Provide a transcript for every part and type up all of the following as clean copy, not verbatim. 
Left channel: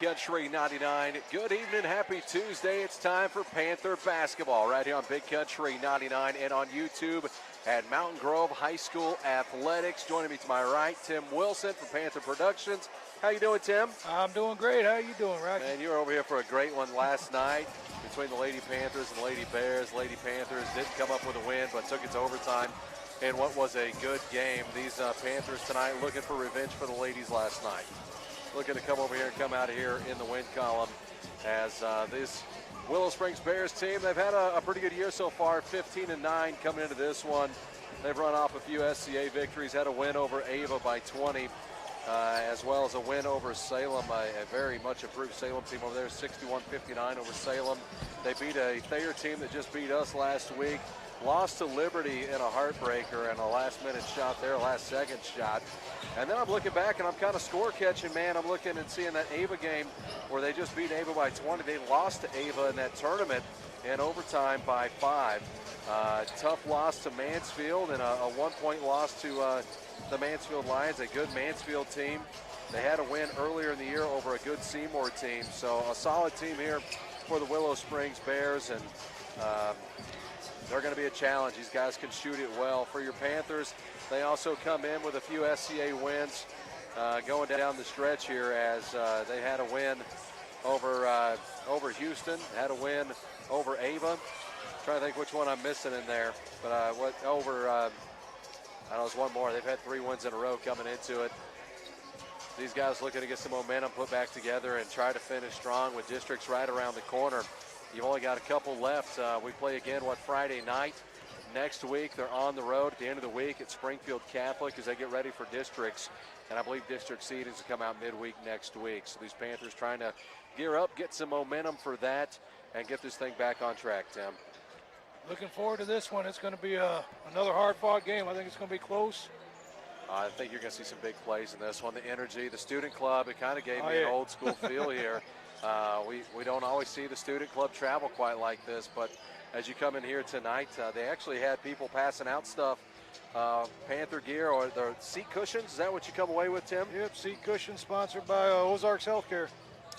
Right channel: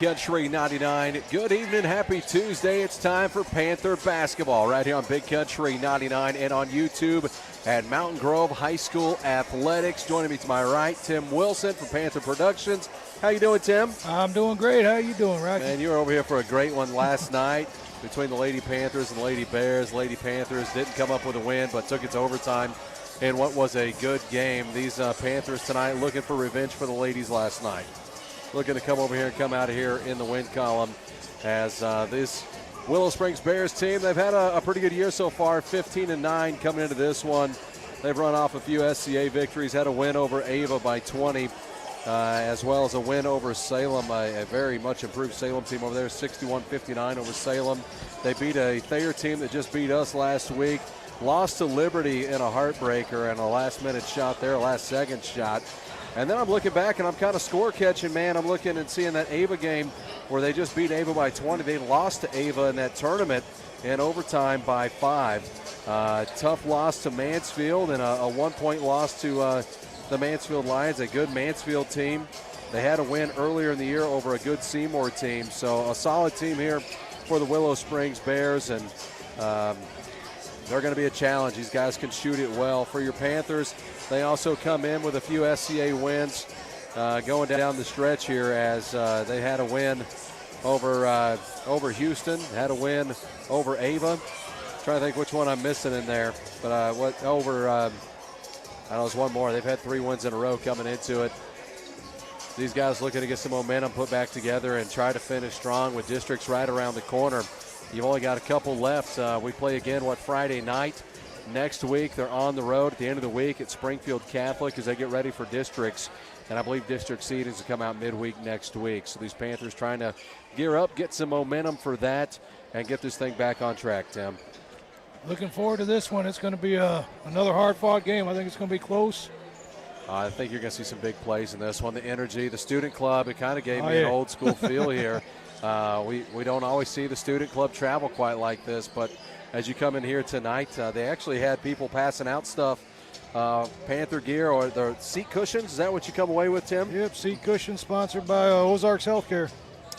Country 99. Good evening, happy Tuesday. It's time for Panther basketball right here on Big Country 99 and on YouTube at Mountain Grove High School Athletics. Joining me to my right, Tim Wilson from Panther Productions. How you doing, Tim? I'm doing great. How you doing, Rocky? Man, you were over here for a great one last night between the Lady Panthers and the Lady Bears. Lady Panthers didn't come up with a win, but took it to overtime in what was a good game. These Panthers tonight looking for revenge for the ladies last night. Looking to come over here and come out of here in the win column as this Willow Springs Bears team, they've had a pretty good year so far, 15-9 coming into this one. They've run off a few SCA victories, had a win over Ava by 20, as well as a win over Salem, a very much improved Salem team over there, 61-59 over Salem. They beat a Thayer team that just beat us last week. Lost to Liberty in a heartbreaker and a last-minute shot there, a last-second shot. And then I'm looking back, and I'm kind of score-catching, man. I'm looking and seeing that Ava game where they just beat Ava by 20. They lost to Ava in that tournament in overtime by 5. Tough loss to Mansfield and a one-point loss to the Mansfield Lions, a good Mansfield team. They had a win earlier in the year over a good Seymour team. So a solid team here for the Willow Springs Bears, and they're going to be a challenge. These guys can shoot it well. For your Panthers, they also come in with a few SCA wins going down the stretch here as they had a win over Houston, had a win over Ava. Trying to think which one I'm missing in there, but I know there's one more. They've had 3 wins in a row coming into it. These guys looking to get some momentum put back together and try to finish strong with districts right around the corner. You've only got a couple left. We play again, Friday night. Next week, they're on the road at the end of the week at Springfield Catholic as they get ready for districts. And I believe district seedings will come out midweek next week. So these Panthers trying to gear up, get some momentum for that, and get this thing back on track, Tim. Looking forward to this one. It's going to be another hard-fought game. I think it's going to be close. I think you're going to see some big plays in this one. The energy, the student club, it kind of gave me an old-school feel here. We don't always see the student club travel quite like this, but as you come in here tonight, they actually had people passing out stuff, Panther gear or their seat cushions. Is that what you come away with, Tim? Yep, seat cushions sponsored by Ozarks Healthcare.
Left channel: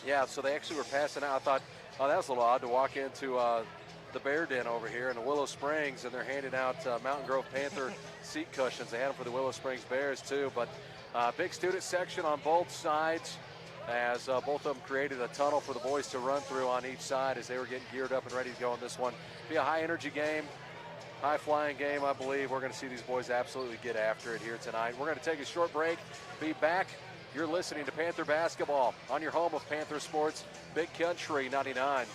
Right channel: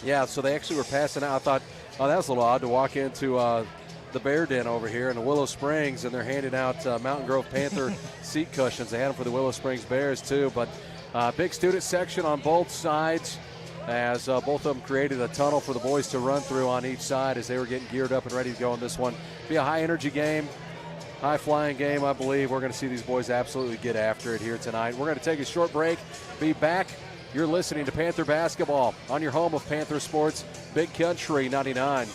Yeah, so they actually were passing out. I thought, oh, that was a little odd to walk into the Bear Den over here in the Willow Springs, and they're handing out Mountain Grove Panther seat cushions. They had them for the Willow Springs Bears, too, but big student section on both sides, as both of them created a tunnel for the boys to run through on each side as they were getting geared up and ready to go in this one. Be a high-energy game, high-flying game, I believe. We're going to see these boys absolutely get after it here tonight. We're going to take a short break, be back. You're listening to Panther Basketball on your home of Panther Sports, Big Country 99.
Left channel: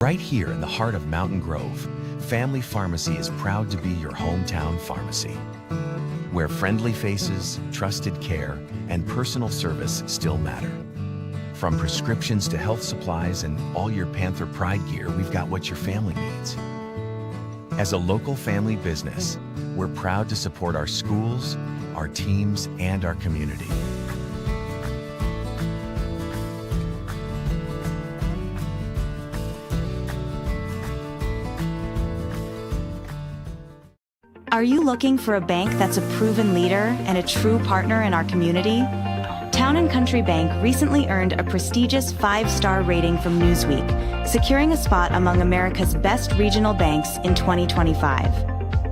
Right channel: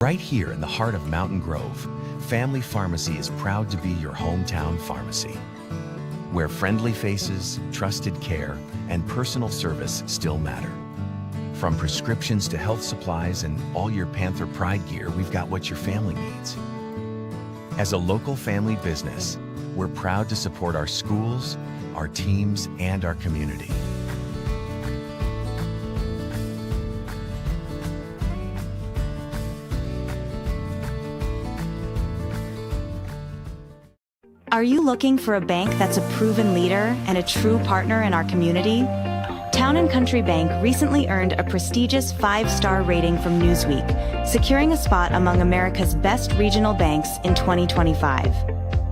Right here in the heart of Mountain Grove, Family Pharmacy is proud to be your hometown pharmacy, where friendly faces, trusted care, and personal service still matter. From prescriptions to health supplies and all your Panther Pride gear, we've got what your family needs. As a local family business, we're proud to support our schools, our teams, and our community. Are you looking for a bank that's a proven leader and a true partner in our community? Town & Country Bank recently earned a prestigious 5-star rating from Newsweek, securing a spot among America's best regional banks in 2025.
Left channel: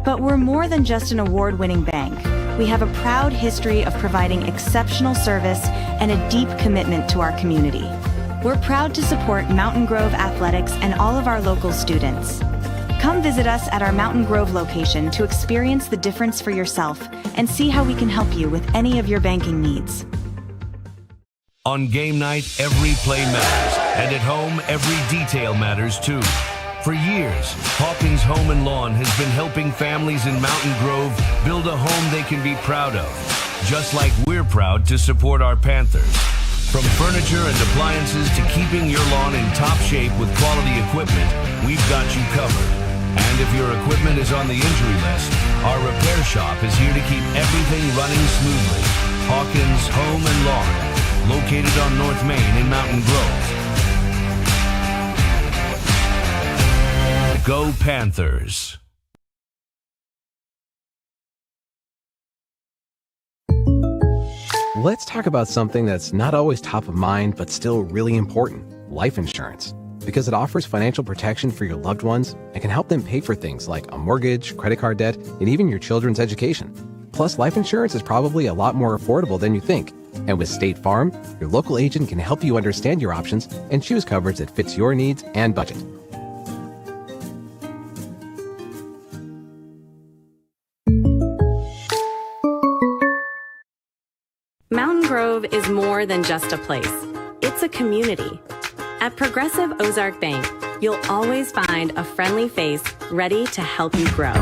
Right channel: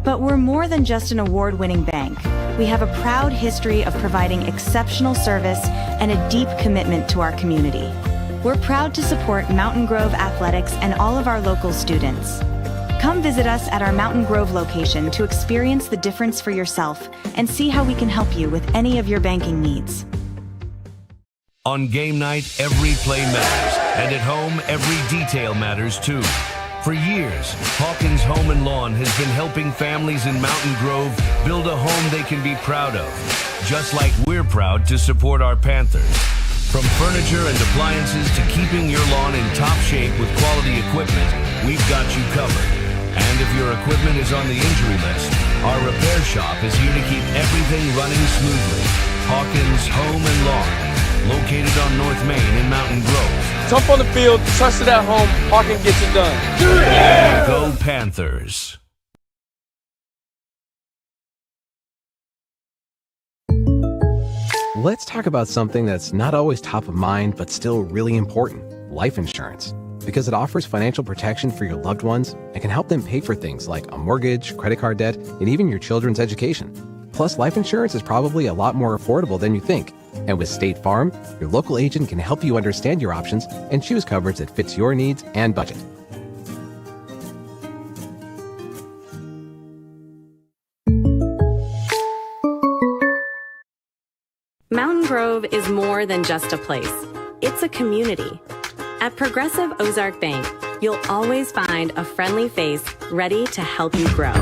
But we're more than just an award-winning bank. We have a proud history of providing exceptional service and a deep commitment to our community. We're proud to support Mountain Grove Athletics and all of our local students. Come visit us at our Mountain Grove location to experience the difference for yourself and see how we can help you with any of your banking needs. On game night, every play matters, and at home, every detail matters too. For years, Hawkins Home and Lawn has been helping families in Mountain Grove build a home they can be proud of, just like we're proud to support our Panthers. From furniture and appliances to keeping your lawn in top shape with quality equipment, we've got you covered. And if your equipment is on the injury list, our repair shop is here to keep everything running smoothly. Hawkins Home and Lawn, located on North Main in Mountain Grove. Tough on the field, trusted at home, Hawkins gets it done. Yeah! Go Panthers. Let's talk about something that's not always top of mind, but still really important: life insurance. Because it offers financial protection for your loved ones and can help them pay for things like a mortgage, credit card debt, and even your children's education. Plus, life insurance is probably a lot more affordable than you think. And with State Farm, your local agent can help you understand your options and choose coverage that fits your needs and budget. Mountain Grove is more than just a place. It's a community. At Progressive Ozark Bank, you'll always find a friendly face ready to help you grow.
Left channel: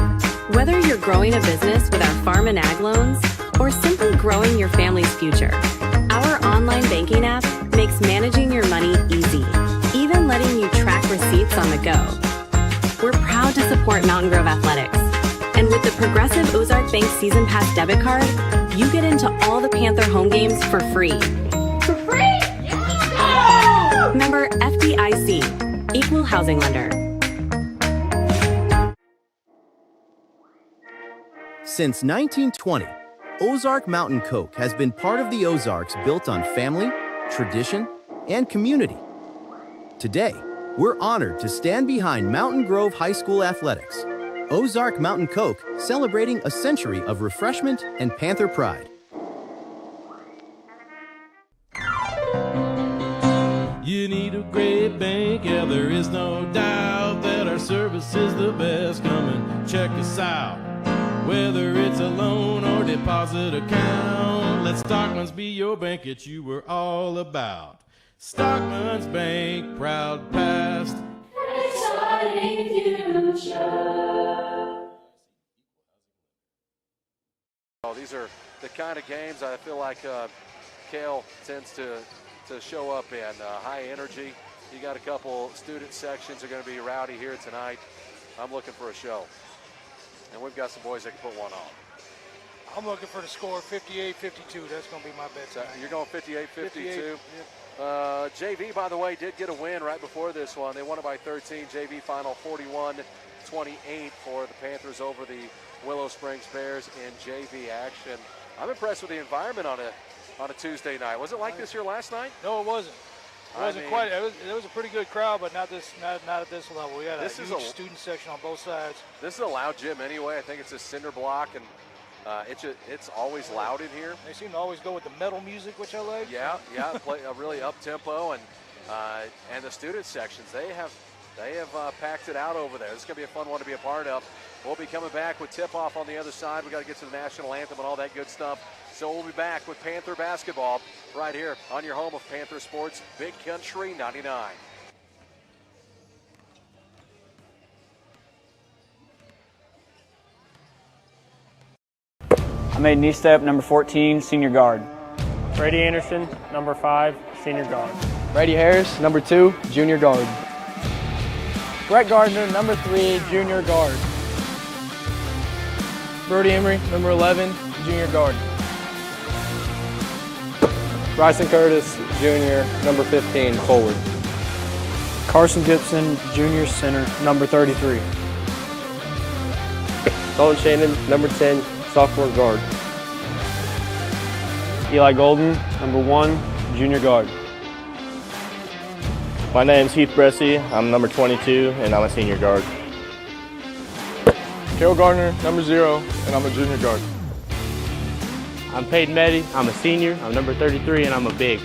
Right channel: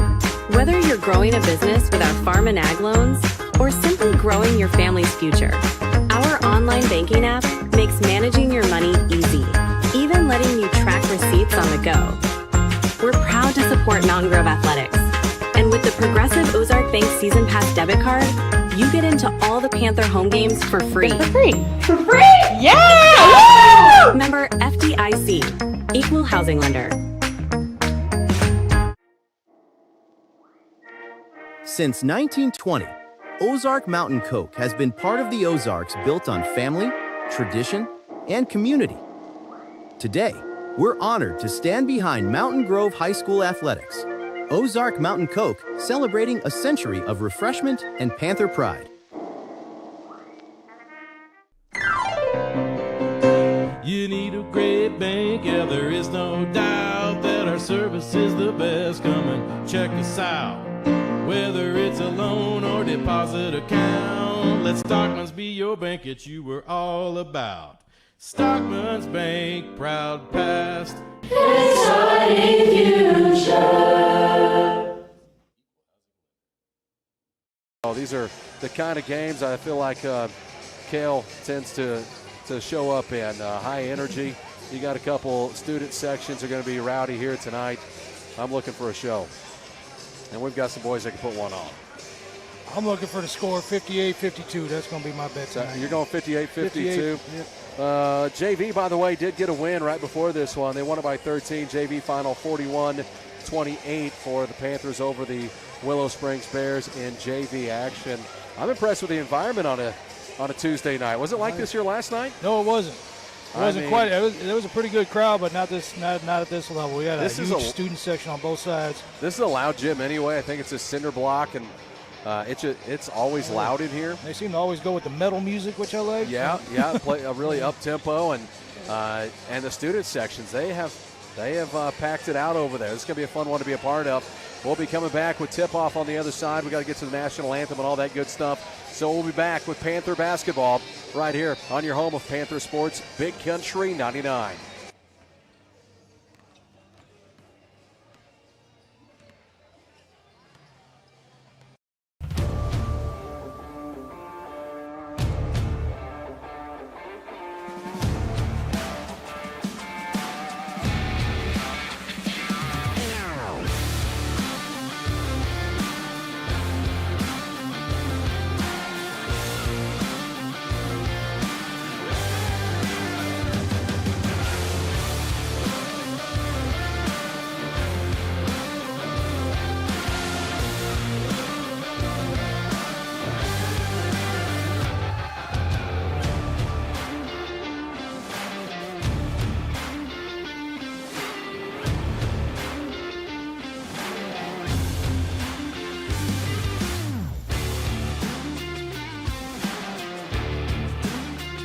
Whether you're growing a business with our farm and ag loans or simply growing your family's future, our online banking app makes managing your money easy, even letting you track receipts on the go. We're proud to support Mountain Grove Athletics. And with the Progressive Ozark Bank Season Pass debit card, you get into all the Panther home games for free. For free? Yeah! Member FDIC, Equal Housing Lender. Since 1920, Ozark Mountain Coke has been part of the Ozarks built on family, tradition, and community. Today, we're honored to stand behind Mountain Grove High School athletics. Ozark Mountain Coke, celebrating a century of refreshment and Panther pride. You need a great bank, yeah, there is no doubt that our service is the best. Come and check us out. Whether it's a loan or deposit account, let Stockman's be your bank, it's you we're all about. Stockman's Bank, proud past, exciting future. These are the kind of games I feel like Cale tends to show up in. High energy. You got a couple student sections are going to be rowdy here tonight. I'm looking for a show. And we've got some boys that can put one on. I'm looking for the score 58-52. That's going to be my bet tonight. You're going 58-52? Yep. JV, by the way, did get a win right before this one. They won it by 13. JV final 41-28 for the Panthers over the Willow Springs Bears in JV action. I'm impressed with the environment on a Tuesday night. Was it like this here last night? No, it wasn't. It wasn't quite. It was a pretty good crowd, but not at this level. We had a huge student section on both sides. This is a loud gym anyway. I think it's a cinder block, and it's always loud in here. They seem to always go with the metal music, which I like. Yeah, play a really up tempo, and the student sections they have packed it out over there. This is gonna be a fun one to be a part of. We'll be coming back with tip-off on the other side. We got to get to the national anthem and all that good stuff. So we'll be back with Panther basketball right here on your home of Panther Sports, Big Country 99. I made knee step, number 14, senior guard. Brady Anderson, number 5, senior guard. Brady Harris, number 2, junior guard. Brett Gardner, number 3, junior guard. Brody Emery, number 11, junior guard. Bryson Curtis, junior, number 15, forward. Carson Gibson, junior center, number 33. Colin Shannon, number 10, sophomore guard. Eli Golden, number 1, junior guard. My name's Heath Bressy. I'm number 22, and I'm a senior guard. Cale Gardner, number 0, and I'm a junior guard. I'm Peyton Meddy. I'm a senior. I'm number 33, and I'm a big.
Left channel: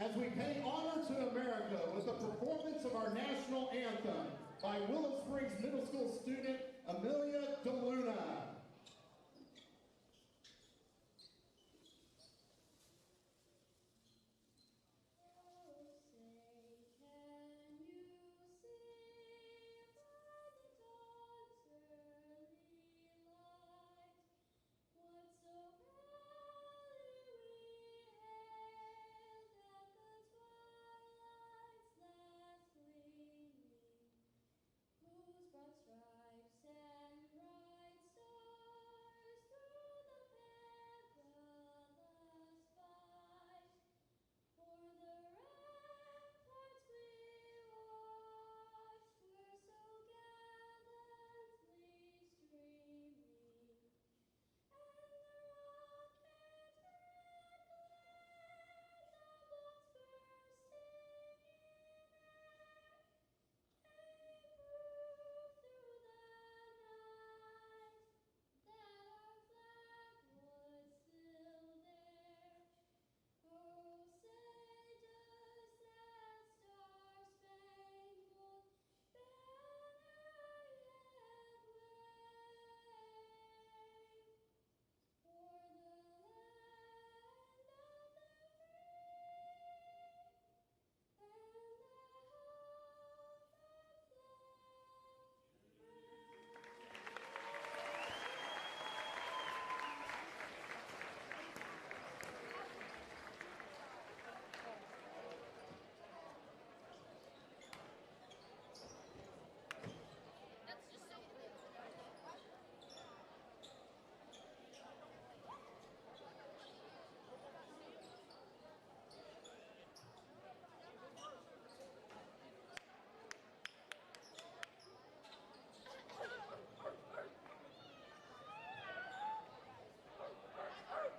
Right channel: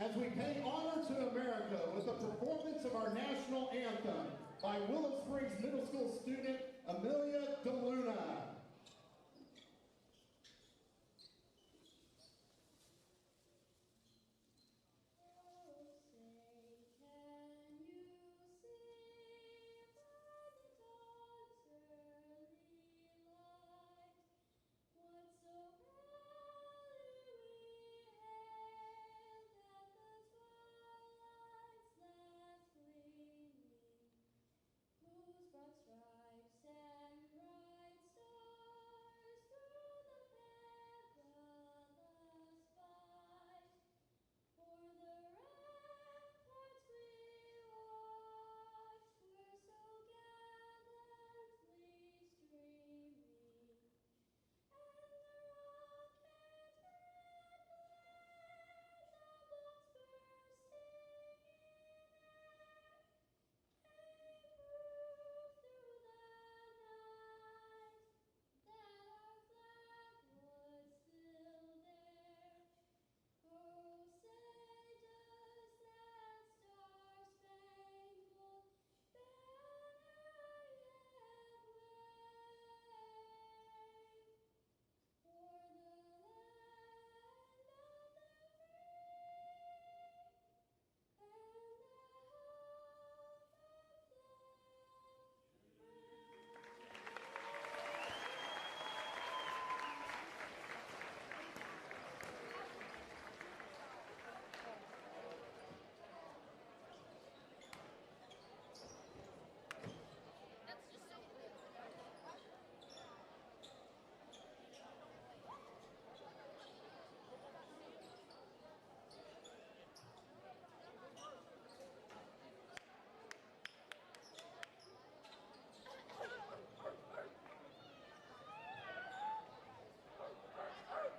As we pay honor to America with the performance of our national anthem by Willow Springs Middle School student Amelia DeLuna.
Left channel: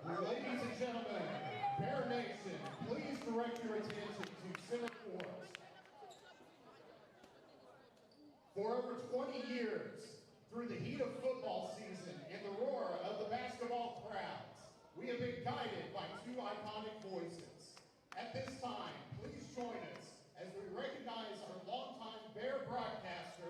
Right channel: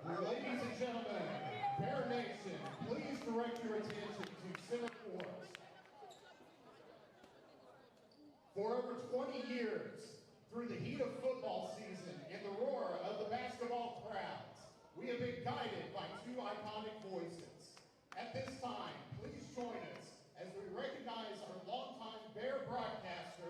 Ladies and gentlemen, Bear Nation, please direct your attention to center court. For over 20 years, through the heat of football season and the roar of the basketball crowds, we have been guided by two iconic voices. At this time, please join us as we recognize our longtime Bear broadcaster,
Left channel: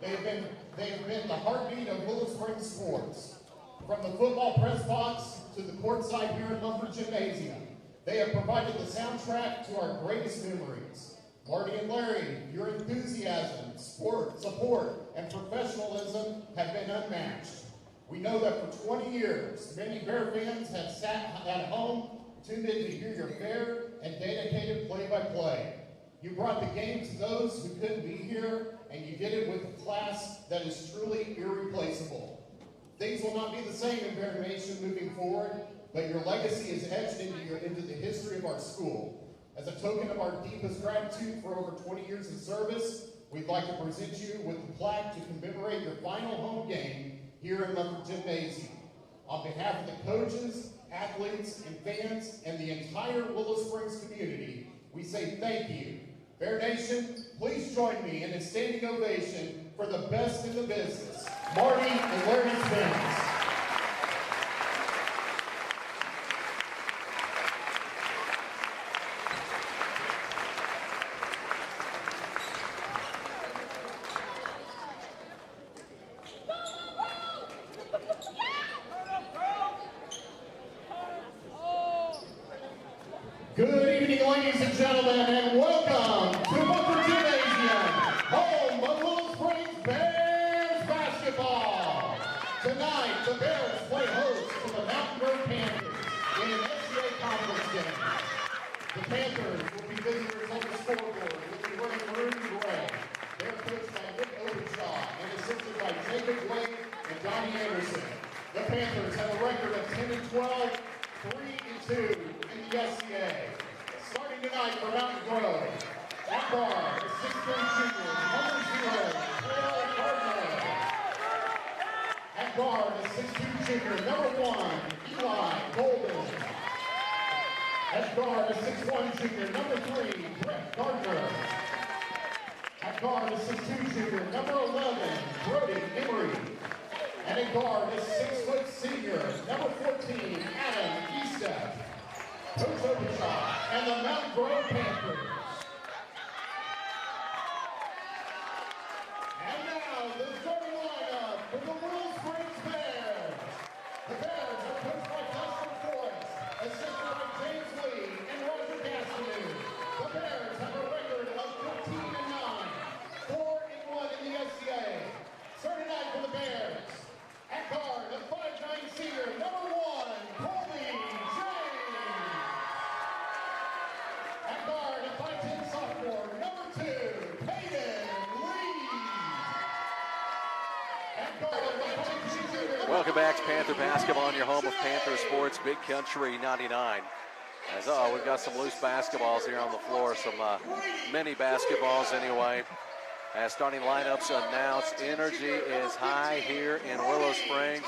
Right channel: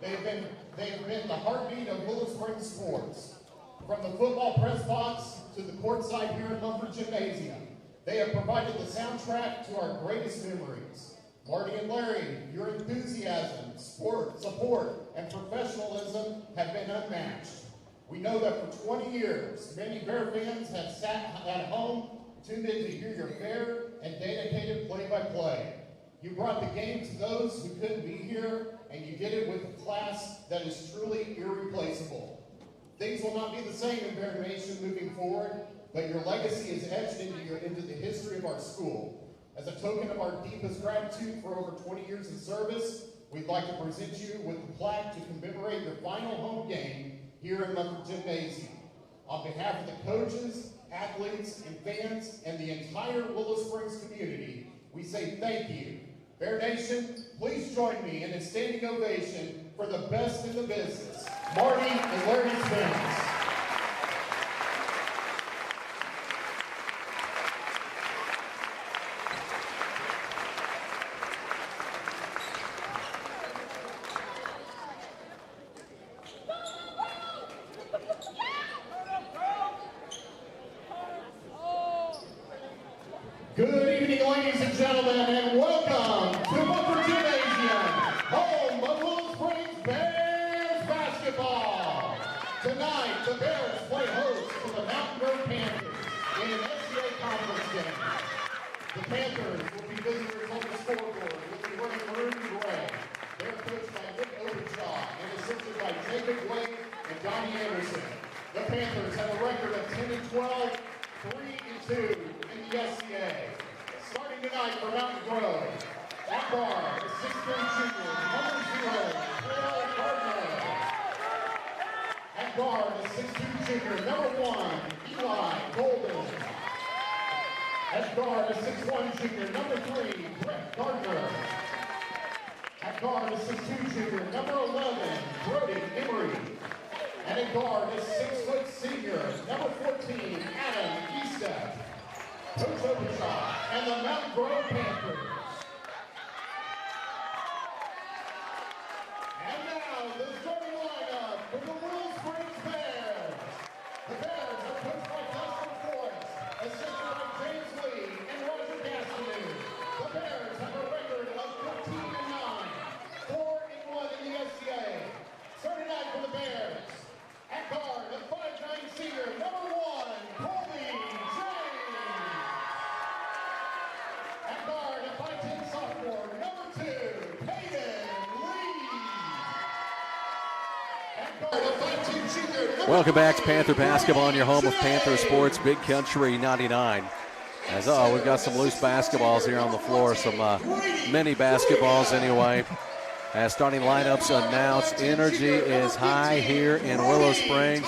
They've been the heartbeat of Willow Springs sports. From the football press box to the courtside here at Lumber Gymnasium, they have provided the soundtrack to our greatest memories. Marty and Larry, your enthusiasm, support, and professionalism have been unmatched. We know that for 20 years, many Bear fans have sat at home, tuned in to hear your fair and dedicated play-by-play. You brought the game to those who couldn't be here, and you did it with a class that is truly irreplaceable. Things will not be the same in Bear Nation moving forward, but your legacy is etched into the history of our school. As a token of our deepest gratitude for over 20 years of service, we'd like to present you with the plaque to commemorate your final home game here in Lumber Gymnasium. On behalf of the coaches, athletes, and fans, and the entire Willow Springs community, we say thank you. Bear Nation, please join me in a standing ovation for the best in the business, Marty and Larry Spence. Good evening, ladies and gentlemen, and welcome to Lumber Gymnasium, home of Willow Springs Bears basketball. Tonight, the Bears play host to the Mountain Grove Panthers in an SCA conference game. The Panthers will be visitors on the scoreboard, will be wearing maroon and gray. They're coached by Nick Obershaw and assisted by Jacob Blake and Donnie Anderson. The Panthers have a record of 10-12, 3-2 in the SCA. Starting tonight for Mountain Grove, at guard, the 6'3" junior, number 0, Cale Gardner. At guard, the 6'2" junior, number 1, Eli Golden. At guard, the 6'1" junior, number 3, Brett Gardner. At guard, the 6'2" junior, number 11, Brody Emery. And at guard, the 6' senior, number 14, Adam Eastep. Coach Obershaw and the Mountain Grove Panthers. And now, the starting lineup for the Willow Springs Bears. The Bears are coached by Dustin Forrest, assisted by James Lee and Roger Gastineau. The Bears have a record of 14-9, 4-1 in the SCA. Starting night for the Bears. At guard, the 5'9" senior, number 1, Colby James. At guard, the 5'10" sophomore, number 2, Peyton Lee. At guard, the 5'2" junior. Welcome back to Panther Basketball on your home of Panther Sports, Big Country 99. As we've got some loose basketballs here on the floor, some mini basketballs anyway. As starting lineups announced, energy is high here in Willow Springs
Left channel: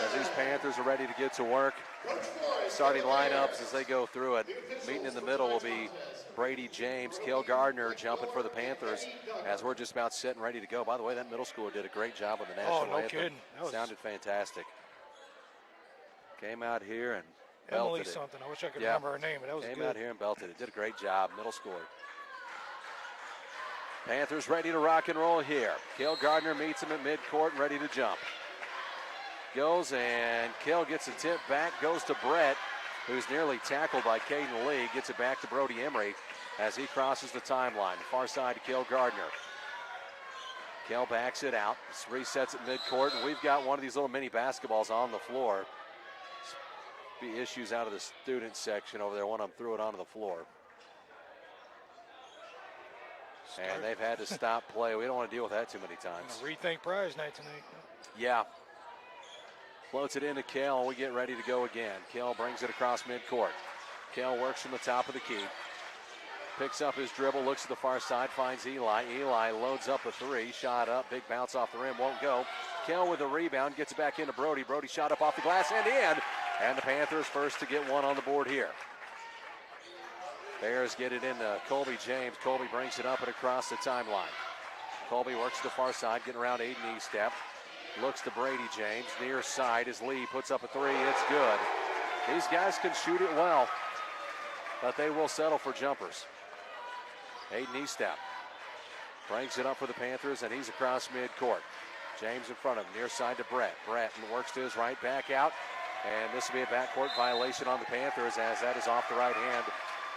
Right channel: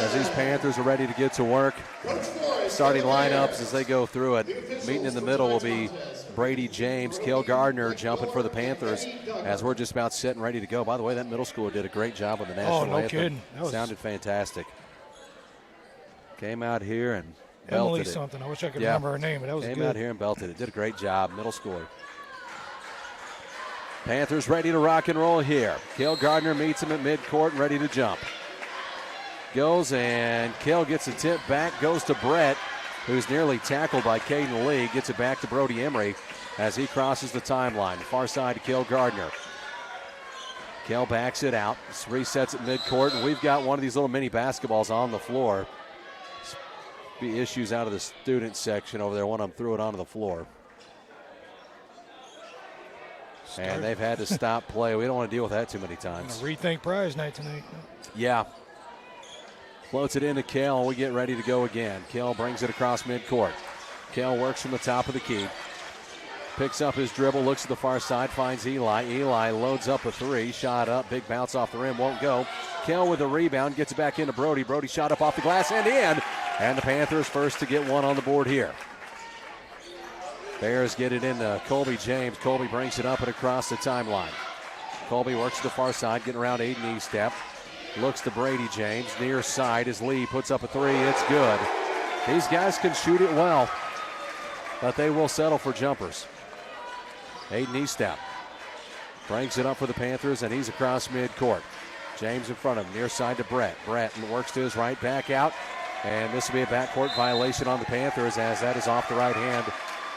as these Panthers are ready to get to work. Starting lineups as they go through it. Meeting in the middle will be Brady James, Cale Gardner jumping for the Panthers as we're just about set and ready to go. By the way, that middle schooler did a great job on the national anthem. Kidding. Sounded fantastic. Came out here and Emily belted it. something. I wish I could remember her name, but that was Came good. out here and belted it. Did a great job, middle schooler. Panthers ready to rock and roll here. Cale Gardner meets him at midcourt and ready to jump. Goes and Cale gets a tip back, goes to Brett, who's nearly tackled by Caden Lee. Gets it back to Brody Emery as he crosses the timeline. Far side to Cale Gardner. Cale backs it out, resets at midcourt, and we've got one of these little mini basketballs on the floor. Be issues out of the student section over there. One of them threw it onto the floor. And they've had to stop play. We don't want to deal with that too many times. Rethink prize night tonight. Yeah. Floats it into Cale. We get ready to go again. Cale brings it across midcourt. Cale works from the top of the key. Picks up his dribble, looks at the far side, finds Eli. Eli loads up a three. Shot up, big bounce off the rim, won't go. Cale with the rebound, gets it back into Brody. Brody shot up off the glass and in. And the Panthers first to get one on the board here. Bears get it into Colby James. Colby brings it up and across the timeline. Colby works to the far side, getting around Aiden Eastep. Looks to Brady James. Near side as Lee puts up a three. It's good. These guys can shoot it well, but they will settle for jumpers. Aiden Eastep Brings it up for the Panthers, and he's across midcourt. James in front of him, near side to Brett. Brett works to his right, back out. And this will be a backcourt violation on the Panthers, as that is off the right hand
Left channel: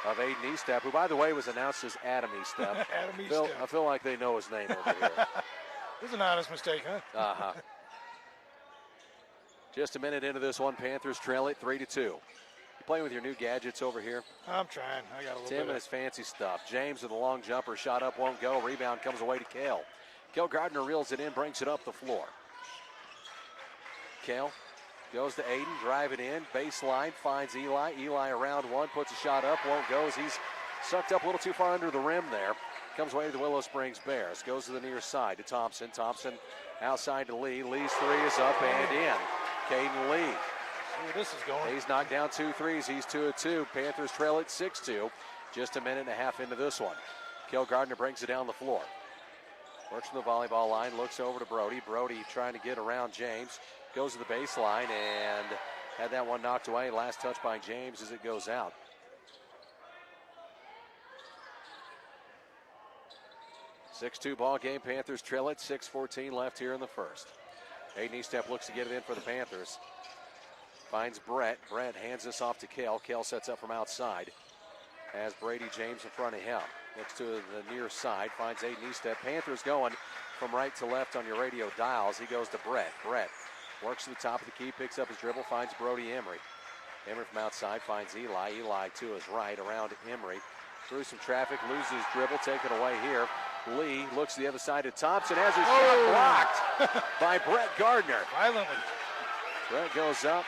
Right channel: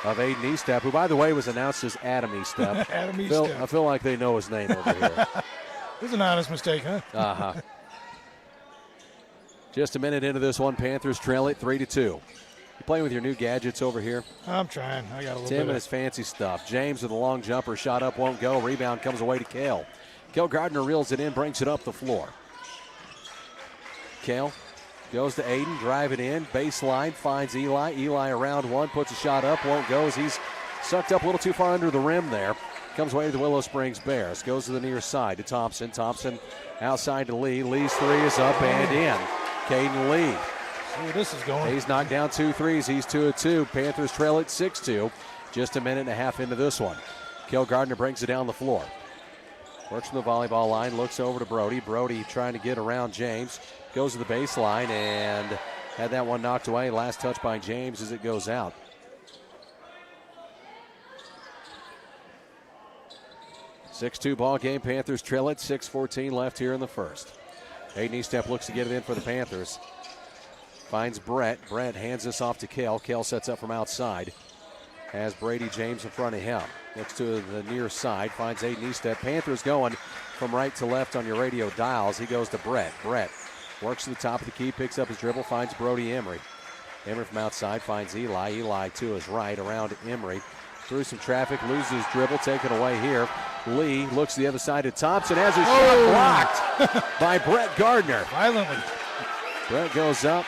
of Aiden Estep, who, by the way, was announced as Adam Estep. Adam Estep. I feel like they know his name over here. It was an honest mistake, huh? Uh-huh. Just a minute into this one, Panthers trail it 3-2. You playing with your new gadgets over here? I'm trying. I got a little Tim bit and his fancy stuff. James with a long jumper, shot up, won't go. Rebound comes away to Kale. Kale Gardner reels it in, brings it up the floor. Kale goes to Aiden, drive it in, baseline, finds Eli. Eli around one, puts a shot up, won't go as he's sucked up a little too far under the rim there. Comes away to the Willow Springs Bears. Goes to the near side to Thompson. Thompson outside to Lee. Lee's three is up and in. Caden Lee. See where this is going. He's knocked down 2 threes. He's 2 of 2. Panthers trail it 6-2. Just a minute and a half into this one. Kel Gardner brings it down the floor. Works from the volleyball line. Looks over to Brody. Brody trying to get around James. Goes to the baseline and had that one knocked away. Last touch by James as it goes out. (6-2) ball game. Panthers trail it. 6:14 left here in the first. Aiden Estep looks to get it in for the Panthers. Finds Brett. Brett hands this off to Kale. Kale sets up from outside. Has Brady James in front of him. Looks to the near side. Finds Aiden Estep. Panthers going from right to left on your radio dials. He goes to Brett. Brett works to the top of the key. Picks up his dribble. Finds Brody Emery. Emery from outside finds Eli. Eli to his right around Emery. Through some traffic, loses his dribble, taken away here. Lee looks to the other side to Thompson, has his shot blocked by Brett Gardner. Violently. Brett goes up,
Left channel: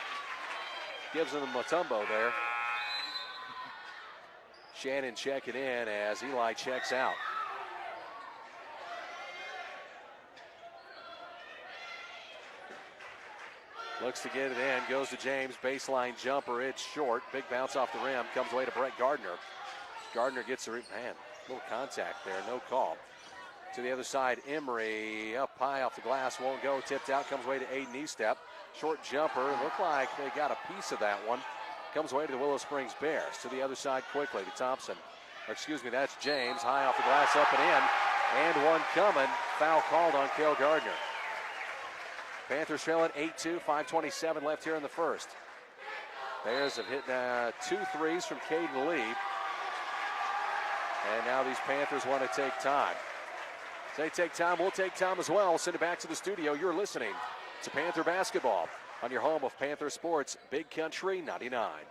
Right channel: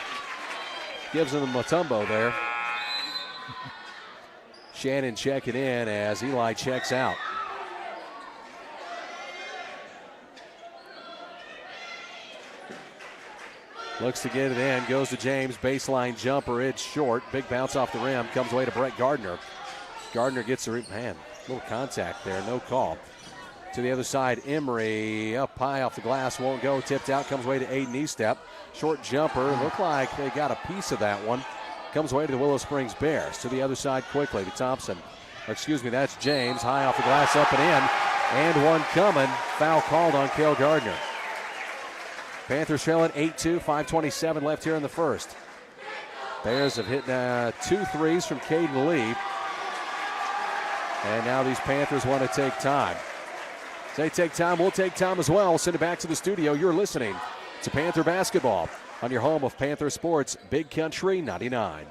gives him the Matumbo there. Shannon checking in as Eli checks out. Looks to get it in, goes to James, baseline jumper, it's short. Big bounce off the rim, comes away to Brett Gardner. Gardner gets the man, little contact there, no call. To the other side, Emery up high off the glass, won't go, tipped out, comes away to Aiden Estep. Short jumper, looked like they got a piece of that one. Comes away to the Willow Springs Bears. To the other side quickly to Thompson. Excuse me, that's James, high off the glass, up and in. And one coming, foul called on Cale Gardner. Panthers trailing 8-2, 5:27 left here in the first. Bears have hit 2 threes from Caden Lee. And now these Panthers want to take time. They take time, we'll take time as well. Send it back to the studio. You're listening to Panther Basketball on your home of Panther Sports, Big Country 99.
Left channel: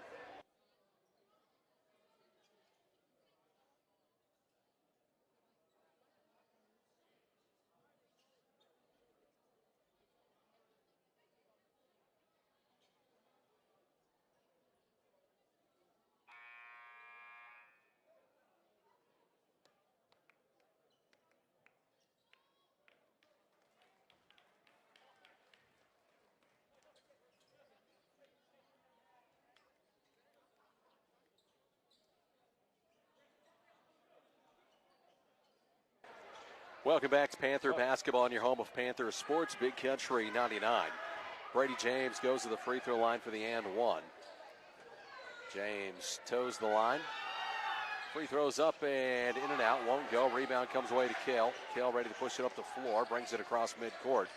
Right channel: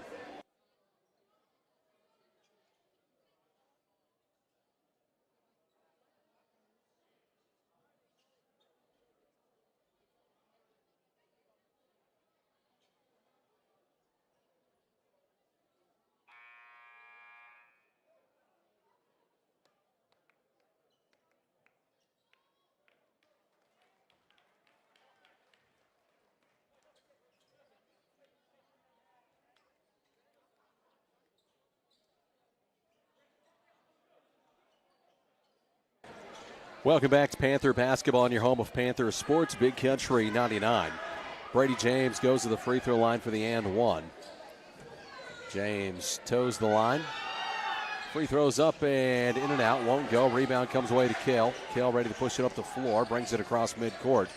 Welcome back to Panther Basketball on your home of Panther Sports, Big Country 99. Brady James goes to the free throw line for the and one. James toes the line. Free throws up and in and out, won't go. Rebound comes away to Kale. Kale ready to push it up the floor, brings it across midcourt.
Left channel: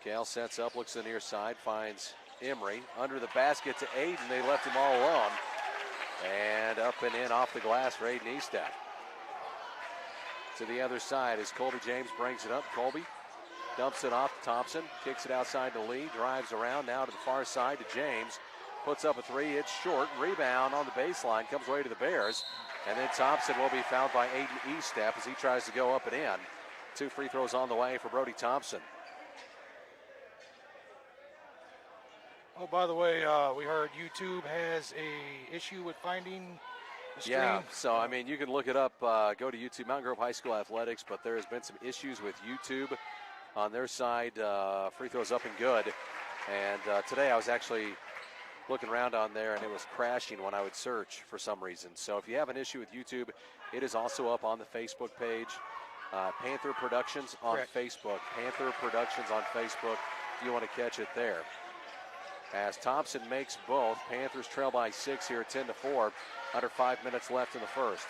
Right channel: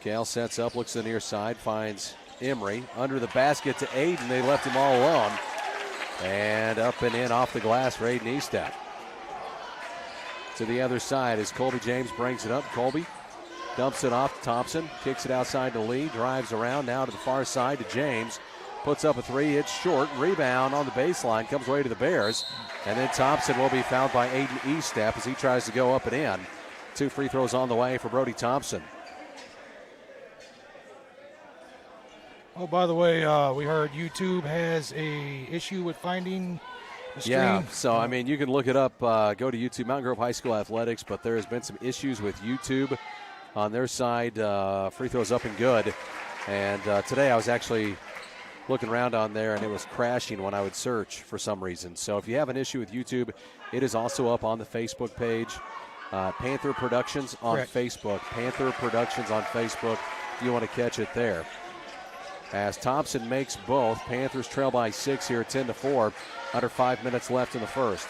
Kale sets up, looks to the near side, finds Emery. Under the basket to Aiden, they left him all alone. And up and in off the glass for Aiden Estep. To the other side as Colby James brings it up. Colby dumps it off to Thompson, kicks it outside to Lee, drives around now to the far side to James, puts up a three, it's short, rebound on the baseline, comes away to the Bears, and then Thompson will be fouled by Aiden Estep as he tries to go up and in. 2 free throws on the way for Brody Thompson. Oh, by the way, we heard YouTube has a issue with finding the stream. Yeah, so, I mean, you can look it up. Go to YouTube, Mountain Grove High School Athletics, but there has been some issues with YouTube on their side. Free throws up and good. And today I was actually looking around on there, and it was crashing when I would search for some reason. So if you have an issue with YouTube, it is also up on the Facebook page. Panther Productions on Correct. Facebook. Panther Productions on Facebook if you want to catch it there. As Thompson makes both, Panthers trail by 6 here, 10-4. Under 5 minutes left in the first.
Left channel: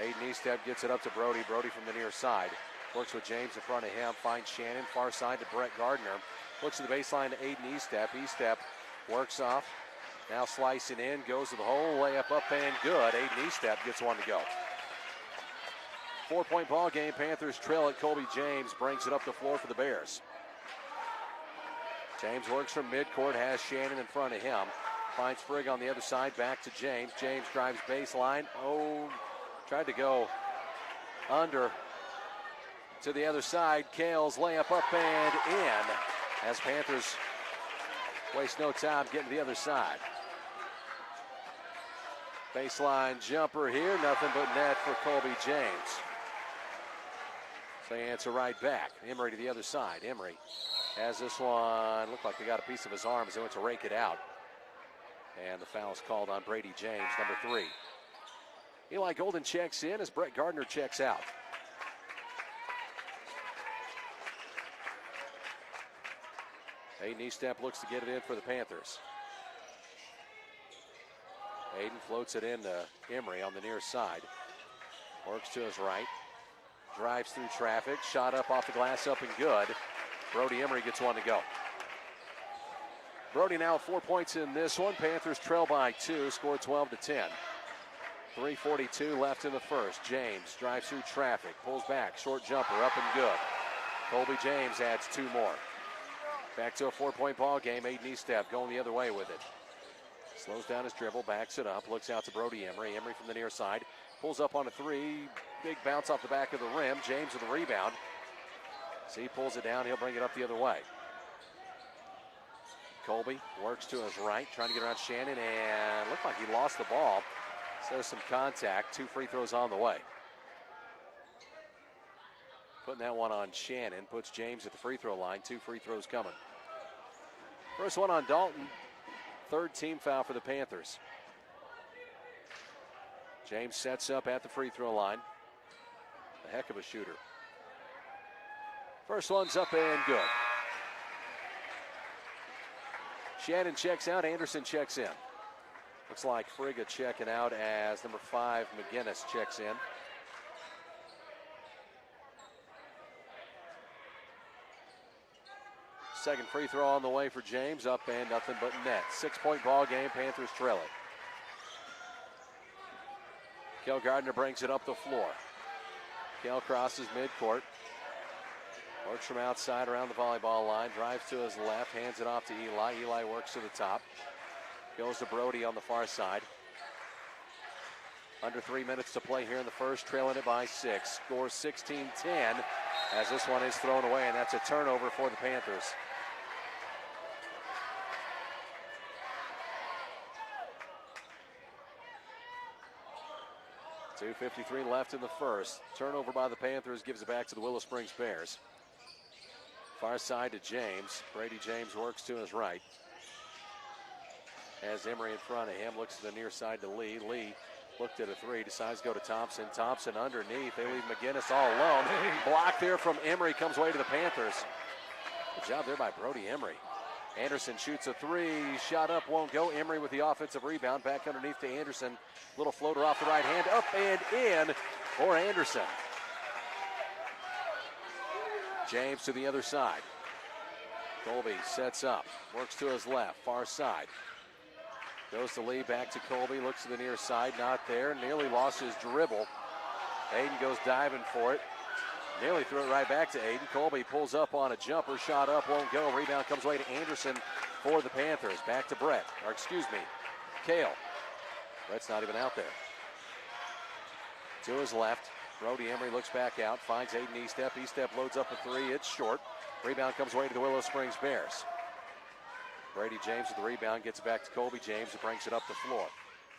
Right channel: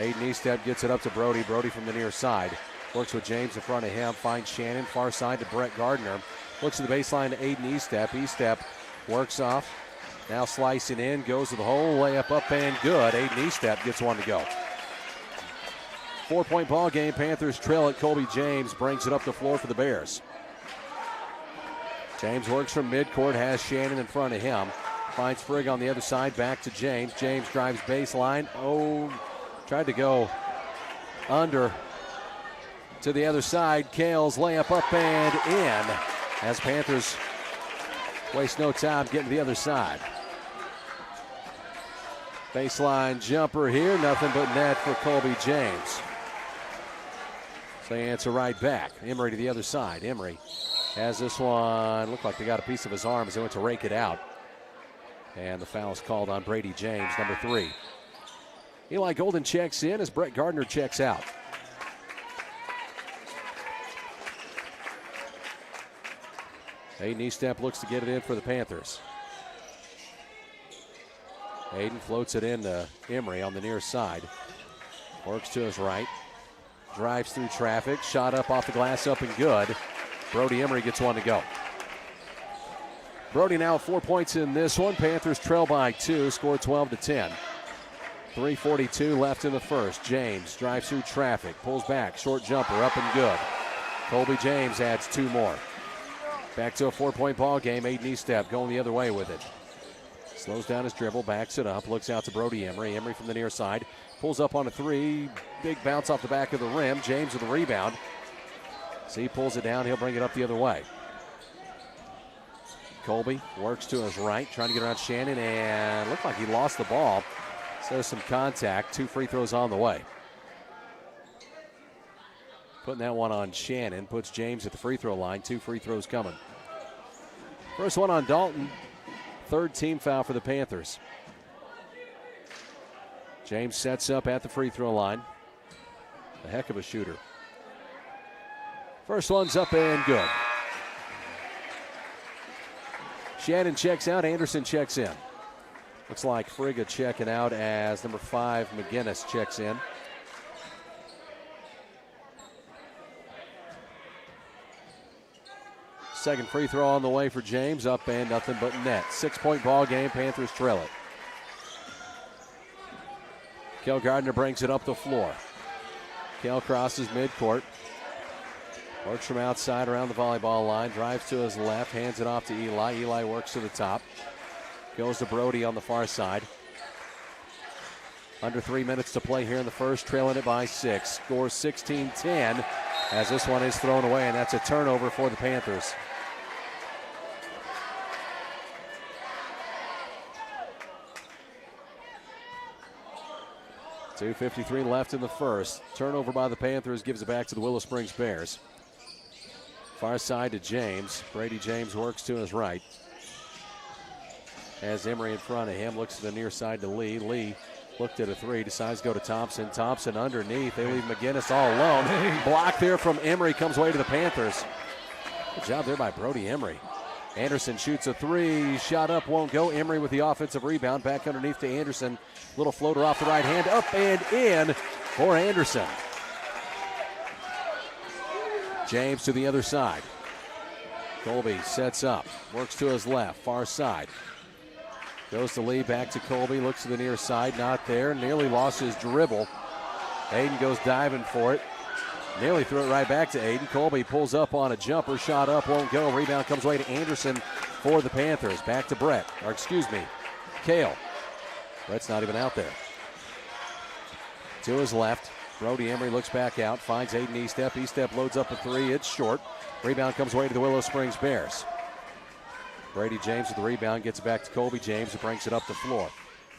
Aiden Eastep gets it up to Brody. Brody from the near side. Works with James in front of him. Finds Shannon. Far side to Brett Gardner. Looks to the baseline to Aiden Eastep. Eastep works off. Now slicing in. Goes to the hole. Layup up and good. Aiden Eastep gets one to go. 4-point ball game. Panthers trail it. Colby James brings it up the floor for the Bears. James works from midcourt. Has Shannon in front of him. Finds Frigg on the other side. Back to James. James drives baseline. Tried to go under to the other side. Kale's layup up and in as Panthers waste no time getting to the other side. Baseline jumper here. Nothing but net for Colby James. So they answer right back. Emery to the other side. Emery has this one. Looked like they got a piece of his arm as they went to rake it out. And the foul is called on Brady James, number 3. Eli Golden checks in as Brett Gardner checks out. Aiden Eastep looks to get it in for the Panthers. Aiden floats it in to Emery on the near side. Works to his right. Drives through traffic. Shot up off the glass, up and good. Brody Emery gets one to go. Brody now 4 points in this one. Panthers trail by 2, score 12-10. 3:42 left in the first. James drives through traffic, pulls back, short jumper, up and good. Colby James adds 2 more. Back to a 4-point ball game. Aiden Eastep going the other way with it. Slows down his dribble, backs it up, looks out to Brody Emery. Emery from the near side, pulls up on a 3. Big bounce off the back of the rim. James with the rebound. So he pulls it down, he'll bring it up the other way. Colby works to his right, trying to get around Shannon, and looked like he lost the ball. So there's some contact. 2 free throws on the way. Putting that one on Shannon. Puts James at the free throw line. 2 free throws coming. First one on Dalton. 3rd team foul for the Panthers. James sets up at the free throw line. A heck of a shooter. First one's up and good. Shannon checks out. Anderson checks in. Looks like Frigga checking out as number 5, McGinnis, checks in. Second free throw on the way for James. Up and nothing but net. 6-point ball game. Panthers trail it. Kel Gardner brings it up the floor. Kel crosses midcourt. Works from outside around the volleyball line. Drives to his left. Hands it off to Eli. Eli works to the top. Goes to Brody on the far side. Under 3 minutes to play here in the first, trailing it by 6. Scores 16-10 as this one is thrown away, and that's a turnover for the Panthers. .253 left in the first. Turnover by the Panthers gives it back to the Willow Springs Bears. Far side to James. Brady James works to his right. Has Emery in front of him. Looks to the near side to Lee. Lee looked at a 3. Decides to go to Thompson. Thompson underneath. They leave McGinnis all alone. Block there from Emery. Comes away to the Panthers. Good job there by Brody Emery. Anderson shoots a 3. Shot up, won't go. Emery with the offensive rebound. Back underneath to Anderson. Little floater off the right hand. Up and in for Anderson. James to the other side. Colby sets up. Works to his left. Far side. Goes to Lee. Back to Colby. Looks to the near side. Not there. Nearly lost his dribble. Aiden goes diving for it. Nearly threw it right back to Aiden. Colby pulls up on a jumper. Shot up, won't go. Rebound comes away to Anderson for the Panthers. Back to Brett. Or excuse me, Kale. Brett's not even out there. To his left. Brody Emery looks back out. Finds Aiden Eastep. Eastep loads up a 3. It's short. Rebound comes away to the Willow Springs Bears. Brady James with the rebound. Gets it back to Colby James, who brings it up the floor.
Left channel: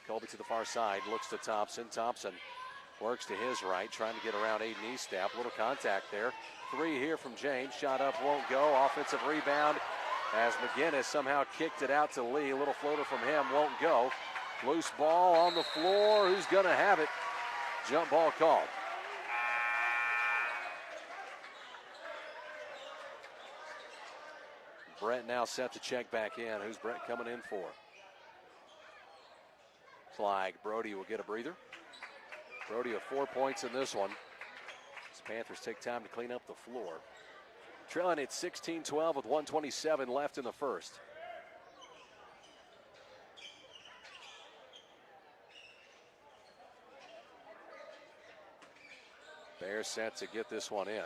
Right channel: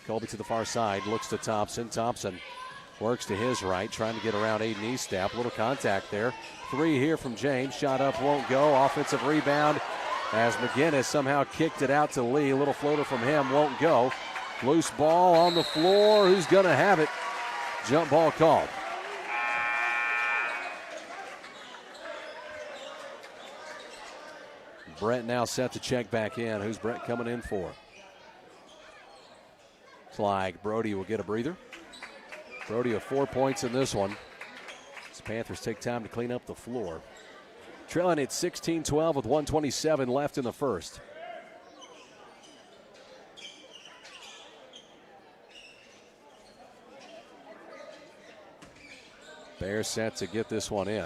Colby to the far side. Looks to Thompson. Thompson works to his right, trying to get around Aiden Eastep. Little contact there. 3 here from James. Shot up, won't go. Offensive rebound as McGinnis somehow kicked it out to Lee. Little floater from him, won't go. Loose ball on the floor. Who's going to have it? Jump ball called. Brett now set to check back in. Who's Brett coming in for? Looks like Brody will get a breather. Brody with 4 points in this one. The Panthers take time to clean up the floor. Trailing at 16-12 with 1:27 left in the first. Bears set to get this one in.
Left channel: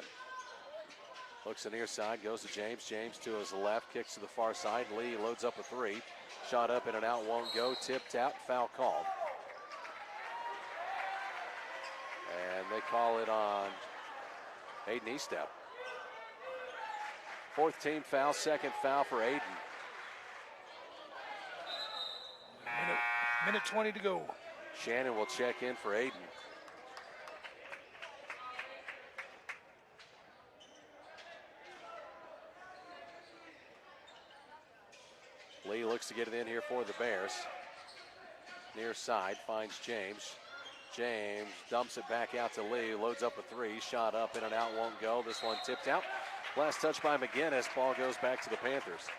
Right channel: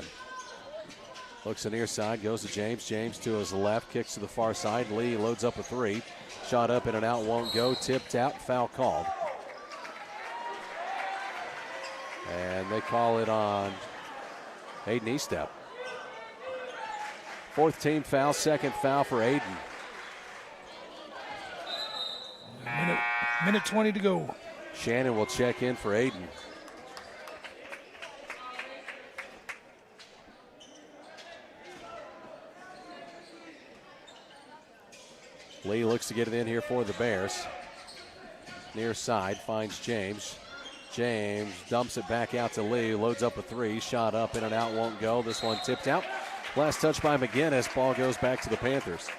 Looks the near side, goes to James. James to his left, kicks to the far side. Lee loads up a three. Shot up in and out, won't go. Tipped out, foul called. And they call it on Aiden Estep. Fourth team foul, second foul for Aiden. Minute 20 to go. Shannon will check in for Aiden. Lee looks to get it in here for the Bears. Near side, finds James. James dumps it back out to Lee, loads up a three. Shot up, in and out, won't go. This one tipped out. Last touch by McGinnis. Ball goes back to the Panthers.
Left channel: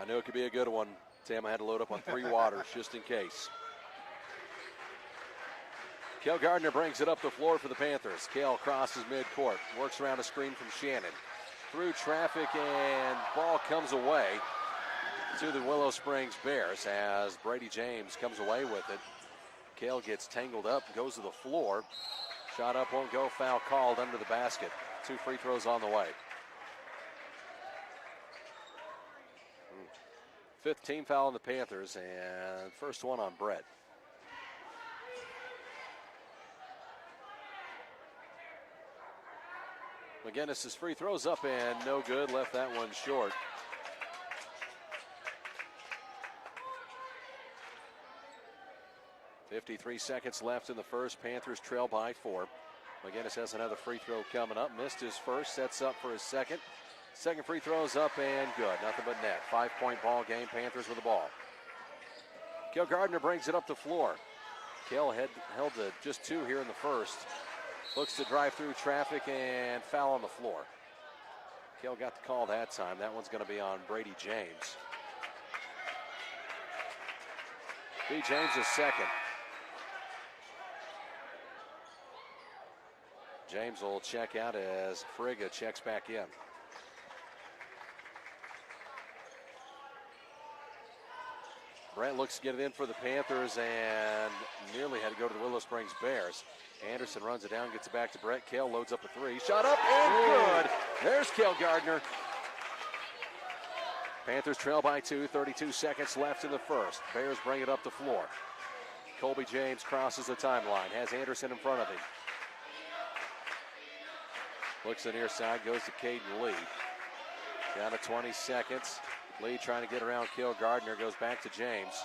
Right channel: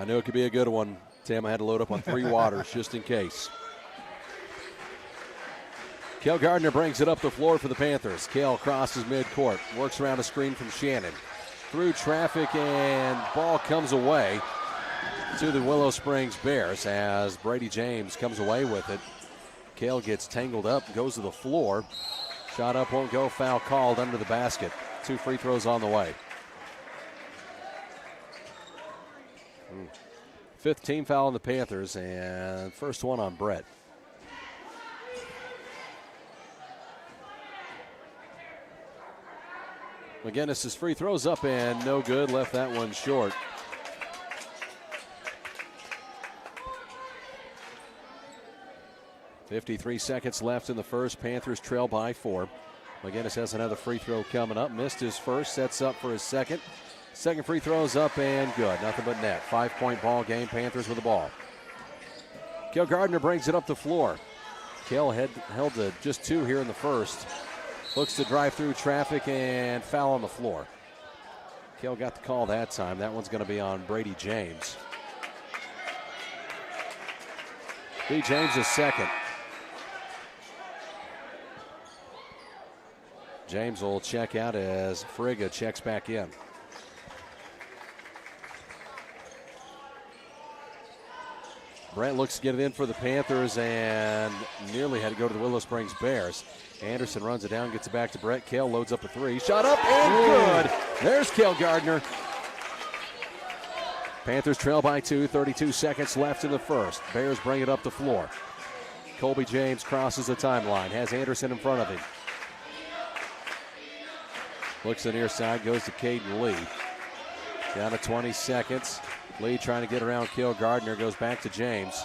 I knew it could be a good one. Tim, I had to load up on 3 waters just in case. Kel Gardner brings it up the floor for the Panthers. Kel crosses midcourt, works around a screen from Shannon. Through traffic, and ball comes away to the Willow Springs Bears as Brady James comes away with it. Kel gets tangled up, goes to the floor. Shot up, won't go, foul called under the basket. 2 free throws on the way. 5th team foul on the Panthers, and first one on Brett. McGinnis' free throws up and no good, left that one short. .53 seconds left in the first. Panthers trail by 4. McGinnis has another free throw coming up. Missed his first, sets up for his second. Second free throw is up and good. Nothing but net. 5-point ball game. Panthers with the ball. Kel Gardner brings it up the floor. Kel held to just 2 here in the first. Looks to drive through traffic and foul on the floor. Kel got the call that time. That one's going to be on Brady James. B. James is second. James will check out as Frigga checks back in. Brett looks to get it in for the Panthers and nearly had to go to the Willow Springs Bears. Anderson runs it down, gets it back to Brett. Kel loads up a three. Shot up and good. There's Kel Gardner. Panthers trail by 2, 32 seconds left in the first. Bears bring it up the floor. Colby James crosses the timeline, has Anderson in front of him. Looks to the near side, goes to Caden Lee. Down to 20 seconds. Lee trying to get around Kel Gardner, goes back to James.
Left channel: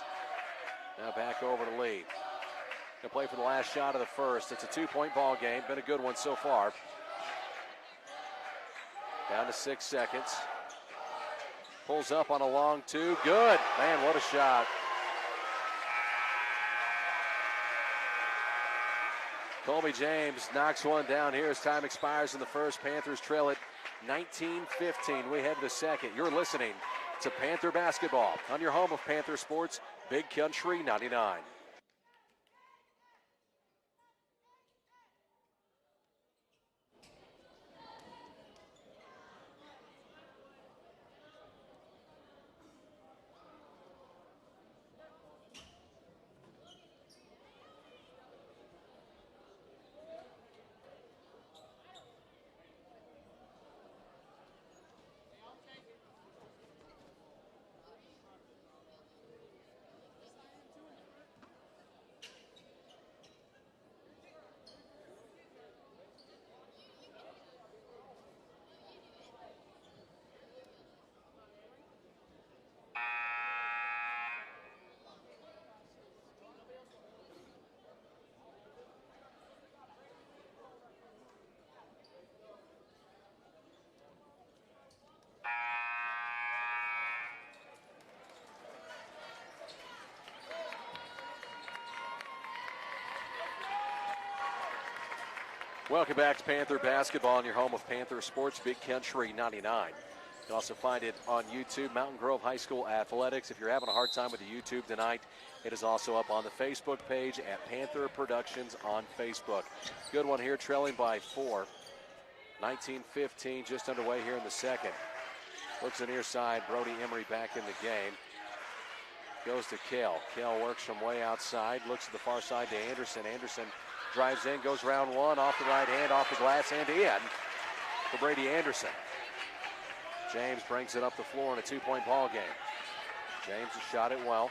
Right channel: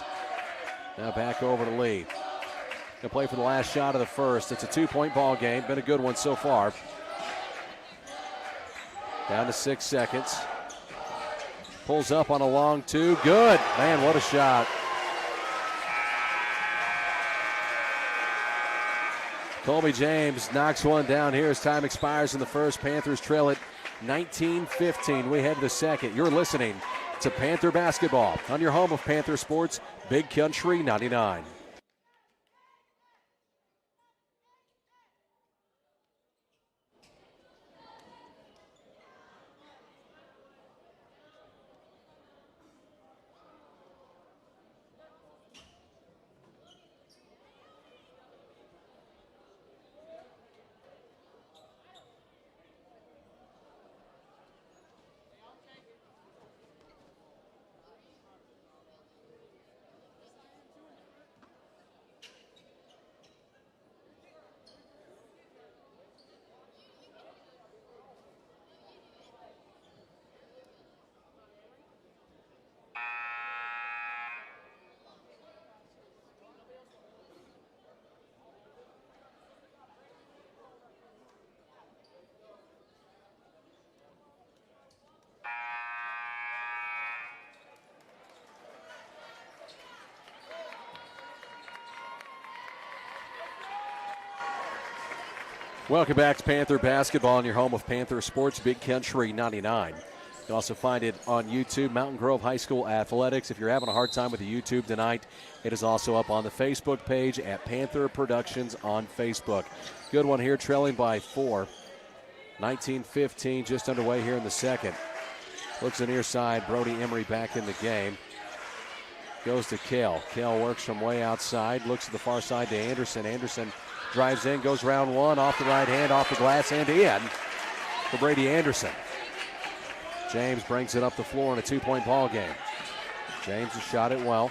Now back over to Lee. Gonna play for the last shot of the first. It's a 2-point ball game. Been a good one so far. Down to 6 seconds. Pulls up on a long 2. Good. Man, what a shot. Colby James knocks one down here as time expires in the first. Panthers trail it 19-15. We head to the second. You're listening to Panther Basketball on your home of Panther Sports, Big Country 99. Welcome back to Panther Basketball on your home of Panther Sports, Big Country 99. can also find it on YouTube, Mountain Grove High School Athletics. If you're having a hard time with the YouTube tonight, it is also up on the Facebook page at Panther Productions on Facebook. Good one here, trailing by 4. 19-15, just underway here in the second. Looks the near side, Brody Emery back in the game. Goes to Kale. Kale works from way outside, looks to the far side to Anderson. Anderson drives in, goes round one, off the right hand, off the glass, and in for Brady Anderson. James brings it up the floor in a 2-point ball game. James has shot it well.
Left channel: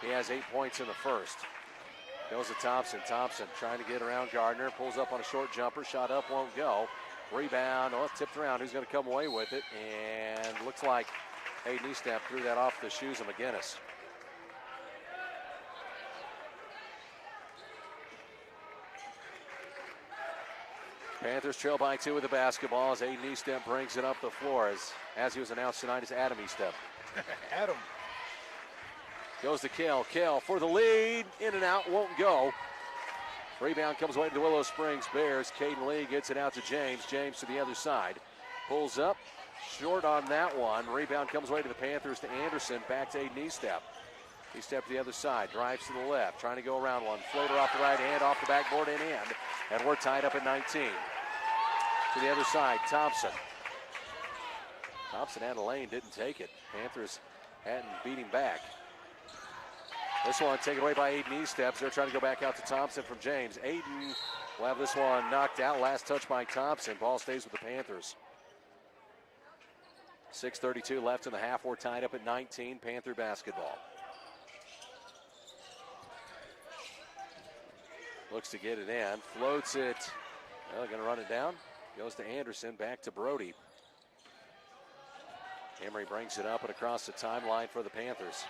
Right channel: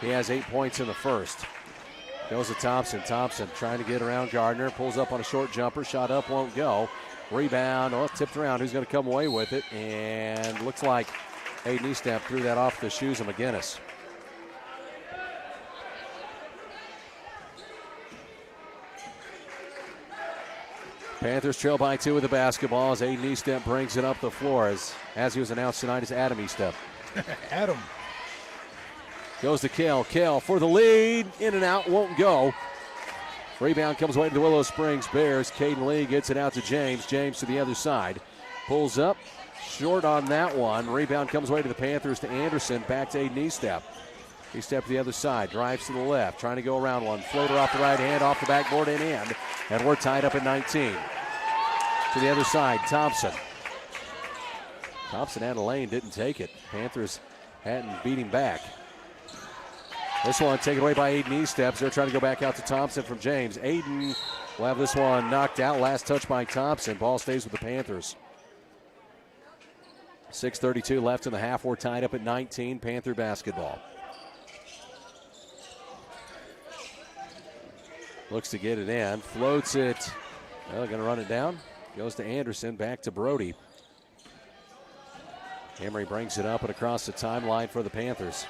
He has 8 points in the first. Goes to Thompson. Thompson trying to get around Gardner. Pulls up on a short jumper. Shot up, won't go. Rebound, tipped around. Who's going to come away with it? And looks like Aiden Eastep threw that off the shoes of McGinnis. Panthers trail by 2 with the basketball as Aiden Eastep brings it up the floor. As he was announced tonight, is Adam Eastep. Adam. Goes to Kale. Kale for the lead. In and out, won't go. Rebound comes away to the Willow Springs Bears. Caden Lee gets it out to James. James to the other side. Pulls up. Short on that one. Rebound comes away to the Panthers to Anderson. Back to Aiden Eastep. Eastep to the other side. Drives to the left. Trying to go around one. Floater off the right hand. Off the backboard and in. And we're tied up at 19. To the other side. Thompson. Thompson had a lane. Didn't take it. Panthers hadn't beat him back. This one taken away by Aiden Eastep. They're trying to go back out to Thompson from James. Aiden will have this one knocked out. Last touch by Thompson. Ball stays with the Panthers. 6:32 left in the half. We're tied up at 19. Panther basketball. Looks to get it in. Floats it. Well, going to run it down. Goes to Anderson. Back to Brody. Emery brings it up and across the timeline for the Panthers.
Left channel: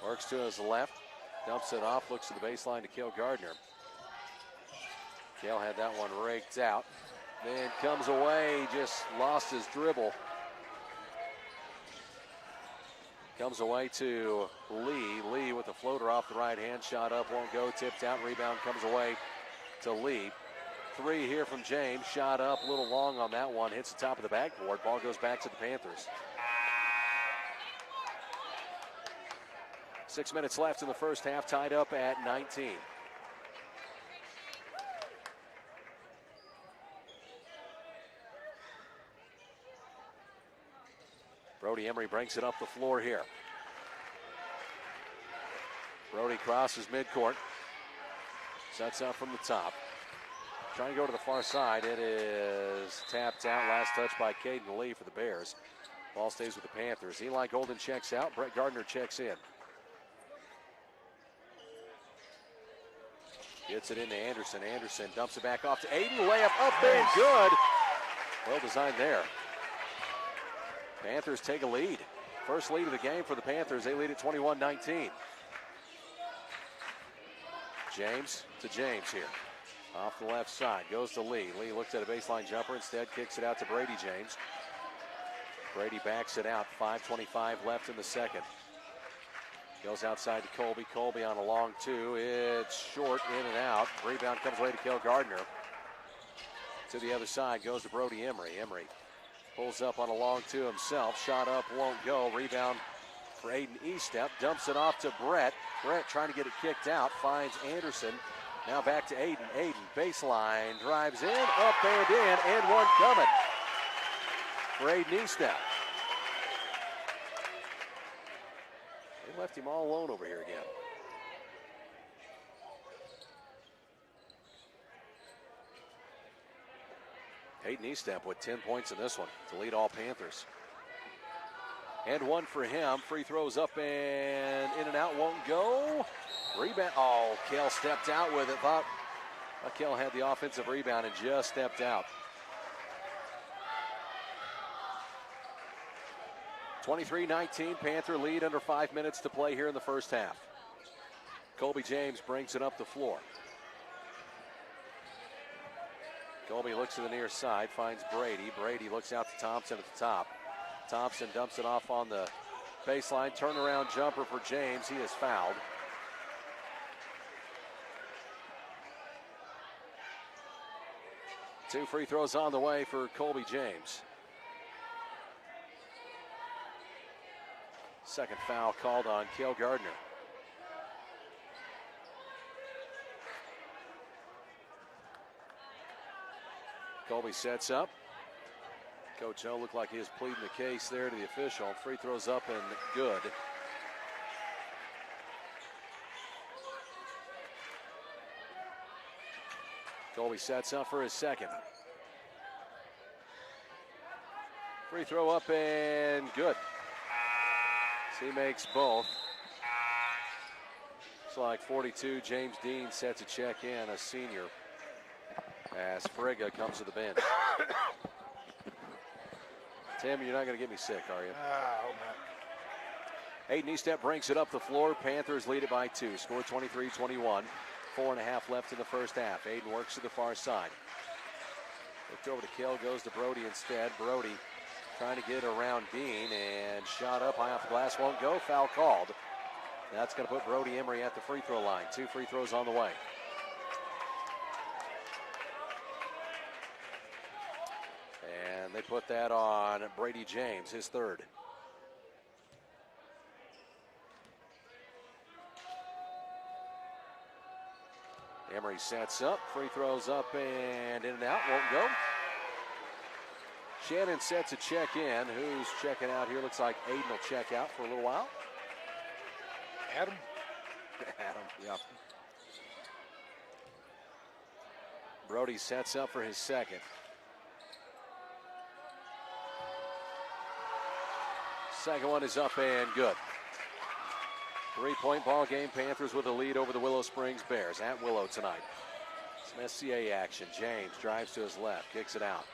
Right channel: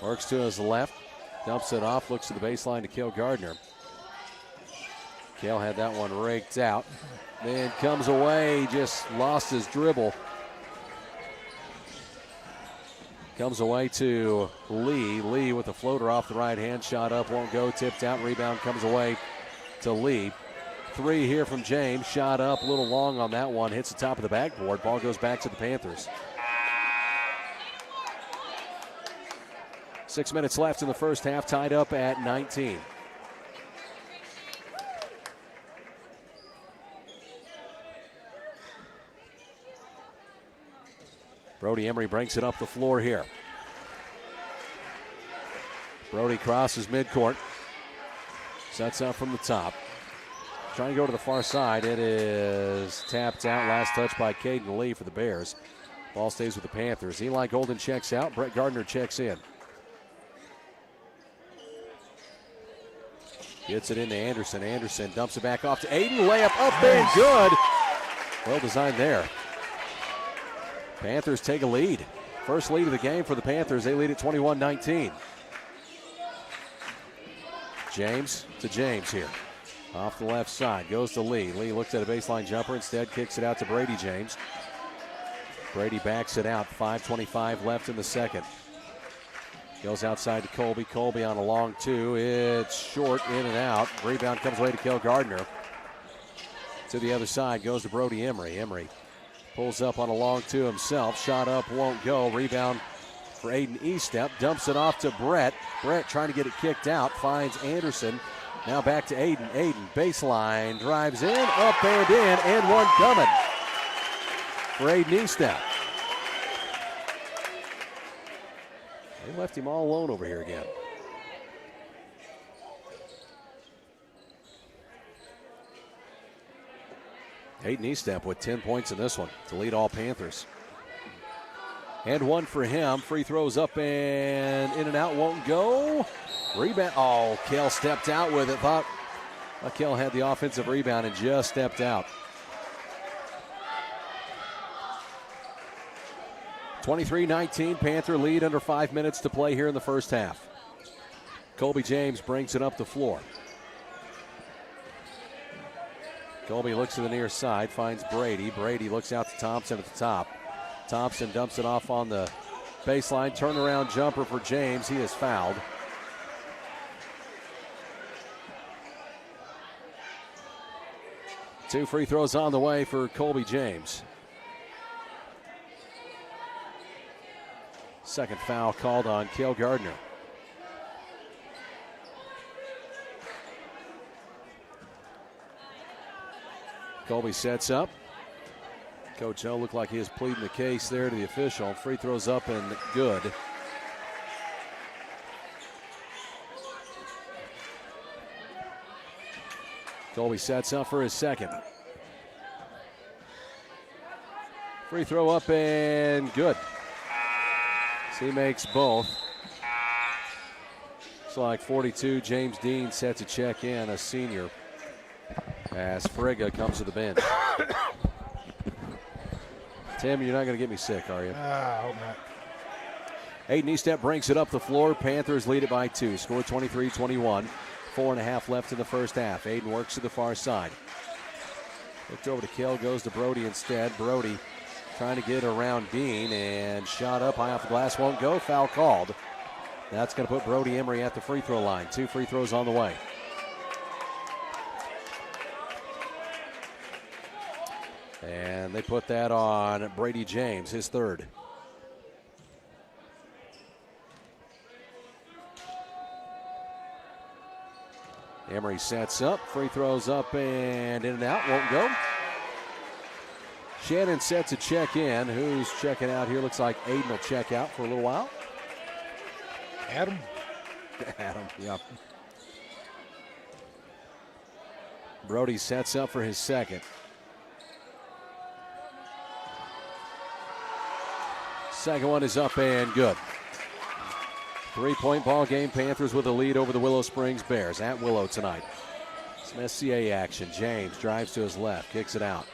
Works to his left. Dumps it off. Looks to the baseline to Cale Gardner. Cale had that one raked out. Then comes away. Just lost his dribble. Comes away to Lee. Lee with the floater off the right hand. Shot up. Won't go. Tipped out. Rebound comes away to Lee. 3 here from James. Shot up. A little long on that one. Hits the top of the backboard. Ball goes back to the Panthers. 6 minutes left in the first half, tied up at 19. Brody Emery brings it up the floor here. Brody crosses midcourt. Sets up from the top. Trying to go to the far side. It is tapped out. Last touch by Caden Lee for the Bears. Ball stays with the Panthers. Eli Golden checks out. Brett Gardner checks in. Gets it into Anderson. Anderson dumps it back off to Aiden. Layup up and good. Well designed there. Panthers take a lead. First lead of the game for the Panthers. They lead at 21-19. James to James here. Off the left side. Goes to Lee. Lee looks at a baseline jumper. Instead kicks it out to Brady James. Brady backs it out. 5:25 left in the second. Goes outside to Colby. Colby on a long 2. It's short, in and out. Rebound comes away to Cale Gardner. To the other side goes to Brody Emery. Emery pulls up on a long 2 himself. Shot up, won't go. Rebound for Aiden Eastep. Dumps it off to Brett. Brett trying to get it kicked out. Finds Anderson. Now back to Aiden. Aiden, baseline, drives in, up and in, and one coming for Aiden Eastep. They left him all alone over here again. Aiden Eastep with 10 points in this one to lead all Panthers. And one for him. Free throws up and in and out, won't go. Rebound. Oh, Cale stepped out with it. Thought Cale had the offensive rebound and just stepped out. 23-19, Panther lead under 5 minutes to play here in the first half. Colby James brings it up the floor. Colby looks to the near side, finds Brady. Brady looks out to Thompson at the top. Thompson dumps it off on the baseline. Turnaround jumper for James. He is fouled. 2 free throws on the way for Colby James. Second foul called on Cale Gardner. Colby sets up. Coach O looked like he was pleading the case there to the official. Free throws up and good. Colby sets up for his second. Free throw up and good. So he makes both. It's like 42. James Dean sets a check in, a senior, as Frigga comes to the bench. Tim, you're not going to get me sick, are you? I hope not. Aiden Estep brings it up the floor. Panthers lead it by 2. Score 23-21. 4.5 left in the first half. Aiden works to the far side. Looked over to Cale, goes to Brody instead. Brody trying to get around Dean, and shot up high off the glass, won't go. Foul called. That's going to put Brody Emery at the free throw line. 2 free throws on the way. And they put that on Brady James, his third. Emery sets up, free throws up and in and out, won't go. Shannon sets a check in. Who's checking out here? Looks like Aiden will check out for a little while. Adam, yeah. Brody sets up for his second. Second one is up and good. 3-point ball game. Panthers with a lead over the Willow Springs Bears at Willow tonight. Some SCA action. James drives to his left, kicks it out.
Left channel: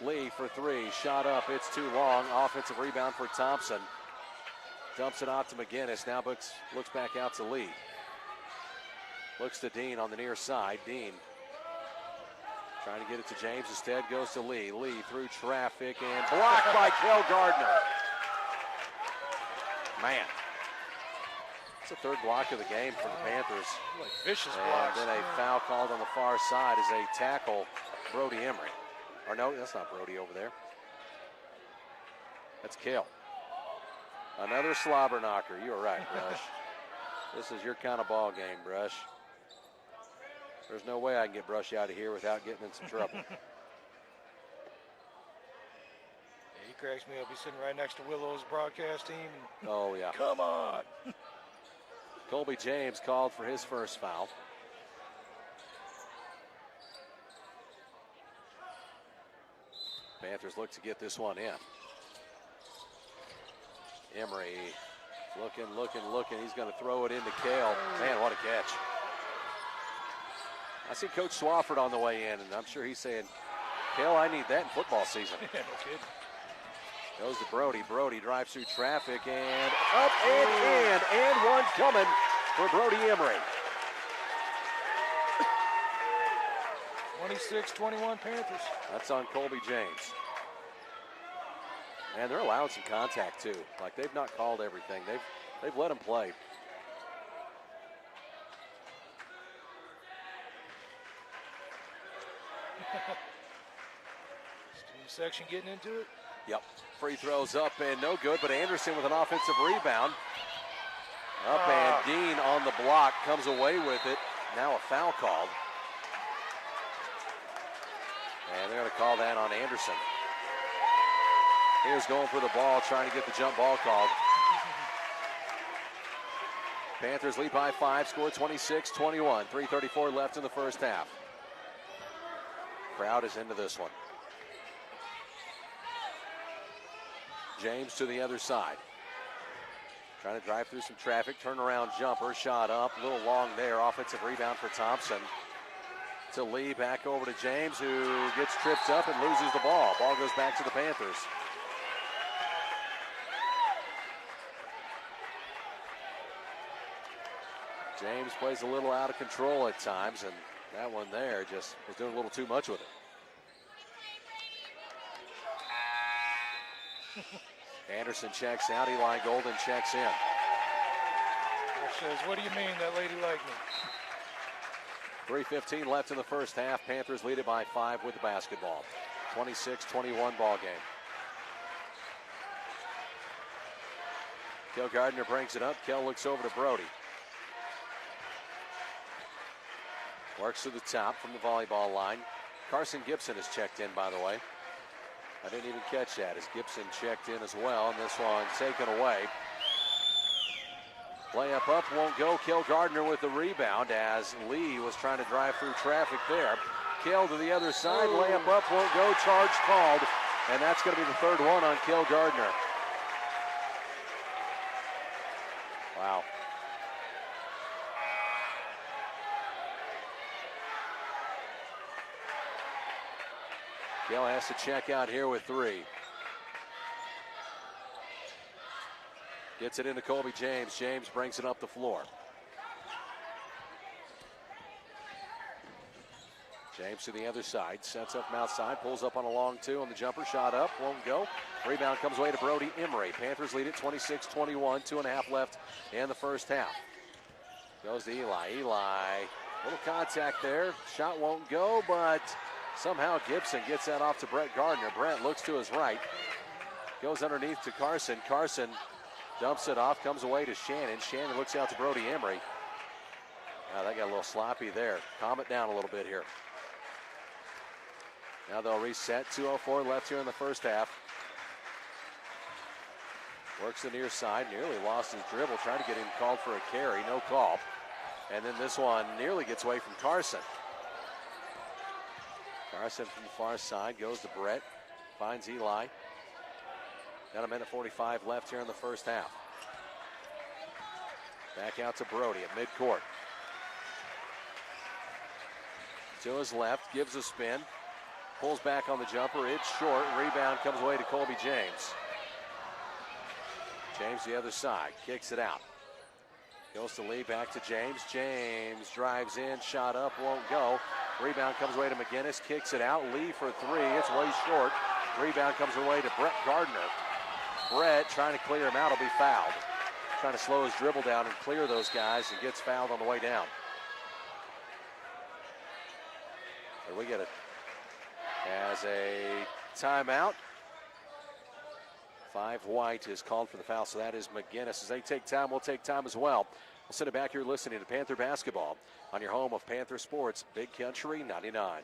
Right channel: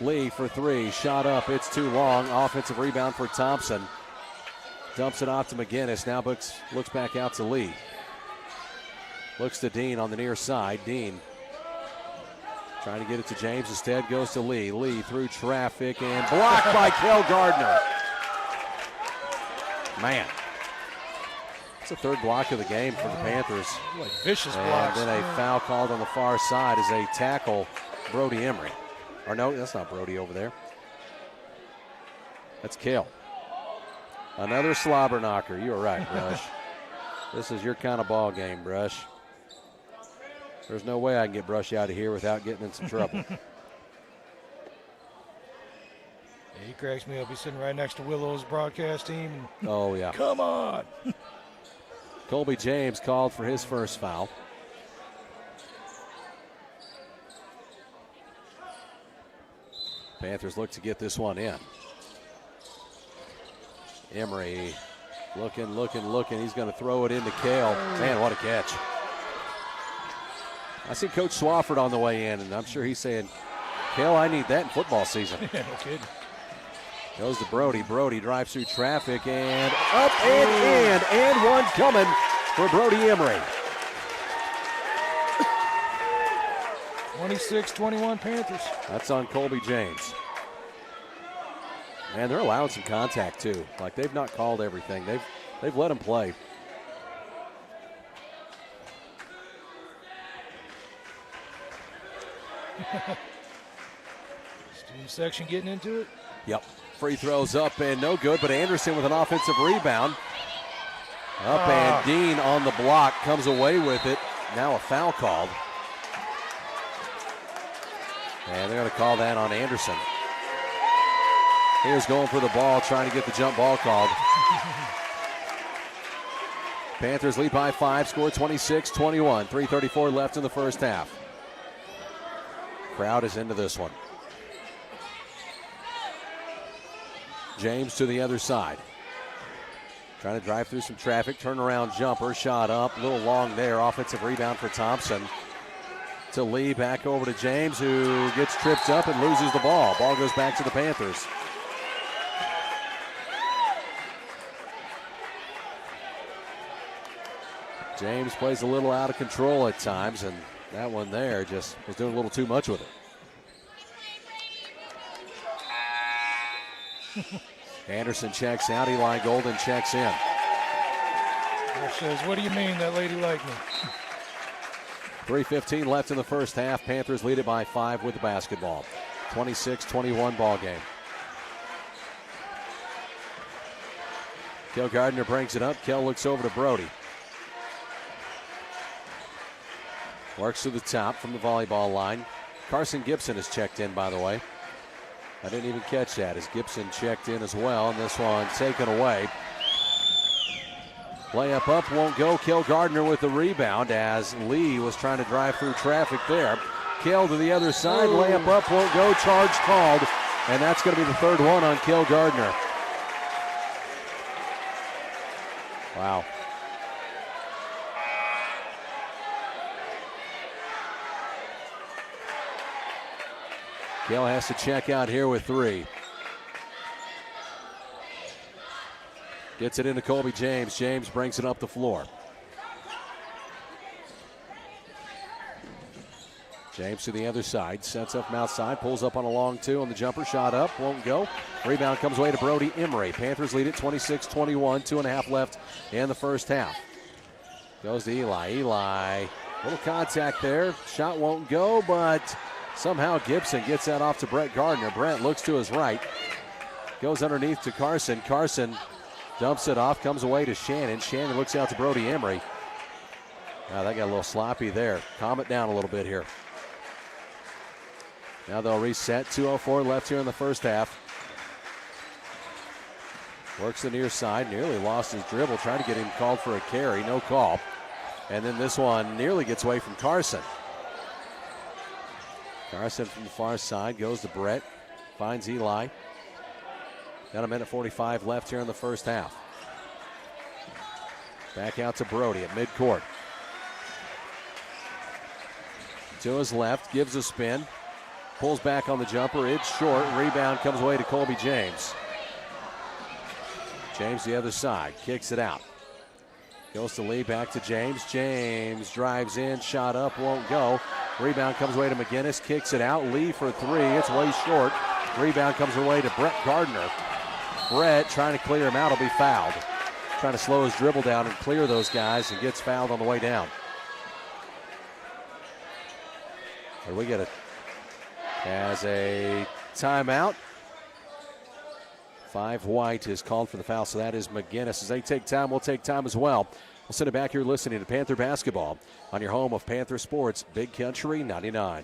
Lee for 3, shot up, it's too long. Offensive rebound for Thompson. Dumps it off to McGinnis. Now looks back out to Lee. Looks to Dean on the near side. Dean trying to get it to James. Instead goes to Lee. Lee through traffic and blocked by Cale Gardner. Man. It's the third block of the game for the Panthers. Like vicious blocks. And then a foul called on the far side as they tackle Brody Emery. Or no, that's not Brody over there. That's Cale. Another slobber knocker. You were right, Brush. This is your kind of ball game, Brush. There's no way I can get Brush out of here without getting in some trouble. Yeah, he cracks me up. He's sitting right next to Willow's broadcast team. And oh, yeah. Come on. Colby James called for his first foul. Panthers look to get this one in. Emery looking. He's going to throw it into Cale. Man, what a catch. I see Coach Swafford on the way in, and I'm sure he's saying, Cale, I need that in football season. No kidding. Goes to Brody. Brody drives through traffic and up and in. And one coming for Brody Emery. 26-21 Panthers. That's on Colby James. Man, they're allowing some contact too. Like they've not called everything. They've let him play. Student section getting into it. Yep. Free throws up and no good, but Anderson with an offensive rebound. Up and Dean on the block comes away with it. Now a foul called. And they're going to call that on Anderson. He was going for the ball, trying to get the jump ball called. Panthers lead by 5, score 26-21. 3:34 left in the first half. Crowd is into this one. James to the other side. Trying to drive through some traffic. Turnaround jumper. Shot up. A little long there. Offensive rebound for Thompson. To Lee. Back over to James, who gets tripped up and loses the ball. Ball goes back to the Panthers. James plays a little out of control at times, and that one there just was doing a little too much with it. Anderson checks out. Eli Golden checks in. Says, what do you mean that lady liked me? 3:15 left in the first half. Panthers lead it by 5 with the basketball. 26-21 ball game. Kel Gardner brings it up. Kel looks over to Brody. Works to the top from the volleyball line. Carson Gibson is checked in, by the way. I didn't even catch that as Gibson checked in as well, and this one taken away. Layup up won't go. Kel Gardner with the rebound as Lee was trying to drive through traffic there. Kel to the other side. Layup up won't go. Charge called, and that's going to be the third one on Kel Gardner. Wow. Kel has to check out here with 3. Gets it into Colby James. James brings it up the floor. James to the other side. Sets up from outside. Pulls up on a long 2 on the jumper. Shot up. Won't go. Rebound comes away to Brody Emery. Panthers lead it 26-21. 2.5 left in the first half. Goes to Eli. Eli. Little contact there. Shot won't go, but somehow Gibson gets that off to Brett Gardner. Brett looks to his right. Goes underneath to Carson. Carson dumps it off. Comes away to Shannon. Shannon looks out to Brody Emery. That got a little sloppy there. Calm it down a little bit here. Now they'll reset. 2:04 left here in the first half. Works the near side. Nearly lost his dribble. Trying to get him called for a carry. No call. And then this one nearly gets away from Carson. Carson from the far side goes to Brett. Finds Eli. Got a minute 45 left here in the first half. Back out to Brody at midcourt. To his left. Gives a spin. Pulls back on the jumper. It's short. Rebound comes away to Colby James. James the other side. Kicks it out. Goes to Lee. Back to James. James drives in. Shot up. Won't go. Rebound comes away to McGinnis. Kicks it out. Lee for 3. It's way short. Rebound comes away to Brett Gardner. Brett trying to clear him out. Will be fouled. Trying to slow his dribble down and clear those guys, and gets fouled on the way down. So we get it as a timeout. 5 White is called for the foul, so that is McGinnis. As they take time, we'll take time as well. We'll send it back here listening to Panther Basketball on your home of Panther Sports, Big Country 99.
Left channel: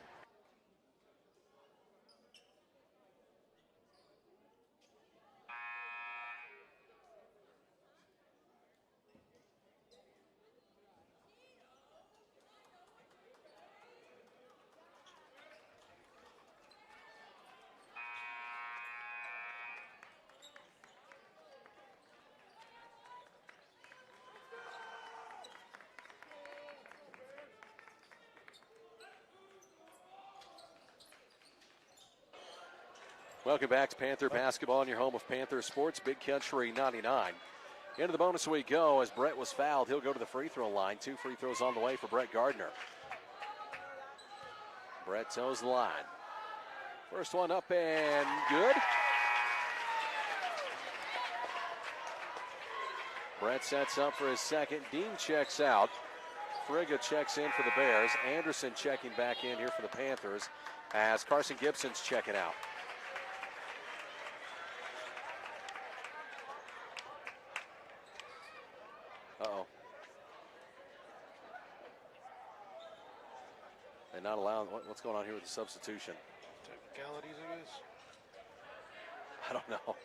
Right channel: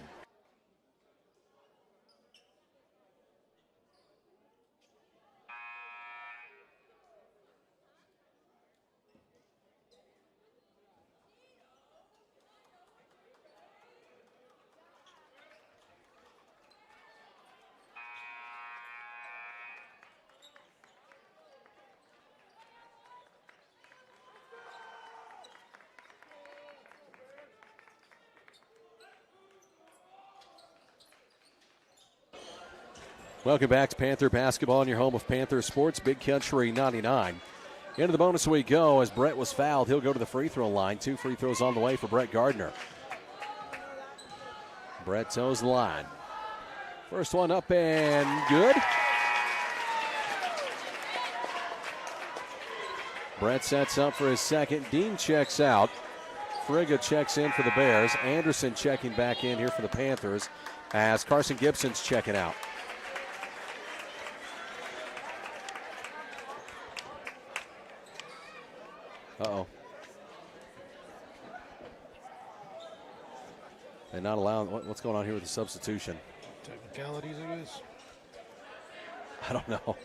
Welcome back to Panther Basketball on your home of Panther Sports, Big Country 99. Into the bonus we go as Brett was fouled. He'll go to the free throw line. 2 free throws on the way for Brett Gardner. Brett toes the line. First one up and good. Brett sets up for his second. Dean checks out. Frigga checks in for the Bears. Anderson checking back in here for the Panthers as Carson Gibson's checking out. Uh-oh. They're not allowing, what's going on here with the substitution? Technicalities, I guess. I don't know.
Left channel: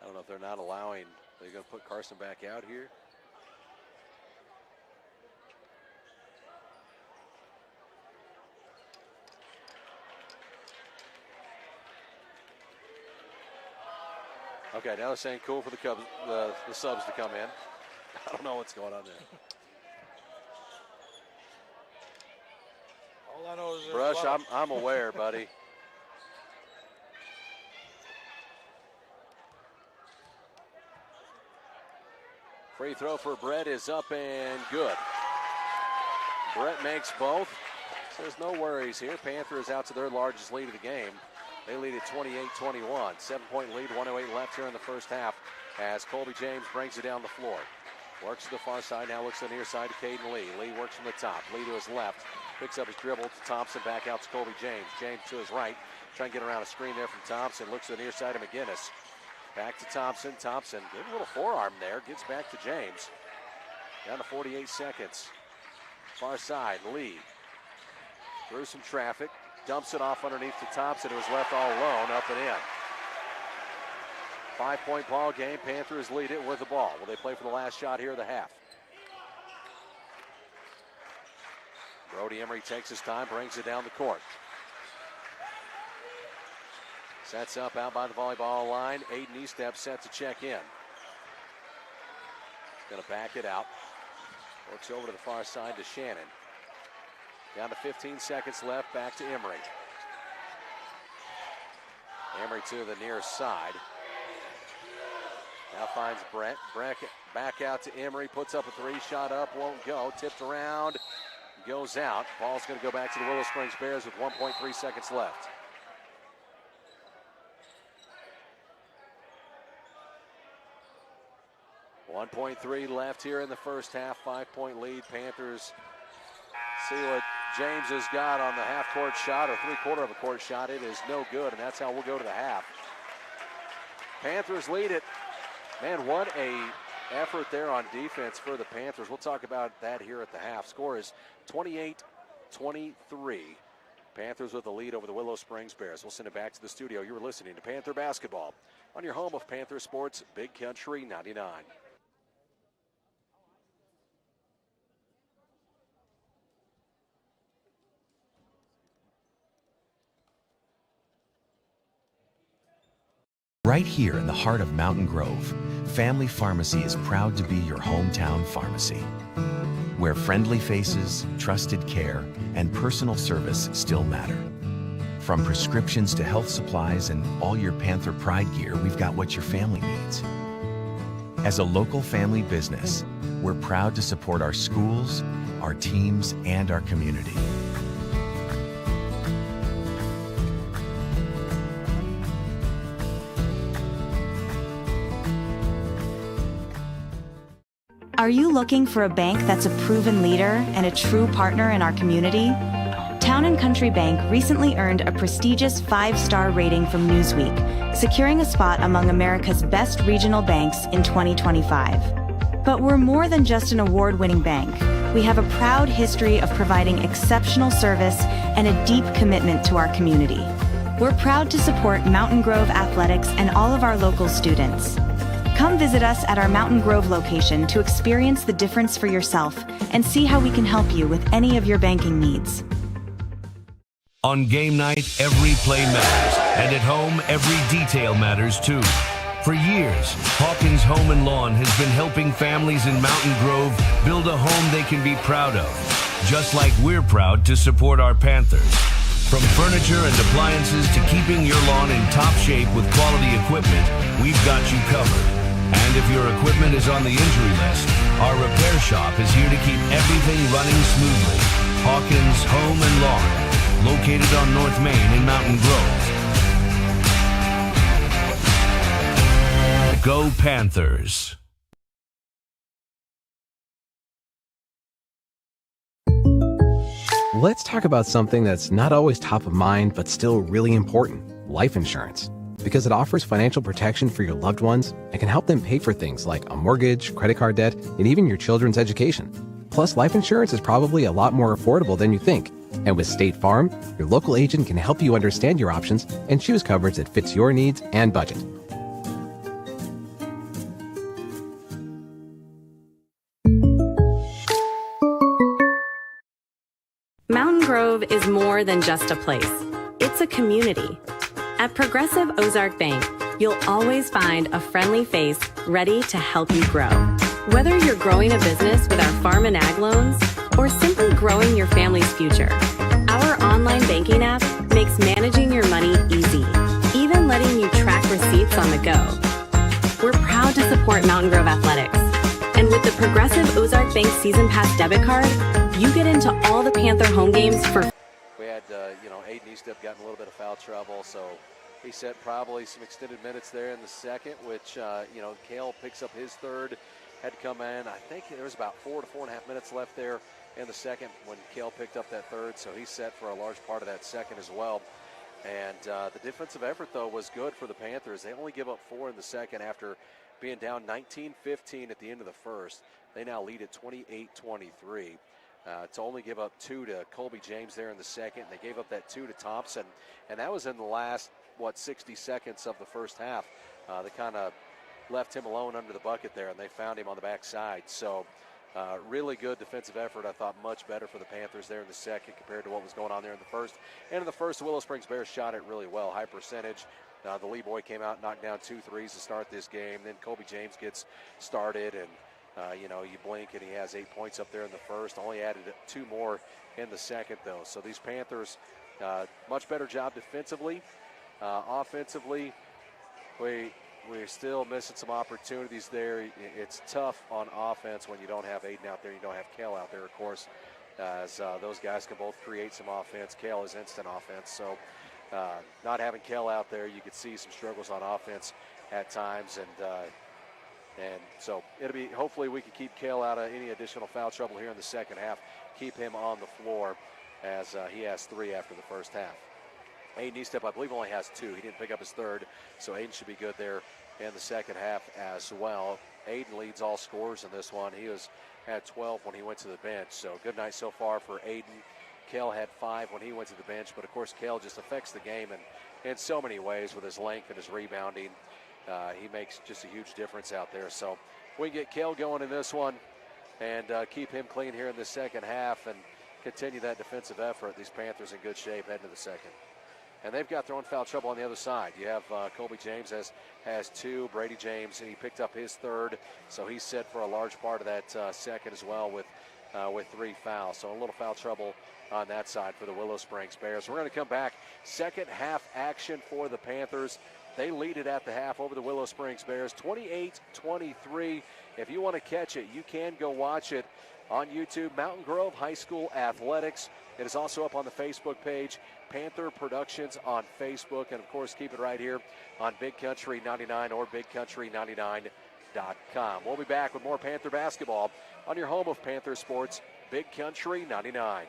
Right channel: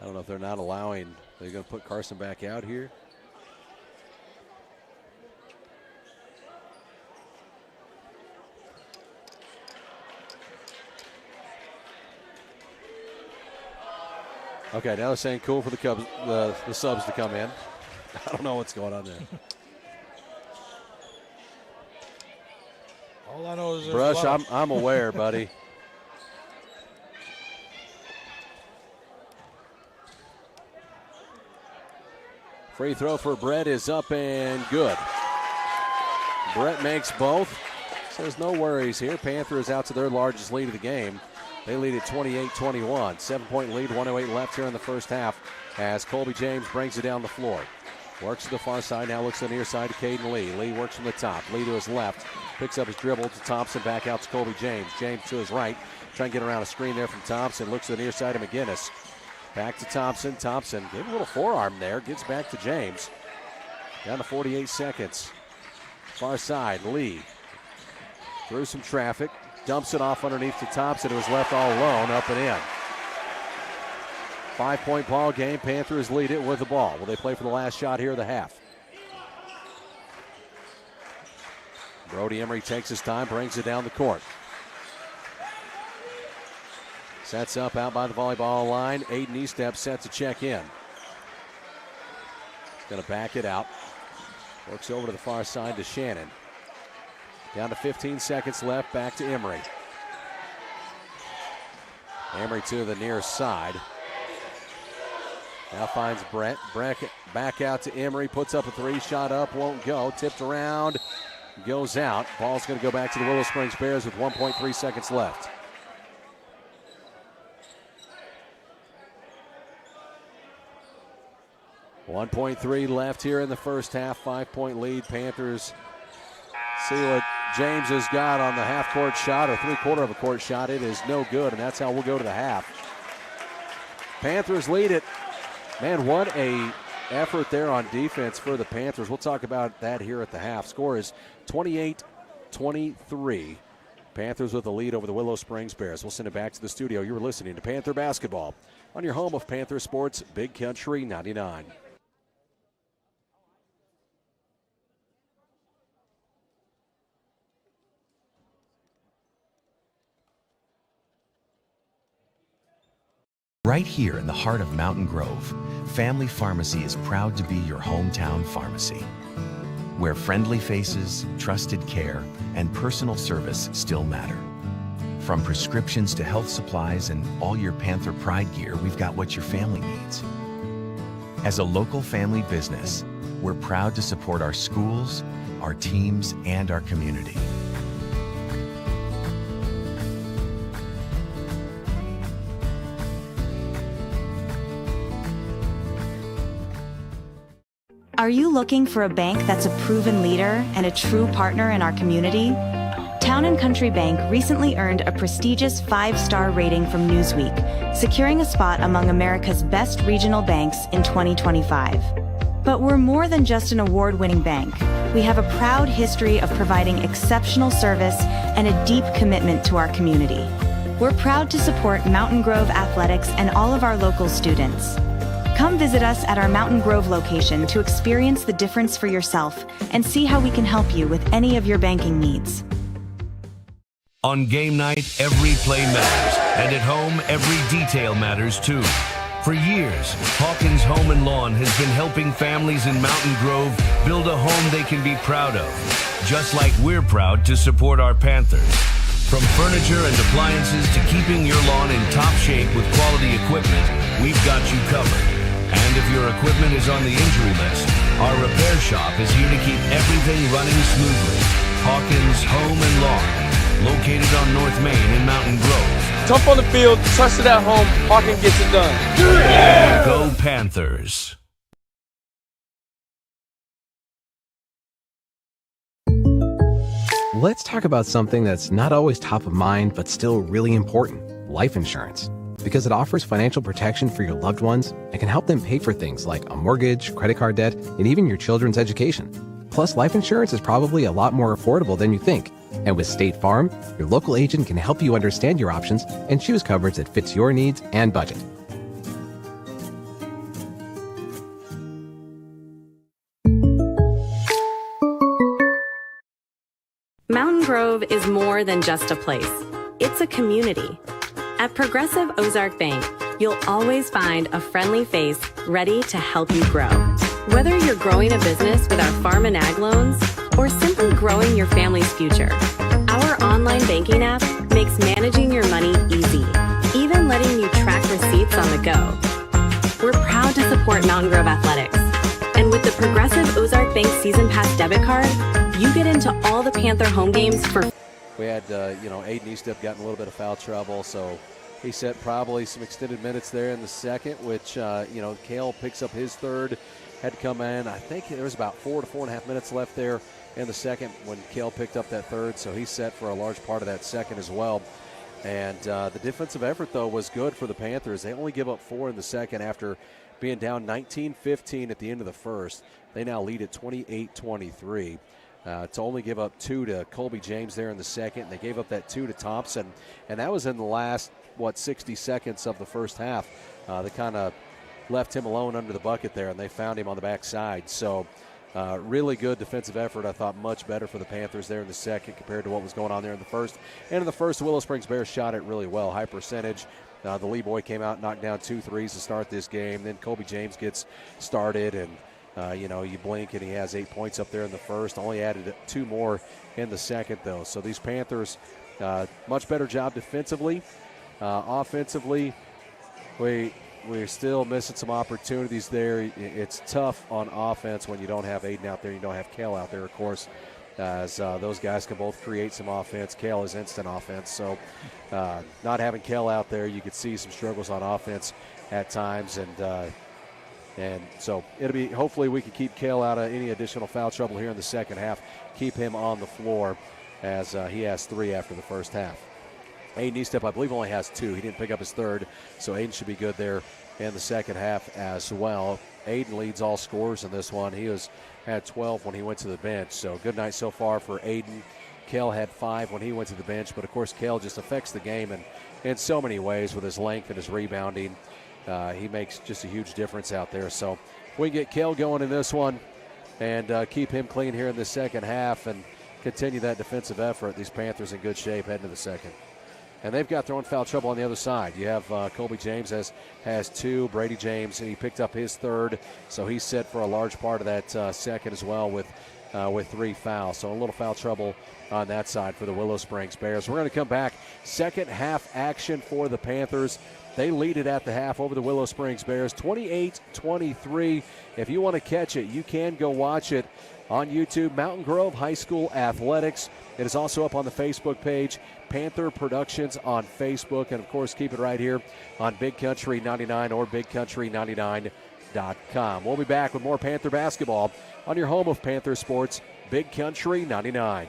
I don't know if they're not allowing, they're going to put Carson back out here. Okay, now they're saying cool for the Cubs, the subs to come in. I don't know what's going on there. All I know is Brush, I'm aware, buddy. Free throw for Brett is up and good. Brett makes both. So there's no worries here. Panthers out to their largest lead of the game. They lead at 28-21. 7-point lead, 1:08 left here in the first half. as Colby James brings it down the floor. Works to the far side, now looks to the near side to Caden Lee. Lee works from the top. Lee to his left. Picks up his dribble to Thompson, back out to Colby James. James to his right. Trying to get around a screen there from Thompson. Looks to the near side of McGinnis. Back to Thompson. Thompson, give a little forearm there. Gets back to James. Down to 48 seconds. Far side, Lee. Through some traffic. Dumps it off underneath to Thompson, who was left all alone, up and in. 5-point ball game. Panthers lead it with the ball. Will they play for the last shot here of the half? Brody Emery takes his time, brings it down the court. Sets up out by the volleyball line. Aiden Estep set to check in. Going to back it out. Works over to the far side to Shannon. Down to 15 seconds left. Back to Emery. Emery to the near side. Now finds Brett. Brett back out to Emery. Puts up a three. Shot up. Won't go. Tipped around. Goes out. Ball's going to go back to the Willow Springs Bears with 1.3 seconds left. .3 left here in the first half. 5-point lead. Panthers see what James has got on the half-court shot or three-quarter of a court shot. It is no good, and that's how we'll go to the half. Panthers lead it. Man, what a effort there on defense for the Panthers. We'll talk about that here at the half. Score is 28-23. Panthers with the lead over the Willow Springs Bears. We'll send it back to the studio. You were listening to Panther Basketball on your home of Panther Sports, Big Country 99. Right here in the heart of Mountain Grove, Family Pharmacy is proud to be your hometown pharmacy, where friendly faces, trusted care, and personal service still matter. From prescriptions to health supplies and all your Panther Pride gear, we've got what your family needs. As a local family business, we're proud to support our schools, our teams, and our community. Are you looking for a bank that's a proven leader and a true partner in our community? Town & Country Bank recently earned a prestigious 5-star rating from Newsweek, securing a spot among America's best regional banks in 2025. But we're more than just an award-winning bank. We have a proud history of providing exceptional service and a deep commitment to our community. We're proud to support Mountain Grove athletics and all of our local students. Come visit us at our Mountain Grove location to experience the difference for yourself and see how we can help you with any of your banking needs. On game night, every play matters, and at home, every detail matters too. For years, Hawkins Home and Lawn has been helping families in Mountain Grove build a home they can be proud of, just like we're proud to support our Panthers. From furniture and appliances to keeping your lawn in top shape with quality equipment, we've got you covered. And if your equipment is on the injury list, our repair shop is here to keep everything running smoothly. Hawkins Home and Lawn, located on North Main in Mountain Grove. Tough on the field, trusted at home, Hawkins gets it done. Yeah! Go Panthers. Let's talk about something that's not always top of mind, but still really important: life insurance. Because it offers financial protection for your loved ones and can help them pay for things like a mortgage, credit card debt, and even your children's education. Plus, life insurance is probably a lot more affordable than you think. And with State Farm, your local agent can help you understand your options and choose coverage that fits your needs and budget. Mountain Grove is more than just a place. It's a community. At Progressive Ozark Bank, you'll always find a friendly face ready to help you grow. Whether you're growing a business with our farm and ag loans or simply growing your family's future, our online banking app makes managing your money easy, even letting you track receipts on the go. We're proud to support Mountain Grove athletics. And with the Progressive Ozark Bank Season Pass debit card, you get into all the Panther home games for We had, Aiden Estep got in a little bit of foul trouble, so He set probably some extended minutes there in the second, which, Cale picks up his third. Had to come in. I think there was about 4 to 4.5 minutes left there in the second when Cale picked up that third, so he set for a large part of that second as well. And the defensive effort, though, was good for the Panthers. They only give up 4 in the second after being down 19-15 at the end of the first. They now lead at 28-23. To only give up 2 to Colby James there in the second. They gave up that 2 to Thompson, and that was in the last, 60 seconds of the first half. They kind of left him alone under the bucket there, and they found him on the backside. So really good defensive effort. I thought much better for the Panthers there in the second compared to what was going on there in the first. And in the first, Willow Springs Bears shot it really well, high percentage. The Lee boy came out and knocked down 2 threes to start this game. Then Colby James gets started, and you blink and he has 8 points up there in the first. Only added 2 more in the second, though. So these Panthers, much better job defensively. Offensively, we're still missing some opportunities there. It's tough on offense when you don't have Aiden out there, you don't have Cale out there, of course, as those guys can both create some offense. Cale is instant offense, so not having Cale out there, you could see some struggles on offense at times, and so it'll be, hopefully we can keep Cale out of any additional foul trouble here in the second half, keep him on the floor as he has 3 after the first half. Aiden Eastep, I believe, only has 2. He didn't pick up his third, so Aiden should be good there in the second half as well. Aiden leads all scorers in this one. He had 12 when he went to the bench, so good night so far for Aiden. Cale had 5 when he went to the bench, but, of course, Cale just affects the game in so many ways with his length and his rebounding. He makes just a huge difference out there. So we get Cale going in this one and keep him clean here in the second half and continue that defensive effort. These Panthers in good shape heading to the second. And they've got throwing foul trouble on the other side. You have Colby James has 2. Brady James, he picked up his third, so he's set for a large part of that second as well with 3 fouls. So a little foul trouble on that side for the Willow Springs Bears. We're going to come back. Second half action for the Panthers. They lead it at the half over the Willow Springs Bears, 28-23. If you want to catch it, you can go watch it on YouTube, Mountain Grove High School Athletics. It is also up on the Facebook page, Panther Productions on Facebook. And, of course, keep it right here on Big Country 99 or BigCountry99.com. We'll be back with more Panther basketball on your home of Panther sports, Big Country 99.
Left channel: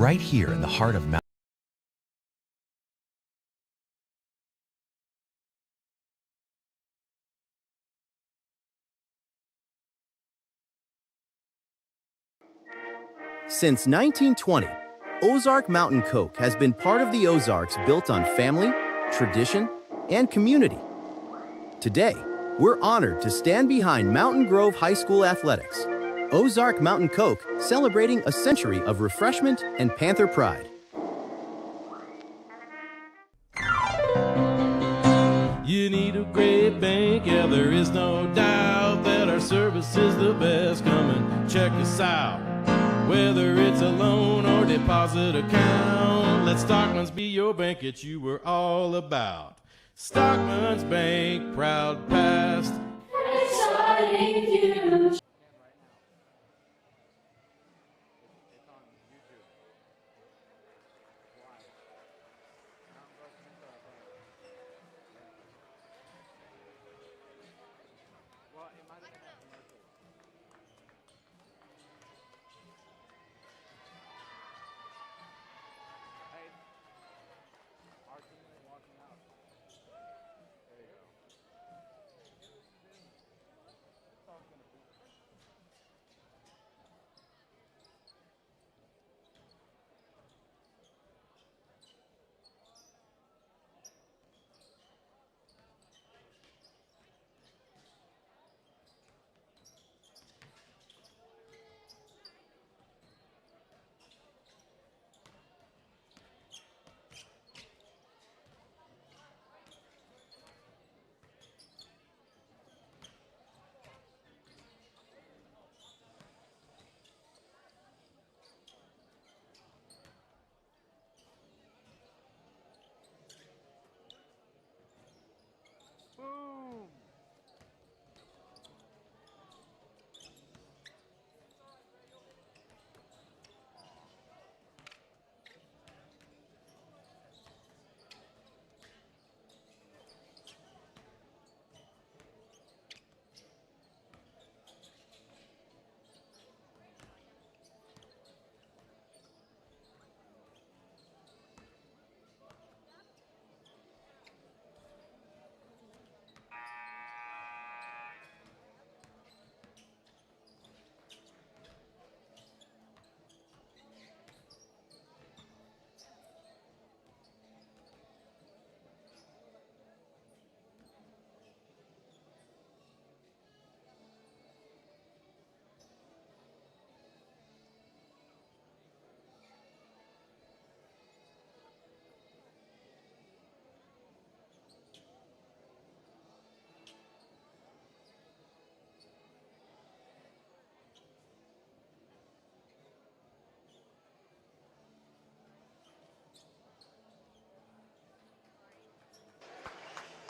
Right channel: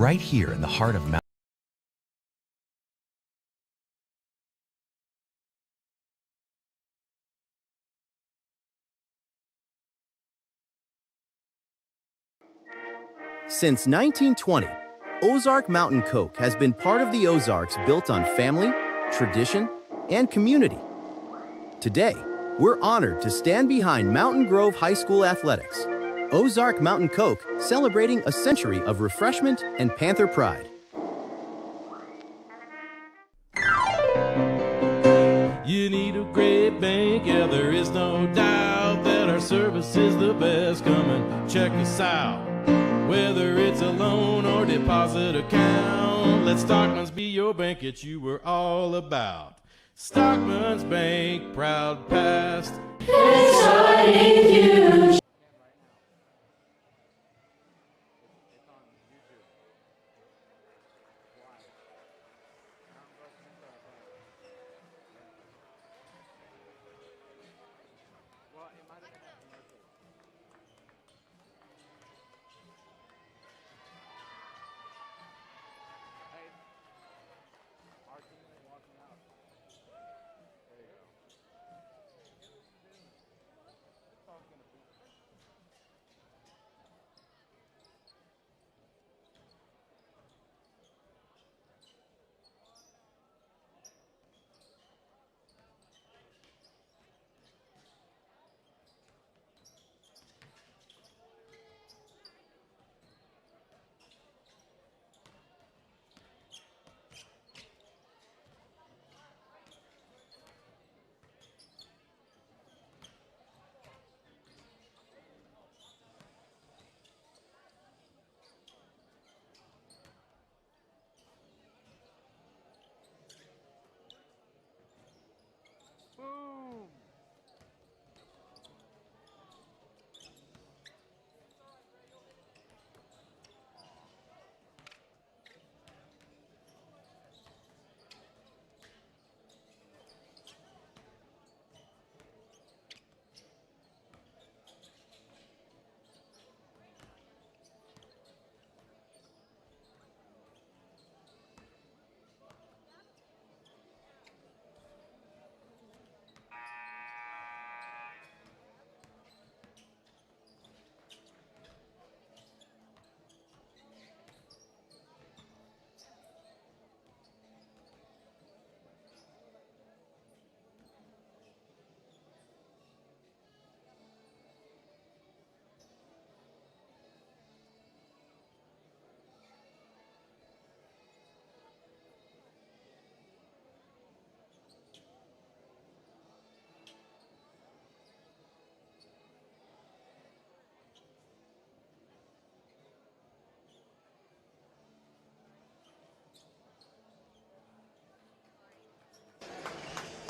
Right here in the heart of Mountain. Since 1920, Ozark Mountain Coke has been part of the Ozarks built on family, tradition, and community. Today, we're honored to stand behind Mountain Grove High School Athletics. Ozark Mountain Coke, celebrating a century of refreshment and Panther pride. You need a great bank, yeah, there is no doubt that our service is the best. Come and check us out. Whether it's a loan or deposit account, let Stockman's be your bank, it's you we're all about. Stockman's Bank, proud past. Exciting future.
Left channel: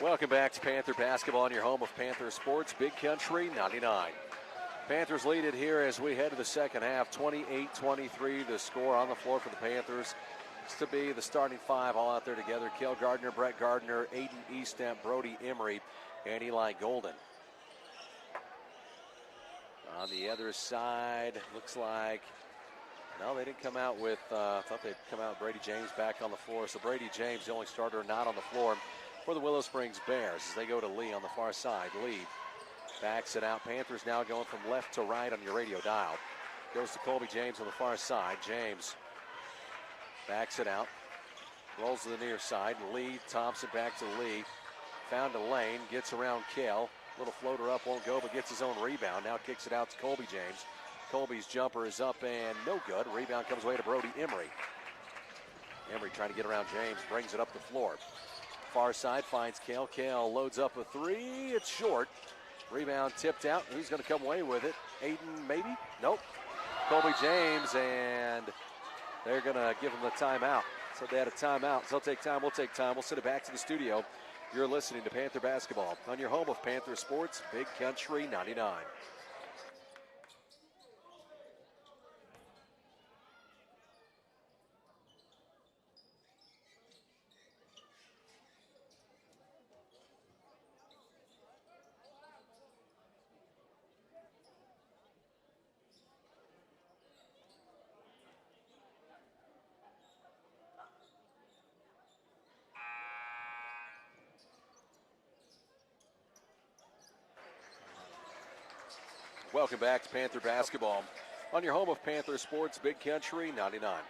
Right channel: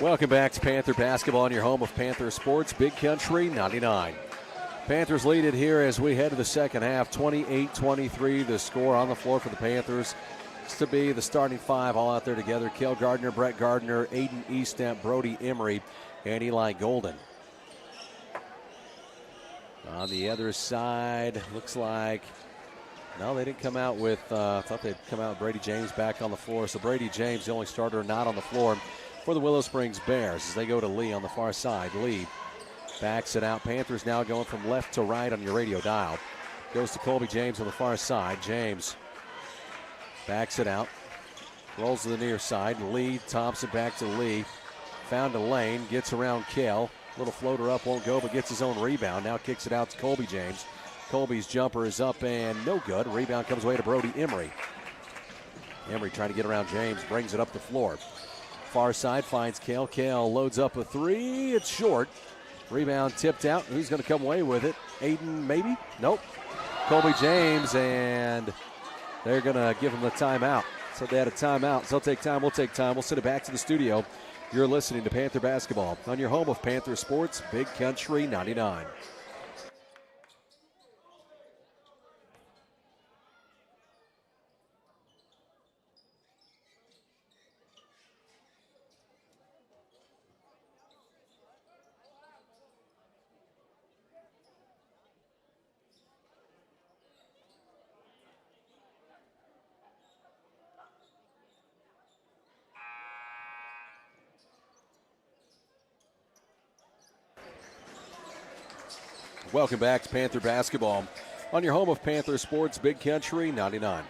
Welcome back to Panther basketball on your home of Panther Sports, Big Country 99. Panthers lead it here as we head to the second half, 28-23. The score on the floor for the Panthers. It's to be the starting five all out there together. Cale Gardner, Brett Gardner, Aiden Eastamp, Brody Emery, and Eli Golden. On the other side, looks like, no, they didn't come out with, I thought they'd come out with Brady James back on the floor. So Brady James, the only starter not on the floor for the Willow Springs Bears as they go to Lee on the far side. Lee backs it out. Panthers now going from left to right on your radio dial. Goes to Colby James on the far side. James backs it out. Rolls to the near side. Lee, Thompson back to Lee. Found a lane. Gets around Cale. Little floater up, won't go, but gets his own rebound. Now kicks it out to Colby James. Colby's jumper is up and no good. Rebound comes away to Brody Emery. Emery trying to get around James. Brings it up the floor. Far side finds Cale. Cale loads up a three. It's short. Rebound tipped out. He's going to come away with it. Aiden, maybe? Nope. Colby James, and they're going to give him the timeout. So they had a timeout. So they'll take time. We'll take time. We'll send it back to the studio. You're listening to Panther basketball on your home of Panther Sports, Big Country 99. Welcome back to Panther basketball on your home of Panther Sports, Big Country 99.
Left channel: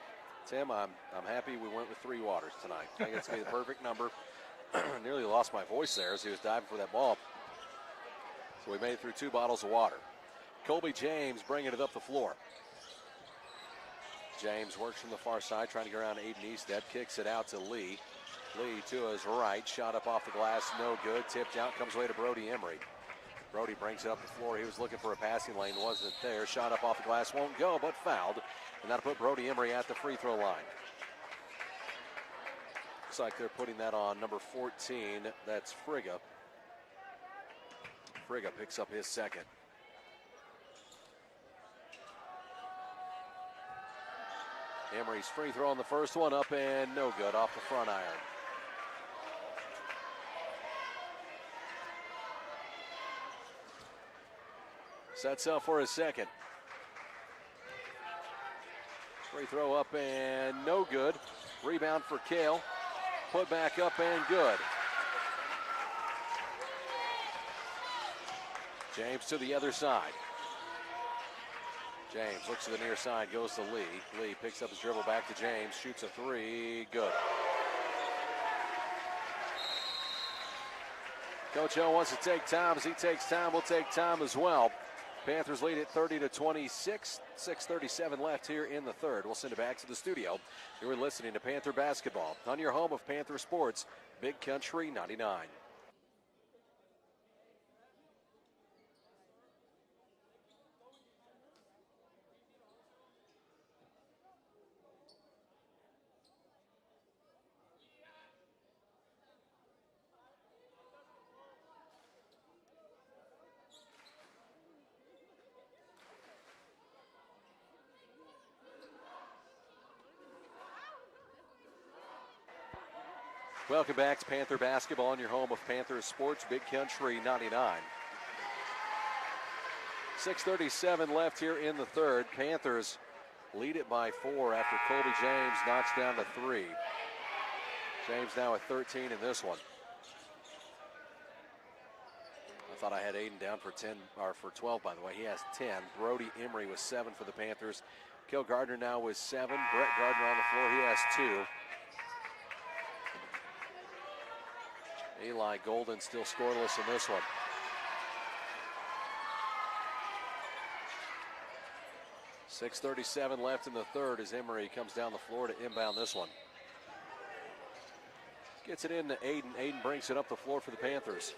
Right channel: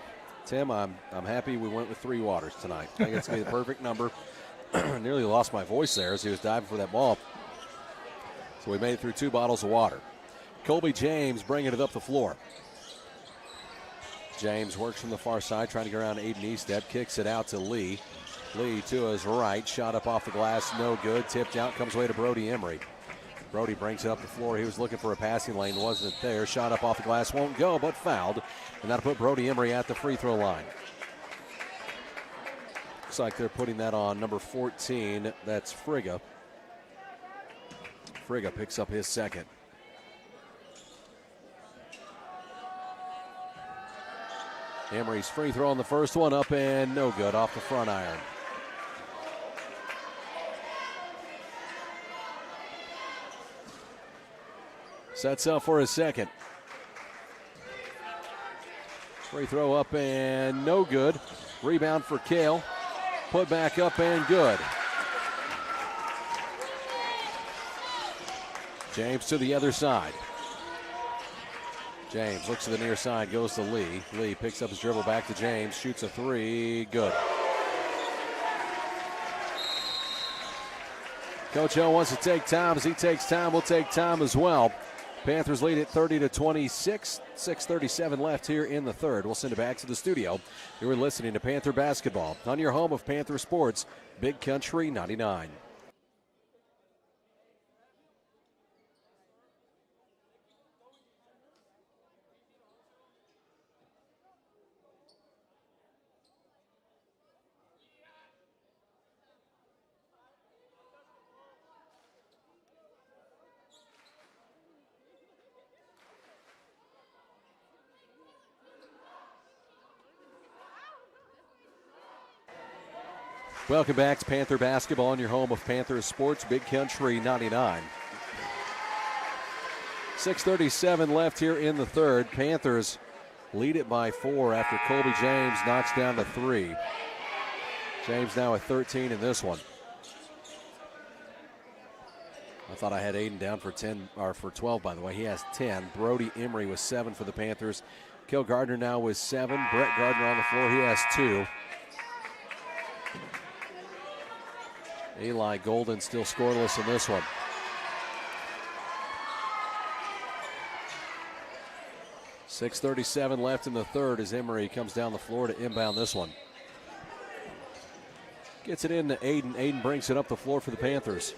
Tim, I'm happy we went with 3 waters tonight. I think it's going to be the perfect number. Nearly lost my voice there as he was diving for that ball. So we made it through 2 bottles of water. Colby James bringing it up the floor. James works from the far side, trying to get around Aiden Eastep. Kicks it out to Lee. Lee to his right. Shot up off the glass, no good. Tipped out, comes away to Brody Emery. Brody brings it up the floor. He was looking for a passing lane, wasn't there. Shot up off the glass, won't go, but fouled. And that'll put Brody Emery at the free throw line. Looks like they're putting that on number 14. That's Frigga. Frigga picks up his second. Emery's free throw on the first one, up and no good, off the front iron. Sets up for his second. Free throw up and no good. Rebound for Cale. Put back up and good. James to the other side. James looks to the near side, goes to Lee. Lee picks up his dribble back to James, shoots a three, good. Coach O wants to take time. As he takes time, we'll take time as well. Panthers lead it 30-26. 6:37 left here in the third. We'll send it back to the studio. You're listening to Panther basketball on your home of Panther Sports, Big Country 99. Welcome back to Panther basketball on your home of Panther Sports, Big Country 99. 6:37 left here in the third. Panthers lead it by 4 after Colby James knocks down the 3. James now at 13 in this one. I thought I had Aiden down for 10 or for 12, by the way. He has 10. Brody Emery with 7 for the Panthers. Cale Gardner now with 7. Brett Gardner on the floor. He has 2. Eli Golden still scoreless in this one. .637 left in the third as Emery comes down the floor to inbound this one. Gets it in to Aiden. Aiden brings it up the floor for the Panthers.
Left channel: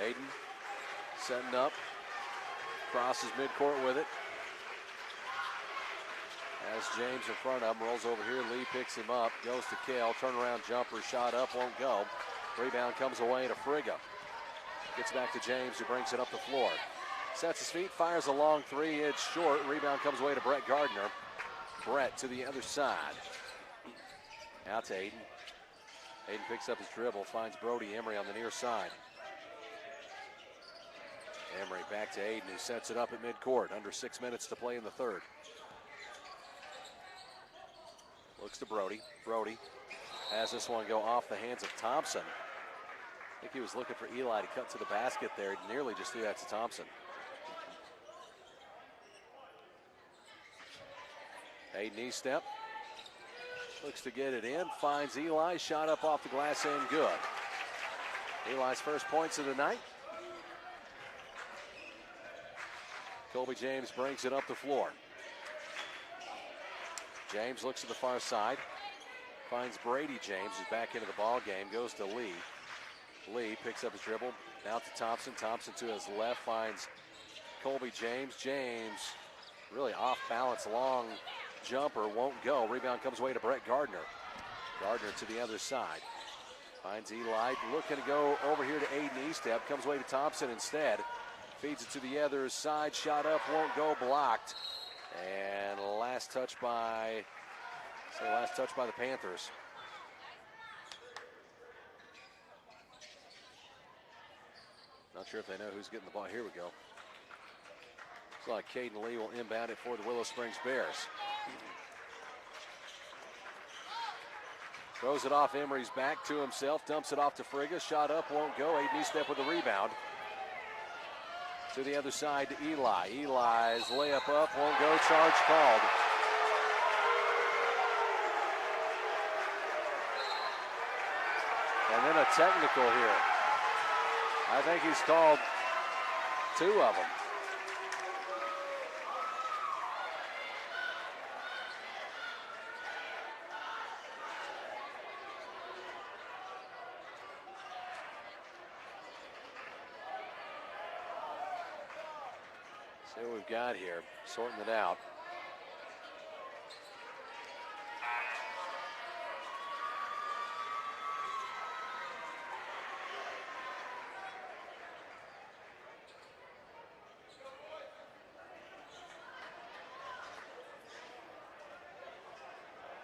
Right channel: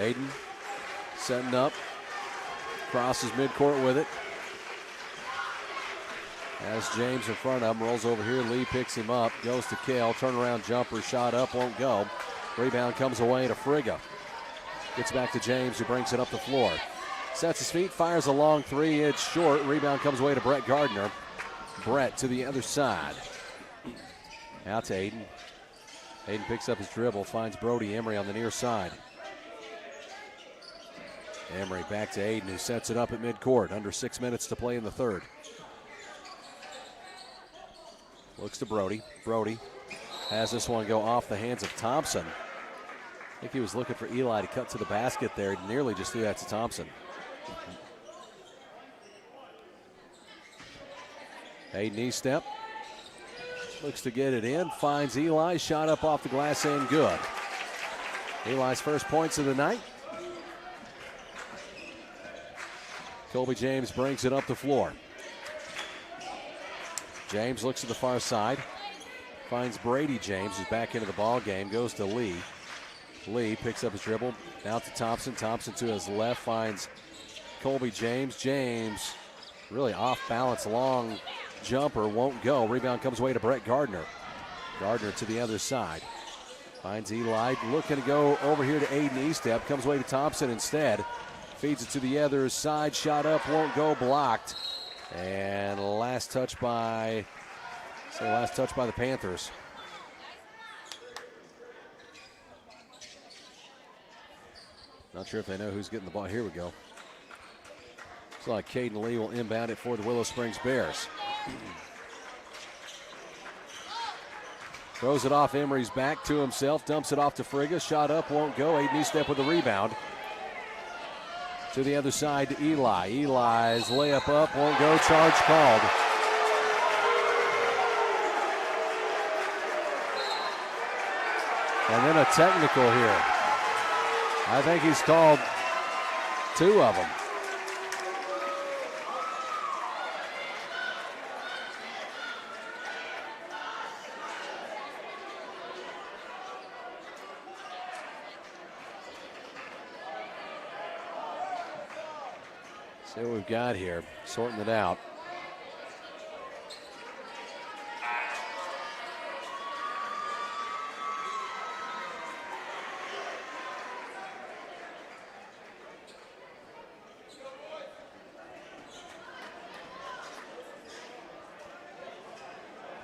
Aiden setting up. Crosses midcourt with it. As James in front of him, rolls over here. Lee picks him up, goes to Kale. Turnaround jumper, shot up, won't go. Rebound comes away to Frigga. Gets back to James, who brings it up the floor. Sets his feet, fires a long three. It's short. Rebound comes away to Brett Gardner. Brett to the other side. Out to Aiden. Aiden picks up his dribble, finds Brody Emery on the near side. Emery back to Aiden, who sets it up at midcourt. Under 6 minutes to play in the third. Looks to Brody. Brody has this one go off the hands of Thompson. I think he was looking for Eli to cut to the basket there. He nearly just threw that to Thompson. Aiden knee step. Looks to get it in. Finds Eli. Shot up off the glass and good. Eli's first points of the night. Colby James brings it up the floor. James looks at the far side. Finds Brady James, who's back into the ball game. Goes to Lee. Lee picks up his dribble. Out to Thompson. Thompson to his left. Finds Colby James. James really off balance. Long jumper won't go. Rebound comes away to Brett Gardner. Gardner to the other side. Finds Eli. Looking to go over here to Aiden E-step. Comes away to Thompson instead. Feeds it to the other side. Shot up. Won't go. Blocked. And last touch by the Panthers. Not sure if they know who's getting the ball. Here we go. Looks like Caden Lee will inbound it for the Willow Springs Bears. Throws it off Emery's back to himself. Dumps it off to Frigga. Shot up, won't go. Aiden step with the rebound. To the other side to Eli. Eli's layup up, won't go. Charge called. And then a technical here. I think he's called two of them. See what we've got here, sorting it out.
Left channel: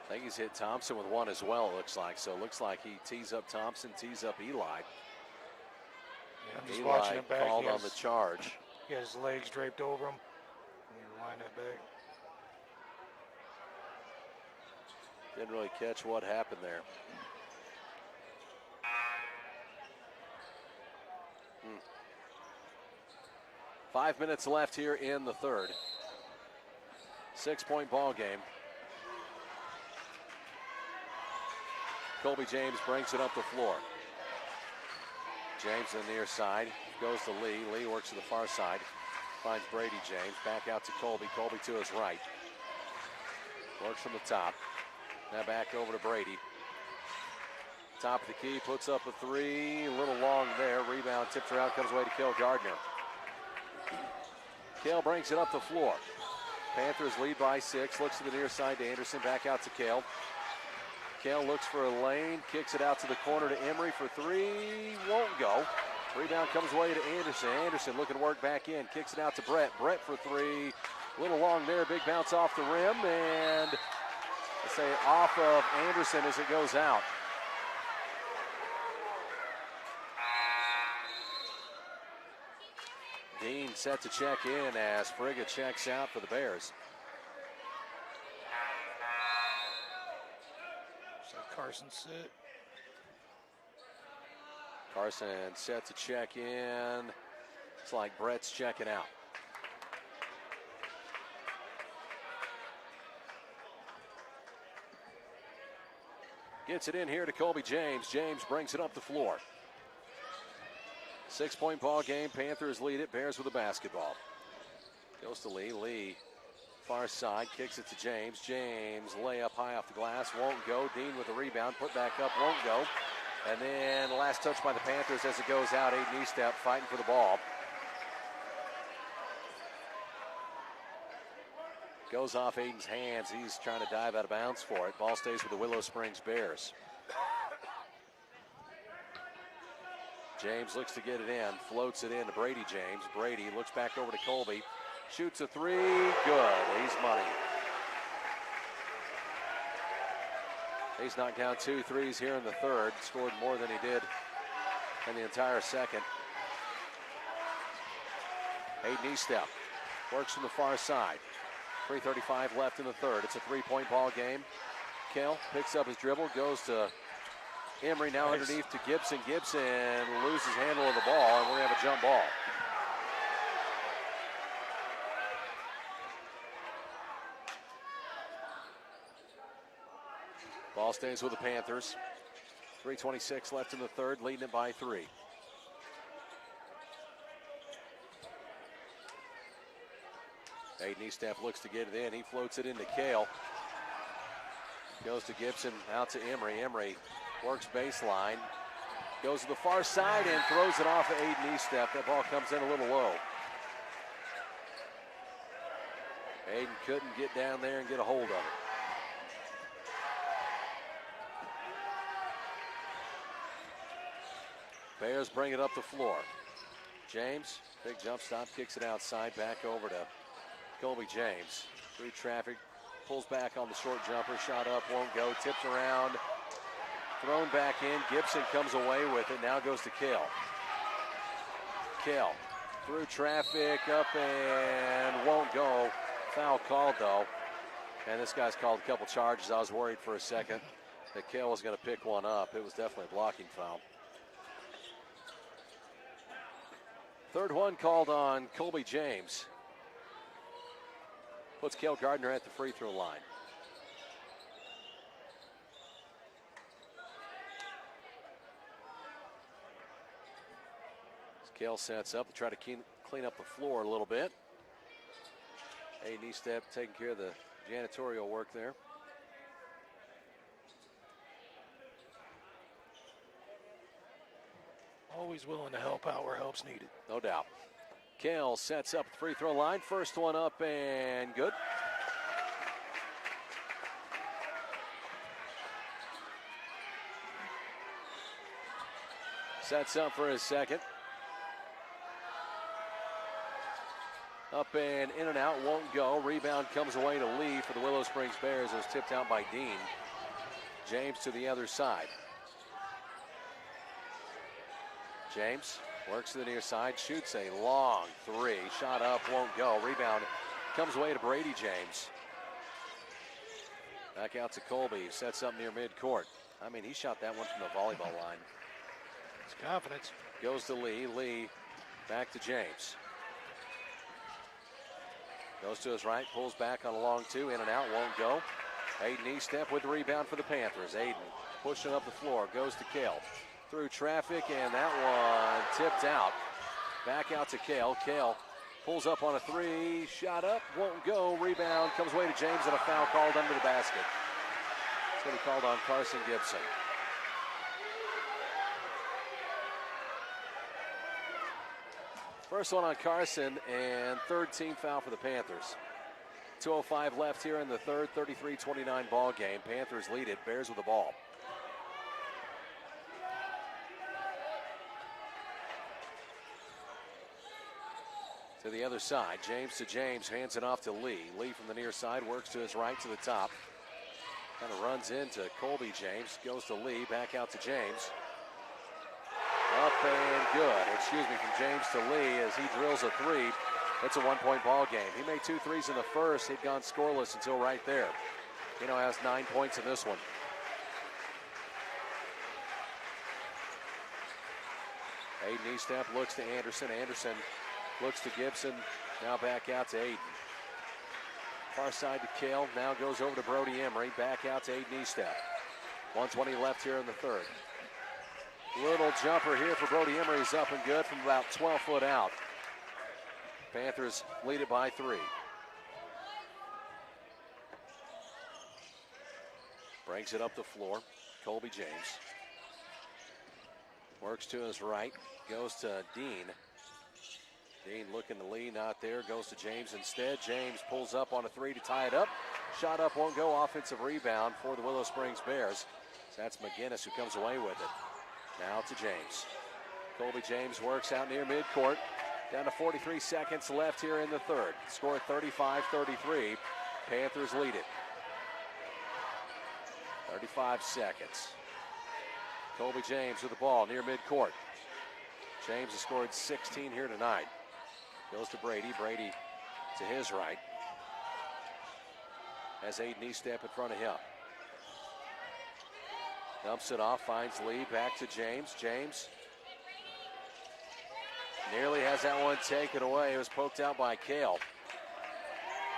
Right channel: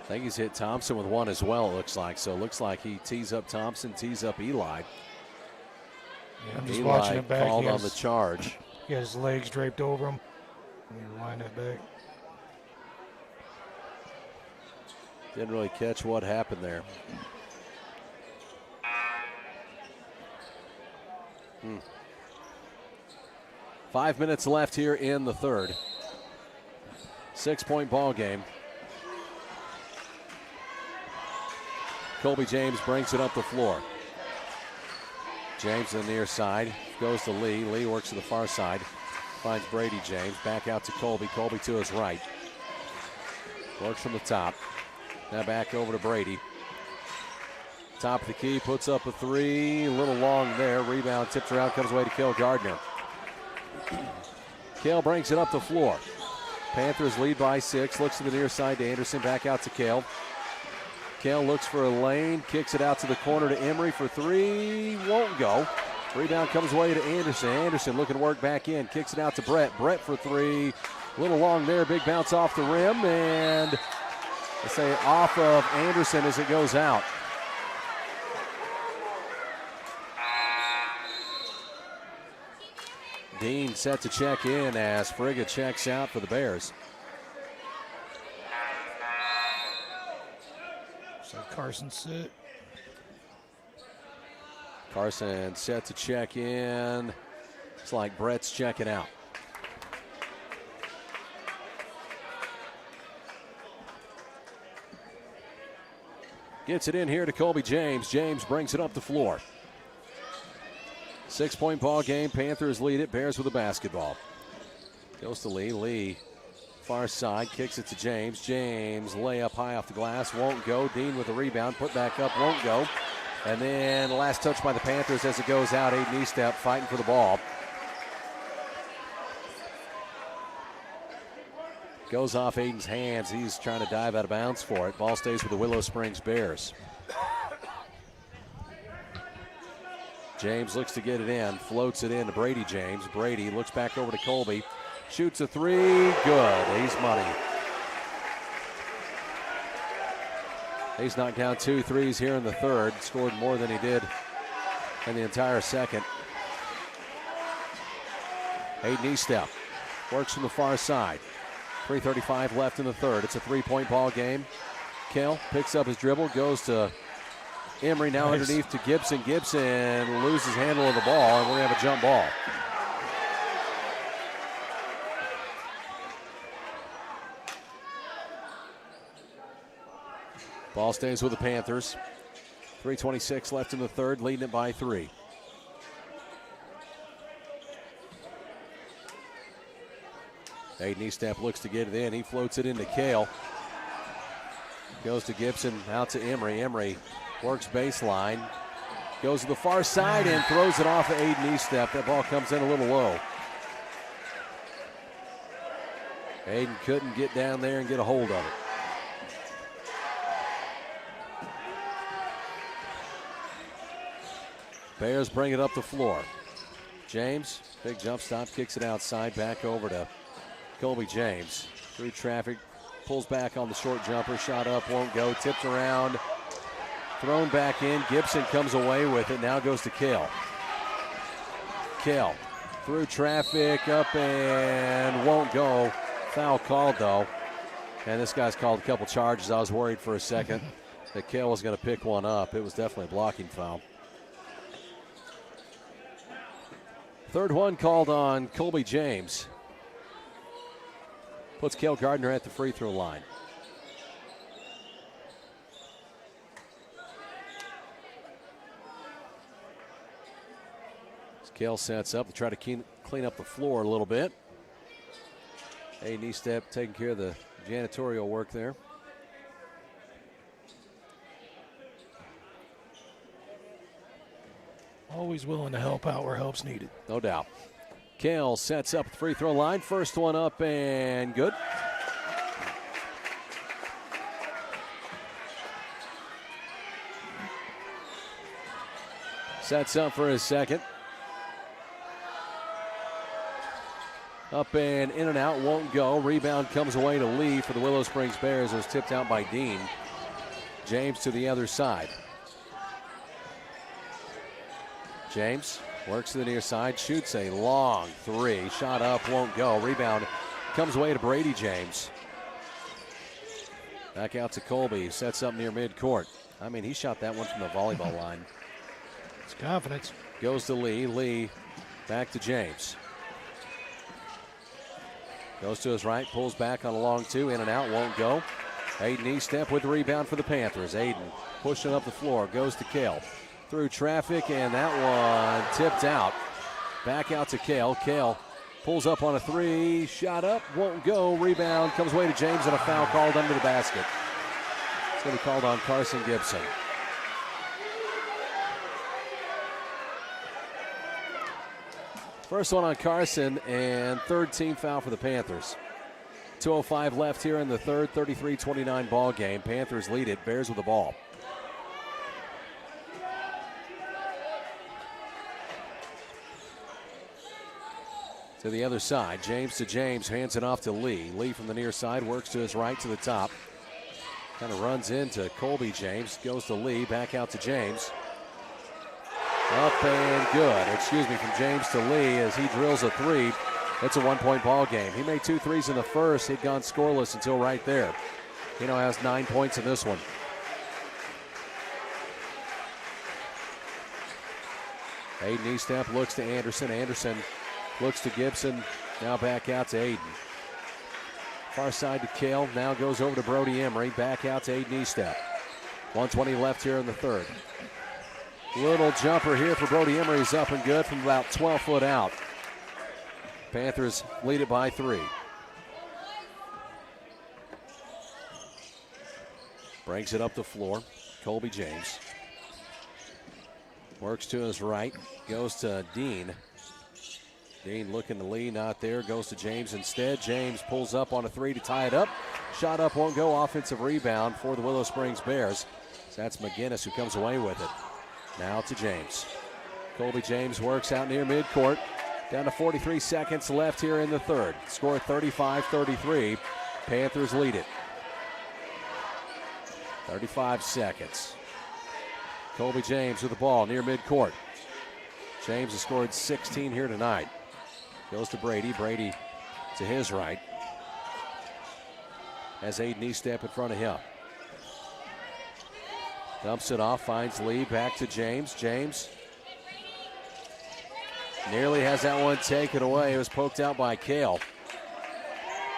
I think he's hit Thompson with one as well, it looks like. So it looks like he tees up Thompson, tees up Eli. Yeah, I'm just Eli watching it back. Called on the charge. He has his legs draped over him. Line it back. Didn't really catch what happened there. 5 minutes left here in the third. 6-point ball game. Colby James brings it up the floor. James on the near side. Goes to Lee. Lee works to the far side. Finds Brady James. Back out to Colby. Colby to his right. Works from the top. Now back over to Brady. Top of the key. Puts up a three. A little long there. Rebound tipped around. Comes away to Cale Gardner. Cale brings it up the floor. Panthers lead by 6. Looks to the near side to Anderson. Back out to Cale. Cale looks for a lane. Kicks it out to the corner to Emery for three. Won't go. Rebound comes away to Anderson. Anderson looking to work back in. Kicks it out to Brett. Brett for three. A little long there. Big bounce off the rim. And let's say off of Anderson as it goes out. Dean set to check in as Frigga checks out for the Bears. So Carson sit. Carson set to check in. It's like Brett's checking out. Gets it in here to Colby James. James brings it up the floor. 6-point ball game. Panthers lead it. Bears with the basketball. Goes to Lee. Lee, far side, kicks it to James. James, layup high off the glass. Won't go. Dean with the rebound. Put back up. Won't go. And then last touch by the Panthers as it goes out. Aiden Eastep fighting for the ball. Goes off Aiden's hands. He's trying to dive out of bounds for it. Ball stays with the Willow Springs Bears. James looks to get it in, floats it in to Brady James. Brady looks back over to Colby. Shoots a three, good. He's money. He's knocked down 2 threes here in the third. Scored more than he did in the entire second. Aiden Eastep works from the far side. 3:35 left in the third. It's a 3-point ball game. Kell picks up his dribble, goes to Emery, now underneath to Gibson. Gibson loses handle of the ball, and we're going to have a jump ball. Ball stays with the Panthers. 3:26 left in the third, leading it by 3. Aiden Eastep looks to get it in. He floats it into Kale. Goes to Gibson, out to Emery. Emery works baseline. Goes to the far side and throws it off of Aiden Eastep. That ball comes in a little low. Aiden couldn't get down there and get a hold of it. Bears bring it up the floor. James, big jump stop, kicks it outside, back over to Colby James. Through traffic, pulls back on the short jumper, shot up, won't go, tipped around, thrown back in. Gibson comes away with it, now goes to Kell. Kell, through traffic, up and won't go. Foul called though. And this guy's called a couple charges. I was worried for a second that Kell was going to pick one up. It was definitely a blocking foul. Third one called on Colby James. Puts Cale Gardner at the free throw line. As Cale sets up to try to clean up the floor a little bit. Aiden Eastep taking care of the janitorial work there. Always willing to help out where help's needed. No doubt. Cale sets up the free throw line. First one up and good. Sets up for his second. Up and in and out, won't go. Rebound comes away to Lee for the Willow Springs Bears. It was tipped out by Dean. James to the other side. James works to the near side, shoots a long three. Shot up, won't go. Rebound comes away to Brady James. Back out to Colby, sets up near midcourt. I mean, he shot that one from the volleyball line. It's confidence. Goes to Lee. Lee back to James. Goes to his right, pulls back on a long two, in and out, won't go. Aiden Eastep with the rebound for the Panthers. Aiden pushing up the floor, goes to Cale. Through traffic, and that one tipped out. Back out to Cale. Cale pulls up on a three. Shot up, won't go. Rebound comes away to James, and a foul called under the basket. It's going to be called on Carson Gibson. First one on Carson, and third team foul for the Panthers. 2:05 left here in the third, 33-29 ball game. Panthers lead it. Bears with the ball. To the other side, James to James, hands it off to Lee. Lee from the near side works to his right to the top. Kind of runs into Colby James, goes to Lee, back out to James. Up and good, from James to Lee as he drills a three. It's a one-point ball game. He made 2 threes in the first. He'd gone scoreless until right there. He now has 9 points in this one. Aiden Eastep looks to Anderson. Anderson looks to Gibson, now back out to Aiden. Far side to Cale, now goes over to Brody Emery, back out to Aiden Eastep. 1:20 left here in the third. Little jumper here for Brody Emery is up and good from about 12 foot out. Panthers lead it by 3. Brings it up the floor, Colby James. Works to his right, goes to Dean. Dean looking to lead, not there. Goes to James instead. James pulls up on a three to tie it up. Shot up, won't go. Offensive rebound for the Willow Springs Bears. So that's McGinnis who comes away with it. Now to James. Colby James works out near midcourt. Down to 43 seconds left here in the third. Score 35-33. Panthers lead it. 35 seconds. Colby James with the ball near midcourt. James has scored 16 here tonight. Goes to Brady. Brady to his right. Has Aiden Eastep in front of him. Dumps it off, finds Lee, back to James. James nearly has that one taken away. It was poked out by Kale.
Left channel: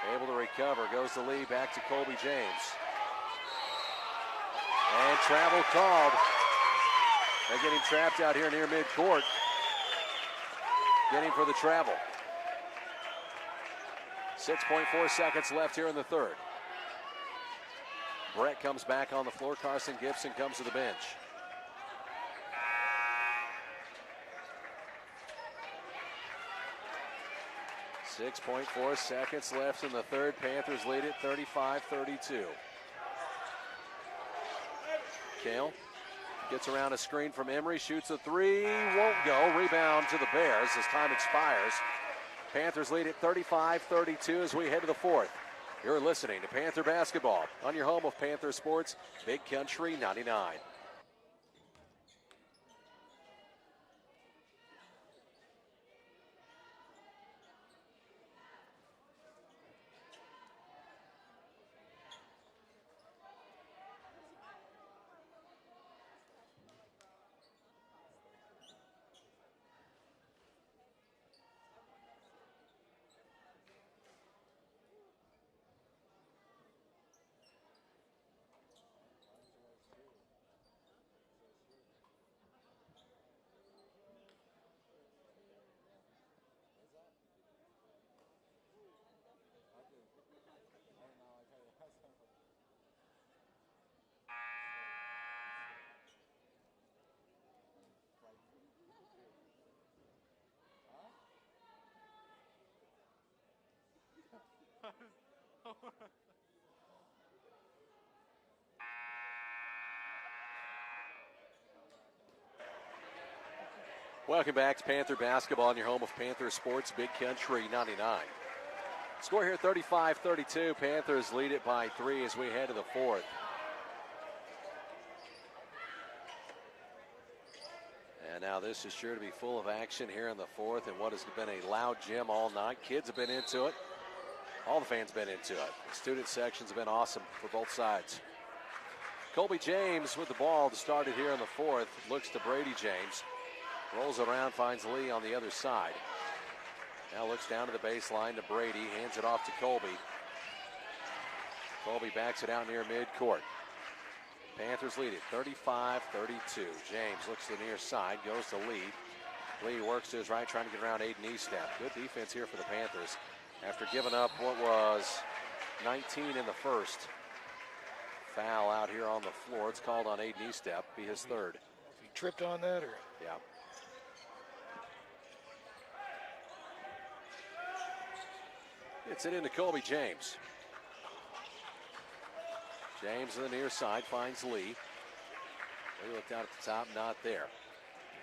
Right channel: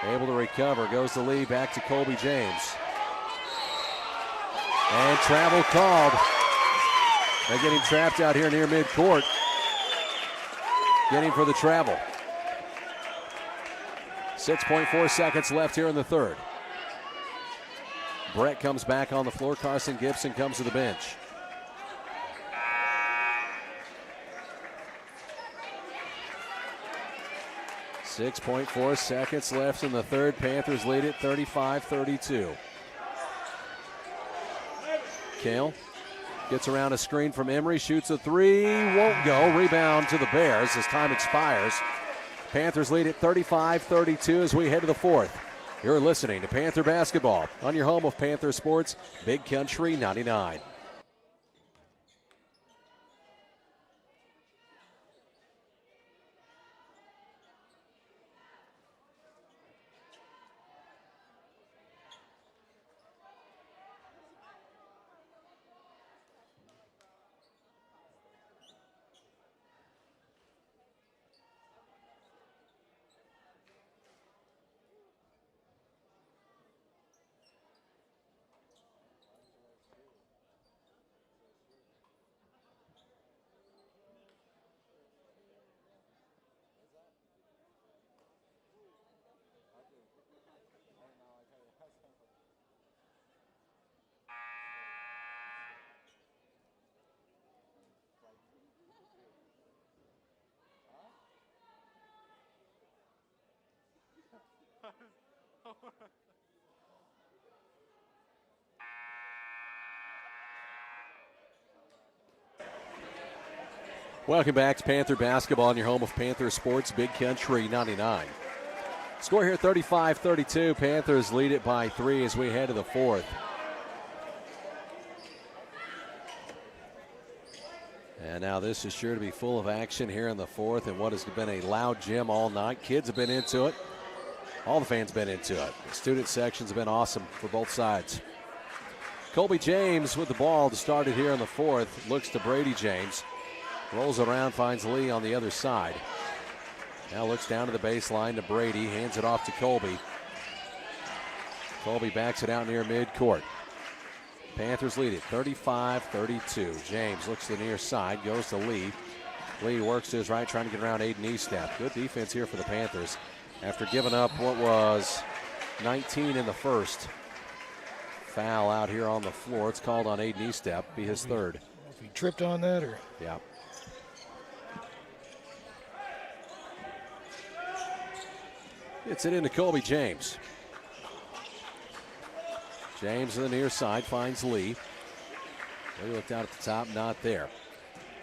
Able to recover, goes to Lee, back to Colby James. And travel called. They're getting trapped out here near midcourt. Getting for the travel. 6.4 seconds left here in the third. Brett comes back on the floor. Carson Gibson comes to the bench. .4 seconds left in the third. Panthers lead it 35-32. Kale gets around a screen from Emery, shoots a three, won't go. Rebound to the Bears as time expires. Panthers lead it 35-32 as we head to the fourth. You're listening to Panther Basketball on your home of Panther Sports, Big Country 99. Welcome back to Panther Basketball on your home of Panther Sports, Big Country 99. Score here 35-32. Panthers lead it by 3 as we head to the fourth. And now this is sure to be full of action here in the fourth and what has been a loud gym all night. Kids have been into it. All the fans been into it. The student sections have been awesome for both sides. Colby James with the ball to start it here in the fourth. Looks to Brady James. Rolls around, finds Lee on the other side. Now looks down to the baseline to Brady. Hands it off to Colby. Colby backs it out near midcourt. Panthers lead it 35-32. James looks to the near side. Goes to Lee. Lee works to his right, trying to get around Aiden Eastep. Good defense here for the Panthers. After giving up what was 19 in the first. Foul out here on the floor. It's called on Aiden Eastep. Be his third. If he tripped on that or? Yeah. Gets it into Colby James. James on the near side finds Lee. Lee looked out at the top, not there.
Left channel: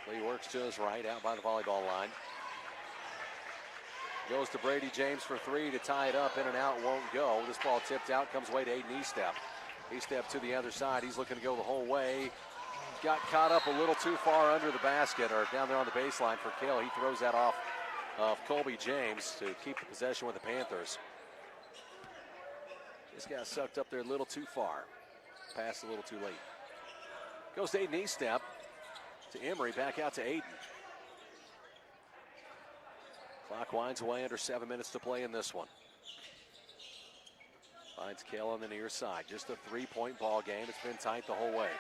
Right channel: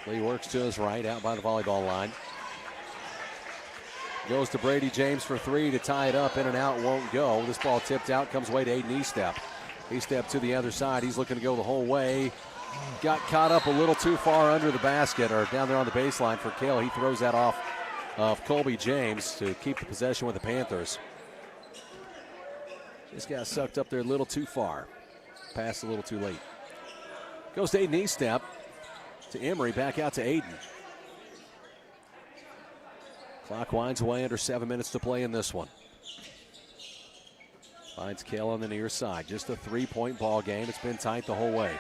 Lee works to his right, out by the volleyball line. Goes to Brady James for three to tie it up, in and out, won't go. This ball tipped out, comes away to Aiden Eastep. Eastep to the other side, he's looking to go the whole way. Got caught up a little too far under the basket, or down there on the baseline for Kale. He throws that off of Colby James to keep the possession with the Panthers. Just got sucked up there a little too far. Passed a little too late. Goes to Aiden Eastep. To Emery, back out to Aiden. Clock winds away, under 7 minutes to play in this one. Finds Kale on the near side. Just a three-point ball game. It's been tight the whole way.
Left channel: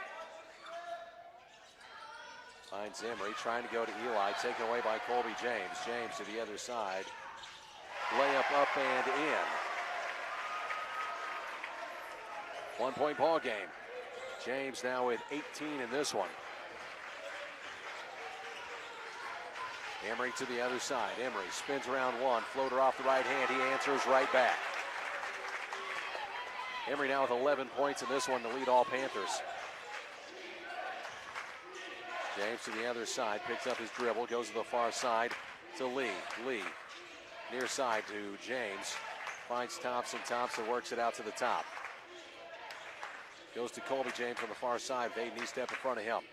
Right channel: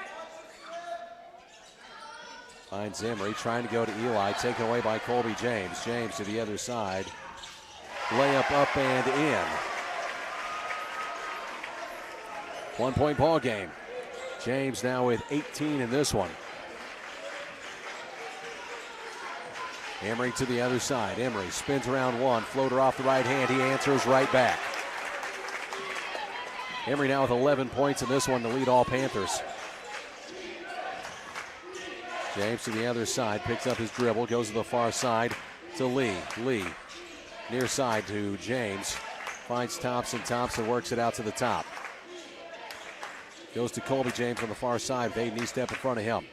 Finds Emery, trying to go to Eli, taken away by Colby James. James to the other side. Layup up and in. 1 point ball game. James now with 18 in this one. Emery to the other side. Emery spins around one. Floater off the right hand. He answers right back. Emery now with 11 points in this one to lead all Panthers. James to the other side. Picks up his dribble. Goes to the far side to Lee. Lee near side to James. Finds Thompson. Thompson works it out to the top. Goes to Colby James on the far side. They knee step in front of him.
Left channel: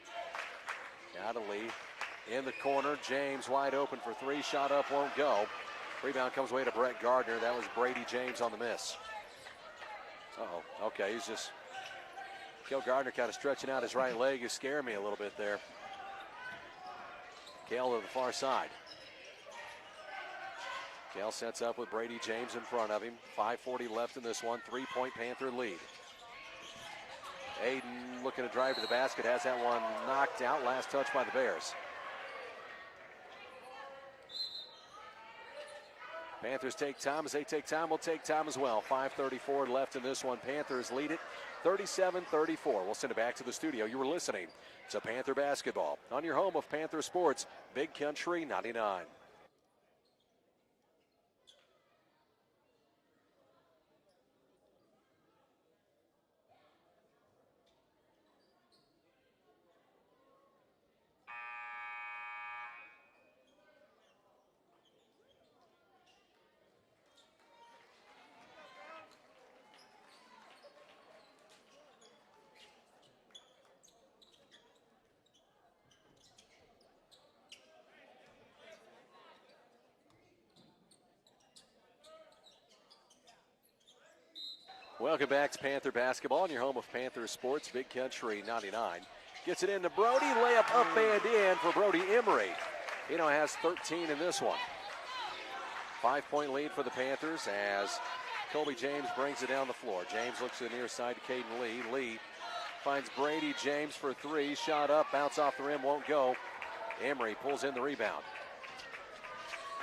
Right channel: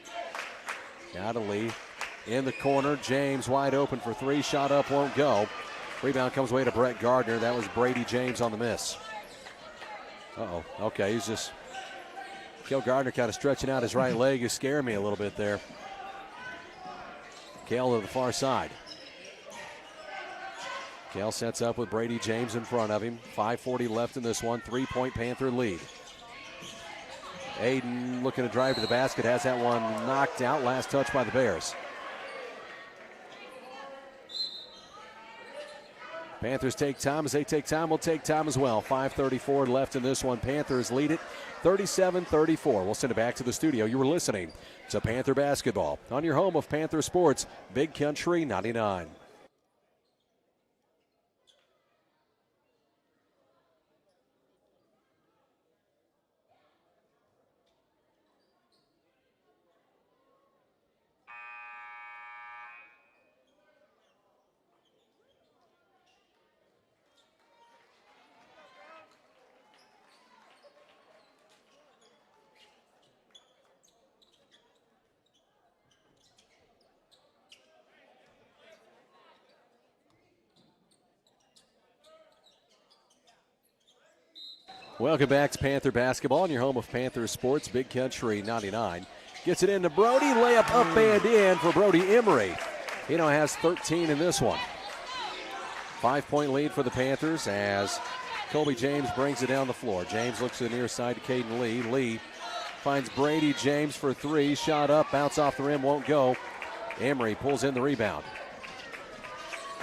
Now to Lee. In the corner. James wide open for three. Shot up, won't go. Rebound comes away to Brett Gardner. That was Brady James on the miss. Uh-oh. Okay, he's just... Cale Gardner kind of stretching out his right leg. Is scaring me a little bit there. Cale to the far side. Cale sets up with Brady James in front of him. 5:40 left in this one. 3-point Panther lead. Aiden looking to drive to the basket. Has that one knocked out. Last touch by the Bears. Panthers take time. As they take time, we'll take time as well. 5:34 left in this one. Panthers lead it 37-34. We'll send it back to the studio. You were listening to Panther Basketball on your home of Panther Sports, Big Country 99. Welcome back to Panther Basketball on your home of Panther Sports, Big Country 99. Gets it into Brody. Layup up and in for Brody Emery. He now has 13 in this one. 5-point lead for the Panthers as Colby James brings it down the floor. James looks to the near side to Caden Lee. Lee finds Brady James for three. Shot up, bounce off the rim, won't go. Emery pulls in the rebound.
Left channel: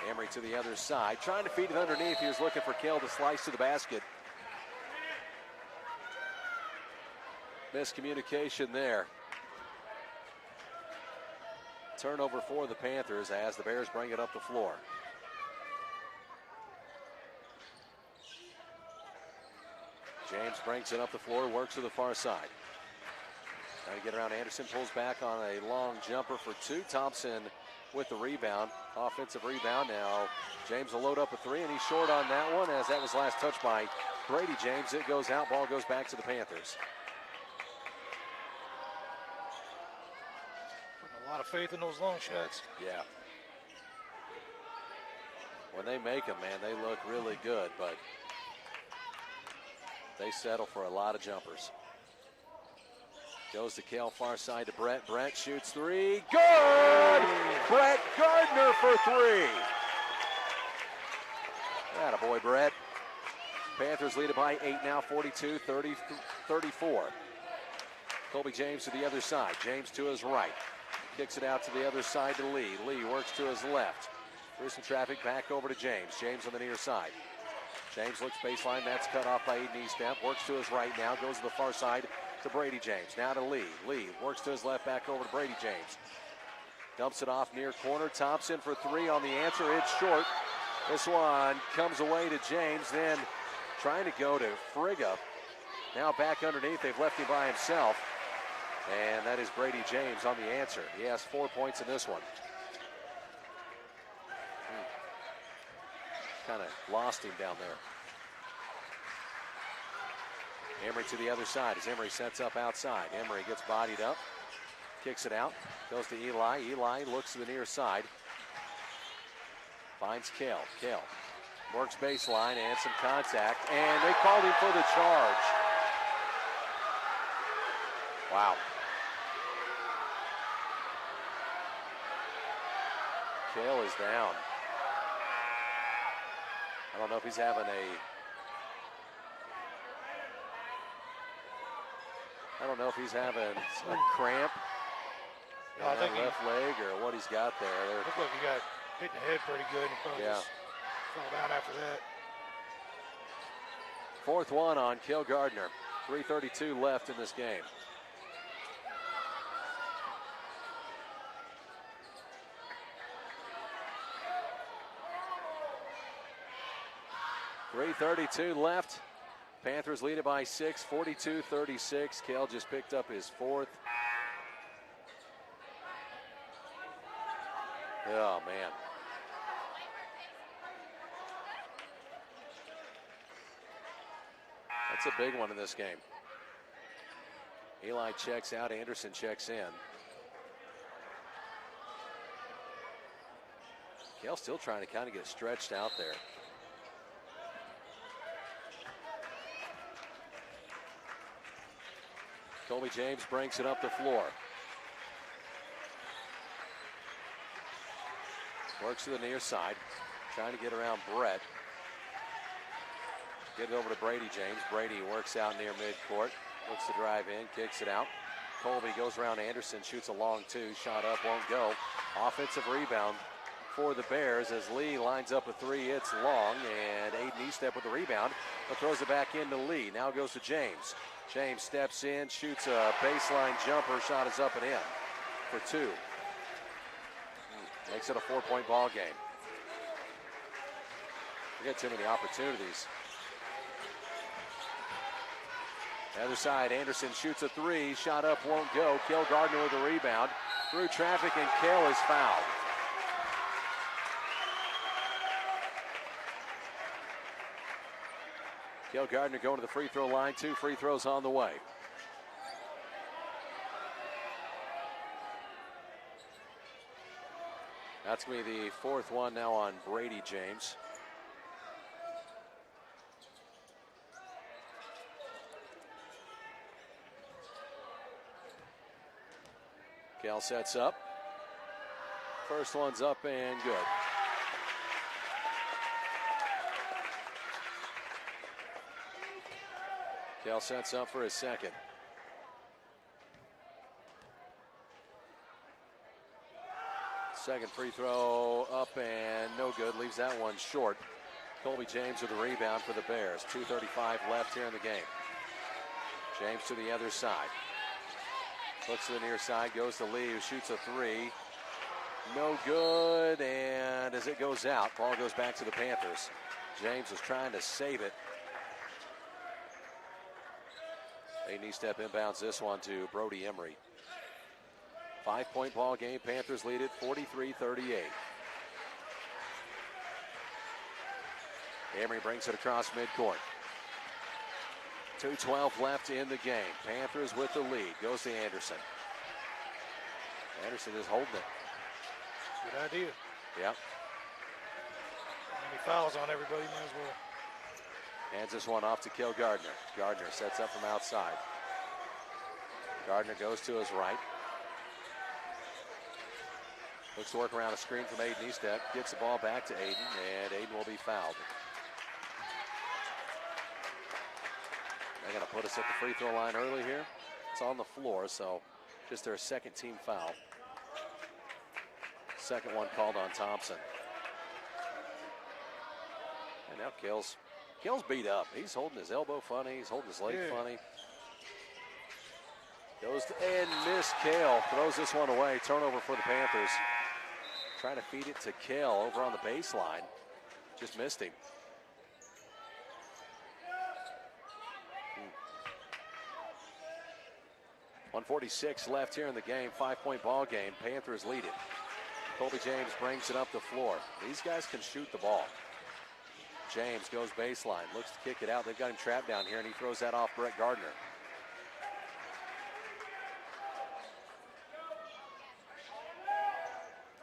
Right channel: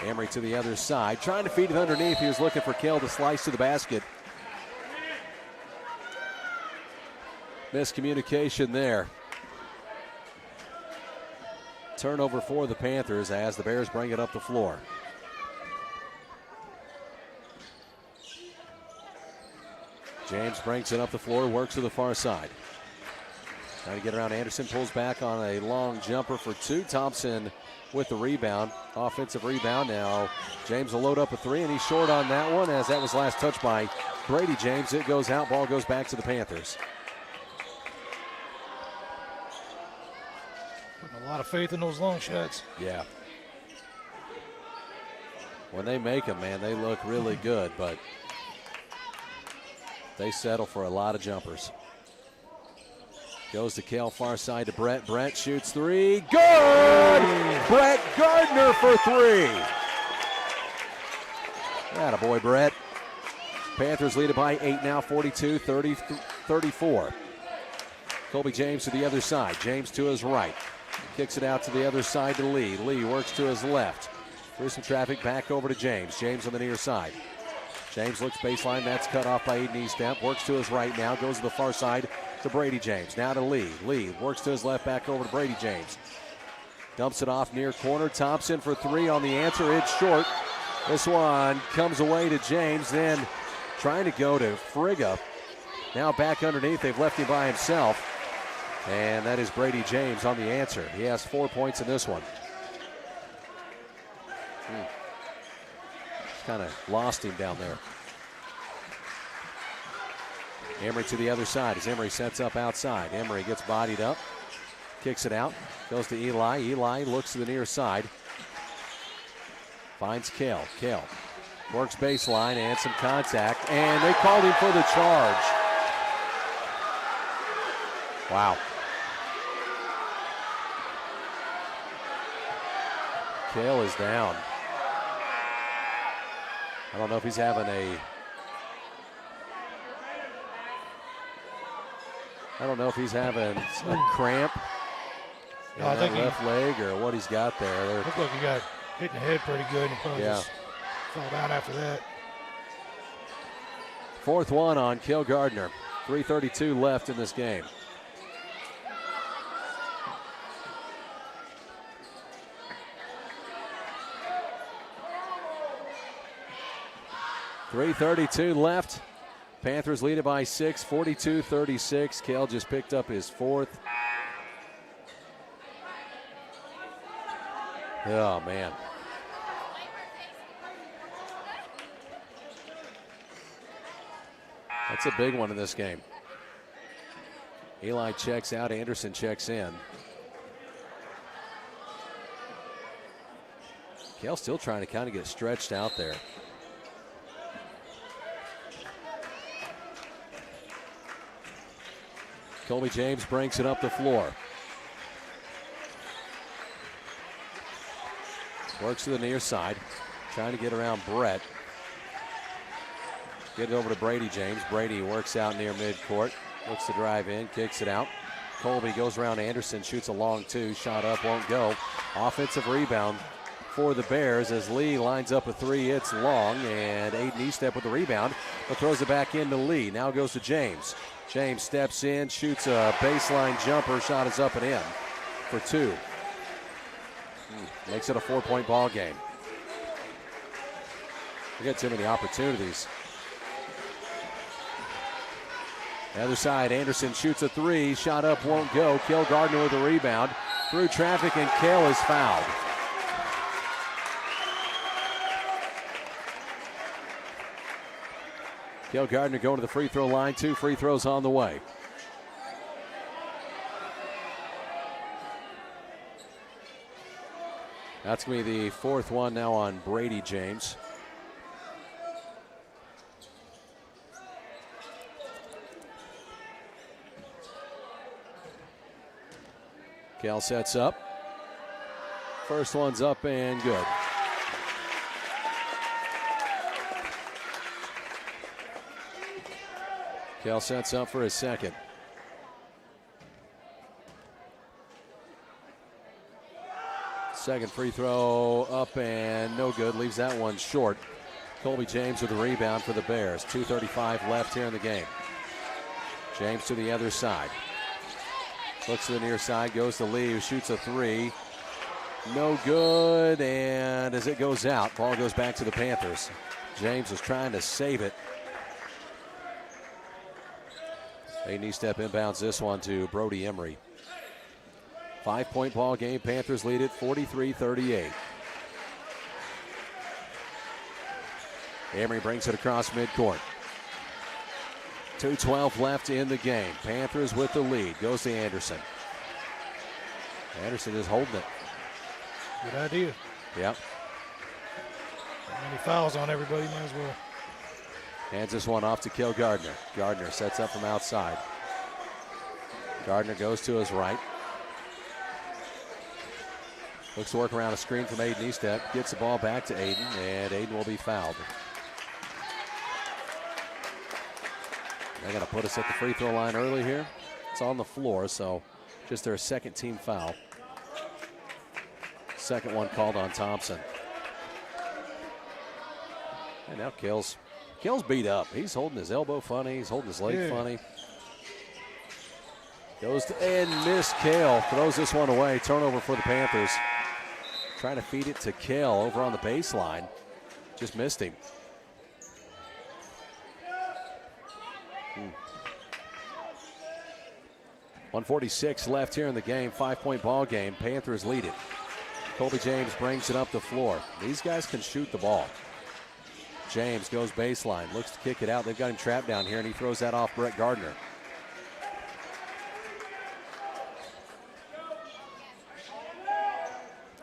Emery to the other side. Trying to feed it underneath. He was looking for Cale to slice to the basket. Miscommunication there. Turnover for the Panthers as the Bears bring it up the floor. James brings it up the floor, works to the far side. Trying to get around Anderson, pulls back on a long jumper for two. Thompson with the rebound, offensive rebound. Now James will load up a three, and he's short on that one as that was last touched by Brady James. It goes out, ball goes back to the Panthers. Putting a lot of faith in those long shots. Yeah. When they make them, man, they look really good, but they settle for a lot of jumpers. Goes to Cale, far side to Brett. Brett shoots three. Good! Brett Gardner for three. Attaboy, Brett. Panthers lead it by 8 now, 42-34. Colby James to the other side. James to his right. Kicks it out to the other side to Lee. Lee works to his left. Through some traffic, back over to James. James on the near side. James looks baseline. That's cut off by Aiden Eastemp. Works to his right now. Goes to the far side to Brady James. Now to Lee. Lee works to his left, back over to Brady James. Dumps it off near corner. Thompson for three on the answer. It's short. This one comes away to James. Then trying to go to Frigga. Now back underneath. They've left him by himself. And that is Brady James on the answer. He has 4 points in this one. Kind of lost him down there. Emery to the other side as Emery sets up outside. Emery gets bodied up, kicks it out, goes to Eli. Eli looks to the near side. Finds Cale. Cale works baseline and some contact, and they called him for the charge. Wow. Cale is down. I don't know if he's having a cramp in that left leg or what he's got there. Looked like he got hit in the head pretty good and probably just fell down after that. Fourth one on Cale Gardner. 3:32 left in this game. 3:32 left. Panthers lead it by 6, 42-36. Kell just picked up his 4th. Oh, man. That's a big one in this game. Eli checks out. Anderson checks in. Kell still trying to kind of get stretched out there. Colby James brings it up the floor. Works to the near side. Trying to get around Brett. Get it over to Brady James. Brady works out near midcourt. Looks to drive in. Kicks it out. Colby goes around Anderson. Shoots a long 2. Shot up. Won't go. Offensive rebound for the Bears as Lee lines up a 3. It's long. And Aiden Estep with the rebound. But throws it back into Lee. Now goes to James. James steps in, shoots a baseline jumper. Shot is up and in for 2. Makes it a 4-point ball game. We get too many opportunities. The other side, Anderson shoots a 3. Shot up, won't go. Kell Gardner with a rebound. Through traffic, and Kell is fouled. Kell Gardner going to the free throw line. 2 free throws on the way. That's going to be the 4th one now on Brady James. Kell sets up. First one's up and good. Kell sets up for his second. Second free throw up and no good. Leaves that one short. Colby James with the rebound for the Bears. 2:35 left here in the game. James to the other side. Looks to the near side. Goes to Lee, who shoots a 3. No good. And as it goes out, ball goes back to the Panthers. James is trying to save it. Aiden Estep inbounds this one to Brody Emery. 5-point ball game. Panthers lead it 43-38. Emery brings it across midcourt. 2:12 left in the game. Panthers with the lead. Goes to Anderson. Anderson is holding it. Good idea. Yep. Many fouls on everybody, might as well. Hands this one off to Kell Gardner. Gardner sets up from outside. Gardner goes to his right. Looks to work around a screen from Aiden Estep. Gets the ball back to Aiden, and Aiden will be fouled. They're going to put us at the free throw line early here. It's on the floor, so just their second team foul. Second one called on Thompson. And now Kell's beat up. He's holding his elbow funny. He's holding his leg funny. Goes to and miss. Kell throws this one away. Turnover for the Panthers. Trying to feed it to Kell over on the baseline. Just missed him. 1:46 left here in the game. 5-point ball game. Panthers lead it. Colby James brings it up the floor. These guys can shoot the ball. James goes baseline. Looks to kick it out. They've got him trapped down here, and he throws that off Brett Gardner.